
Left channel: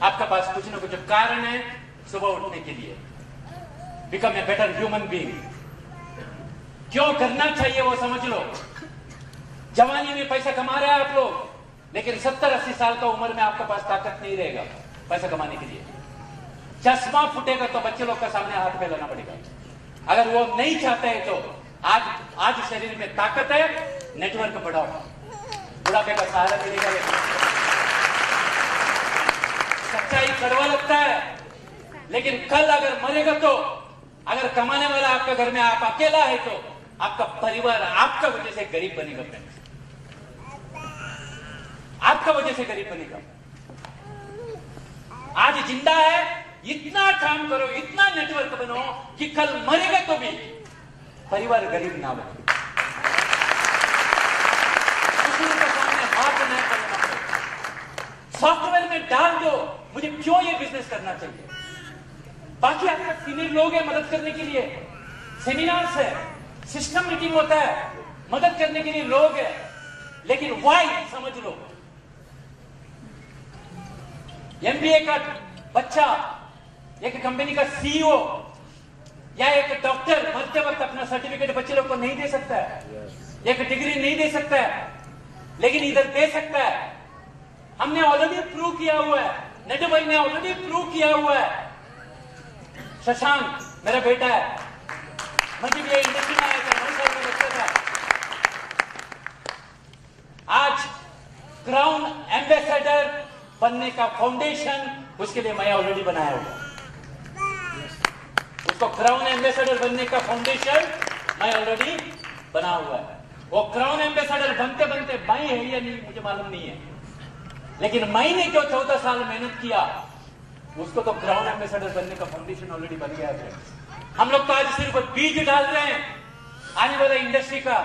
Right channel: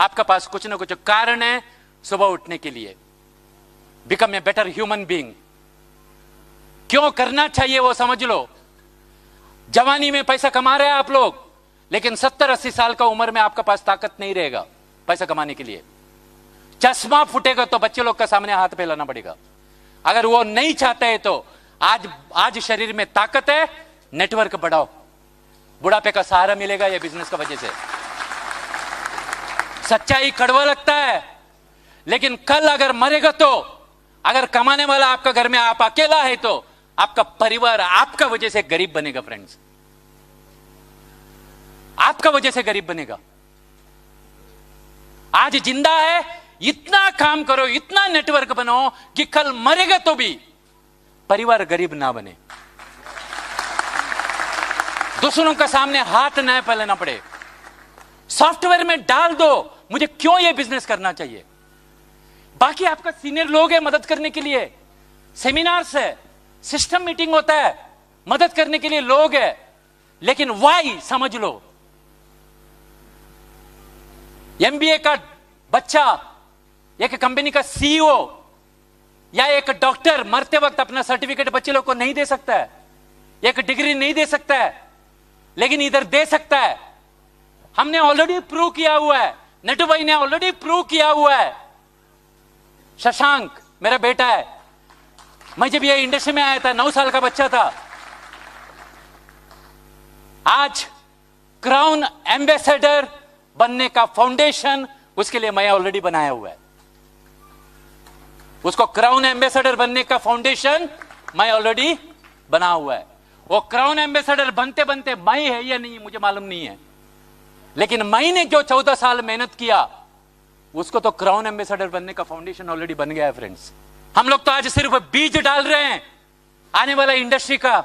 आपका पास कुछ ना कुछ कारण है सुबह उठने के लिए। Become a better human being. क्यों करना चाहिए वो समझ लो। जवानी में पैसा कमा रहे हैं आप लोग, लेकिन 70-80 साल का उम्र में आपके पास ताकत नहीं रहेगा पैसा कमाने के लिए। चश्मा फूटेगा तो बच्चे लोग का सामने हाथ फैलाना पड़ेगा। अगर वो नहीं चाहते हैं तो आज शरीर में ताकत है, नेटवर्क बढ़ाओ, बुढ़ापे का सहारा मिलेगा ये बिजनेस का वजह से। सच्चाई कड़वा लगता है, लेकिन कल अगर मरेगा तो, अगर कमाने वाला आपका घर में आप अकेला है तो आपका परिवार आपका वजह से गरीब बनेगा फ्रेंड्स। आपका वजह से गरीब बनेगा। आज जिंदा है, इतना काम करो, इतना नेटवर्क बनाओ कि कल मरेगा तो भी परिवार गरीब ना बने, दूसरों का सामने हाथ न फैलाना पड़े। सॉफ्टवेयर में डाल दो मुझे क्यों ये बिजनेस करना चाहिए। बाकी आपका सीनियर लोग हैं मदद करने के लिए, सेमिनार्स है, सिस्टम मीटिंग होता है, मदद करने के लिए लोग हैं, लेकिन वाई समझ लो। एमबीए का बच्चा एक कंपनी का सीईओ या एक डॉक्टर मरते वक्त अपना सर्टिफिकेट बच्चे लोग को नहीं दे सकता है, एक डिग्री नहीं दे सकता है, लेकिन इधर दे सकता है। हमने ऑलरेडी प्रूव किया हुआ है, नेटू भाई ने ऑलरेडी प्रूव किया हुआ है। शशांक मेरा बेटा है, मैं जब ये इंडस्ट्री में आया था 9 साल का बच्चा था, आज क्राउन एम्बेसडर बनने का फाउंडेशन उसके लिए मैं ऑलरेडी बनाया हुआ है। उसको क्राउन एम्बेसडर बनने का फाउंडेशन मैं ऑलरेडी बना हुआ है। वो क्राउन एम्बेसडर बनते बनते मैं है या नहीं मुझे मालूम नहीं है, लेकिन मैंने जो 14 साल मेहनत किया उसको तो क्राउन एम्बेसडर बनने का फाउंडेशन ऑलरेडी बन गया है फ्रेंड्स। हम लोग तो आज सिर्फ बीज डाल रहे हैं आने वाला इंडस्ट्री का।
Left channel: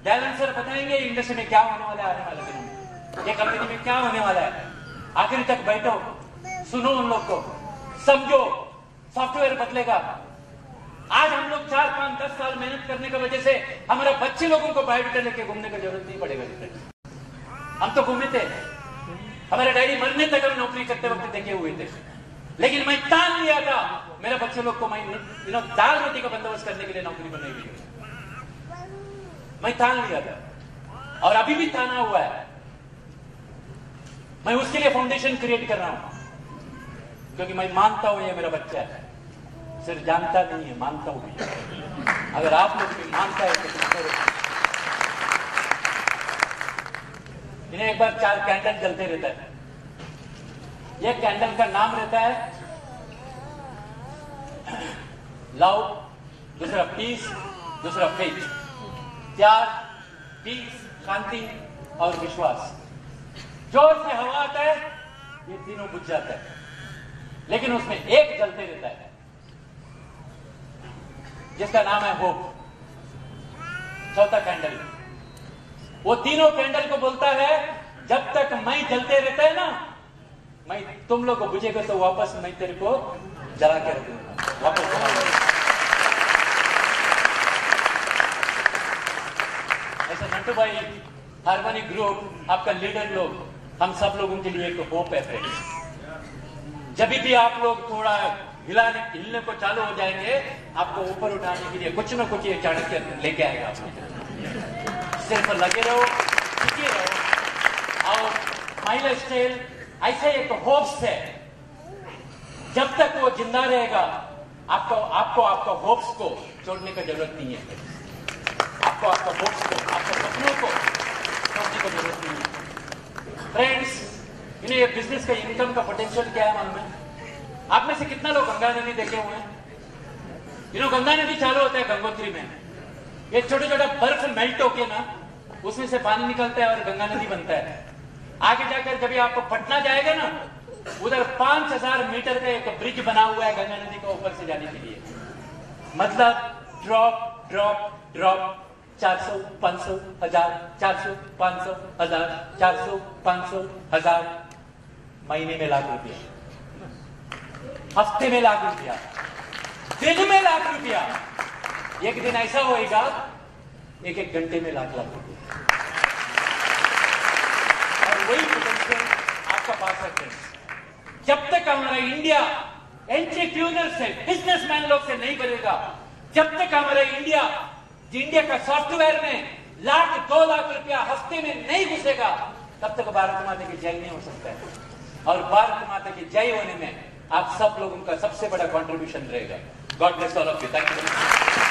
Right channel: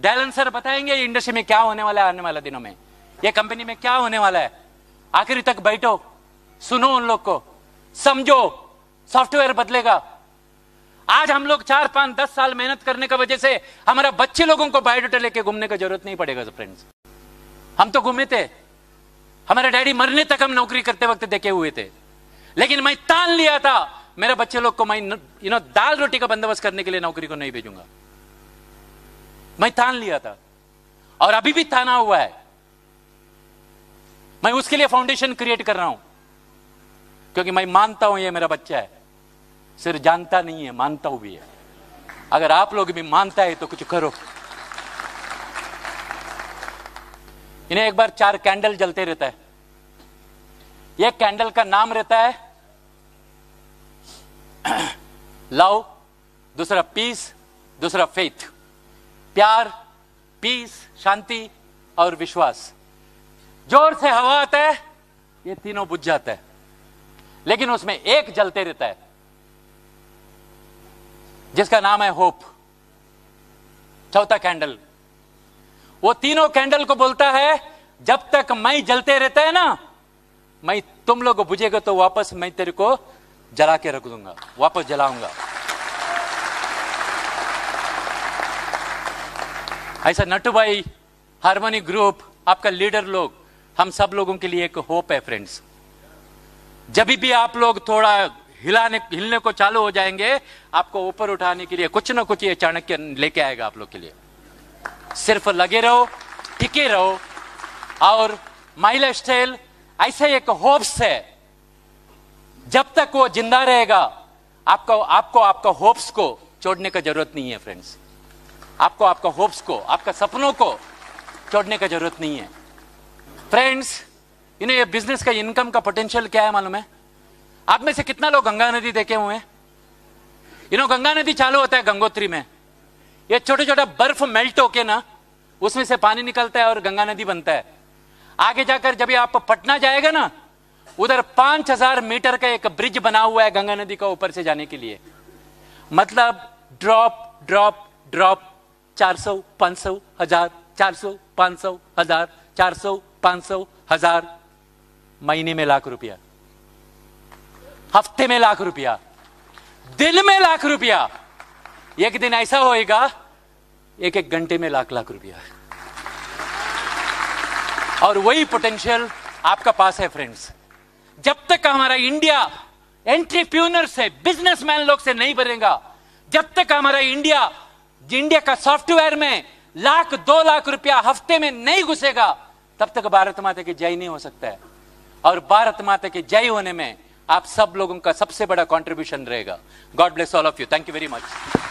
डैलन सर बताएंगे इंडस्ट्री में क्या होने वाला है आने वाले दिनों में, ये कंपनी में क्या होने वाला है। आखिरी तक बैठो, सुनो उन लोग को, समझो, सॉफ्टवेयर बदलेगा। आज हम लोग 4, 5, 10 साल मेहनत करने की वजह से हमारे बच्चे लोगों को बायोडाटा लेके घूमने की जरूरत नहीं पड़ेगा फ्रेंड्स। हम तो घूमे थे, हमारे डैडी मरने तक हम नौकरी करते वक्त देखे हुए थे, लेकिन मैं तान लिया था मेरे बच्चे लोग को मैं दाल रोटी का बंदोबस्त करने के लिए नौकरी को नहीं भेजूंगा। मैं तान लिया था और अभी भी ताना हुआ है। मैं उसके लिए फाउंडेशन क्रिएट कर रहा हूं, क्योंकि मैं मानता हूं ये मेरा बच्चा है, सिर्फ जानता नहीं है, मानता हूं भी है। अगर आप लोग भी मानता है तो कुछ करो। इन्हें एक बार 4 कैंडल जलते रहता है। यह कैंडल का नाम रहता है लव, दूसरा पीस, दूसरा फेथ। प्यार, पीस, शांति और विश्वास। जोर से हवा आता है, ये तीनों बुझ जाता है, लेकिन उसमें एक जलते रहता है जिसका नाम है होप, चौथा कैंडल। वो तीनों कैंडल को बोलता है जब तक मैं जलते रहता है ना, मैं तुम लोग को बुझेगा तो वापस मैं तेरे को जला के रख दूंगा, वापस जलाऊंगा। ऐसा नट्टू भाई, हार्मोनी ग्रुप, आपका लीडर लोग, हम सब लोगों के लिए एक होप है फ्रेंड्स। जब भी आप लोग थोड़ा हिलने को चालू हो जाएंगे, आपको ऊपर उठाने के लिए कुछ ना कुछ ये चाणक्य लेके आएगा आप लोग के लिए। सिर्फ लगे रहो, टिके रहो, और माई लाइफ स्टाइल ऐसे एक होप्स है, जब तक वो जिंदा रहेगा आपको होप्स को छोड़ने की जरूरत नहीं है फ्रेंड्स। आपको होप्स को, आपका सपनों को छोड़ने की जरूरत नहीं है फ्रेंड्स। ये बिजनेस का इनकम का पोटेंशियल क्या है मालूम है? आप में से कितना लोग गंगा नदी देखे हुए हैं? गंगा नदी चालू होता है गंगोत्री में, ये छोटा छोटा बर्फ मेल्ट होके ना उसमें से पानी निकलता है और गंगा नदी बनता है। आगे जाकर जब आप पटना जाएगा ना, उधर 5000 मीटर का एक ब्रिज बना हुआ है गंगा नदी का ऊपर से जाने के लिए। मतलब ड्रॉप ड्रॉप ड्रॉप, 400, 500, 1000, 400, 500, 1000, 400, 500, 1000, महीने में लाख रुपया, हफ्ते में लाख रुपया, दिन में लाख रुपया। एक दिन ऐसा होएगा, एक घंटे में लाख लाख रुपया। और वही पोटेंशियल आपका पास है फ्रेंड्स। जब तक हमारा इंडिया एंटरप्रेन्योर से, बिजनेसमैन लोग से नहीं बनेगा, जब तक हमारा इंडिया का सॉफ्टवेयर में लाख 2 लाख रुपया हफ्ते में नहीं घुसेगा, तब तक भारत माता की जय नहीं हो सकता है। और भारत माता की जय होने में आप सब लोगों का सबसे बड़ा कंट्रीब्यूशन रहेगा। God bless all of you. Thank you very much.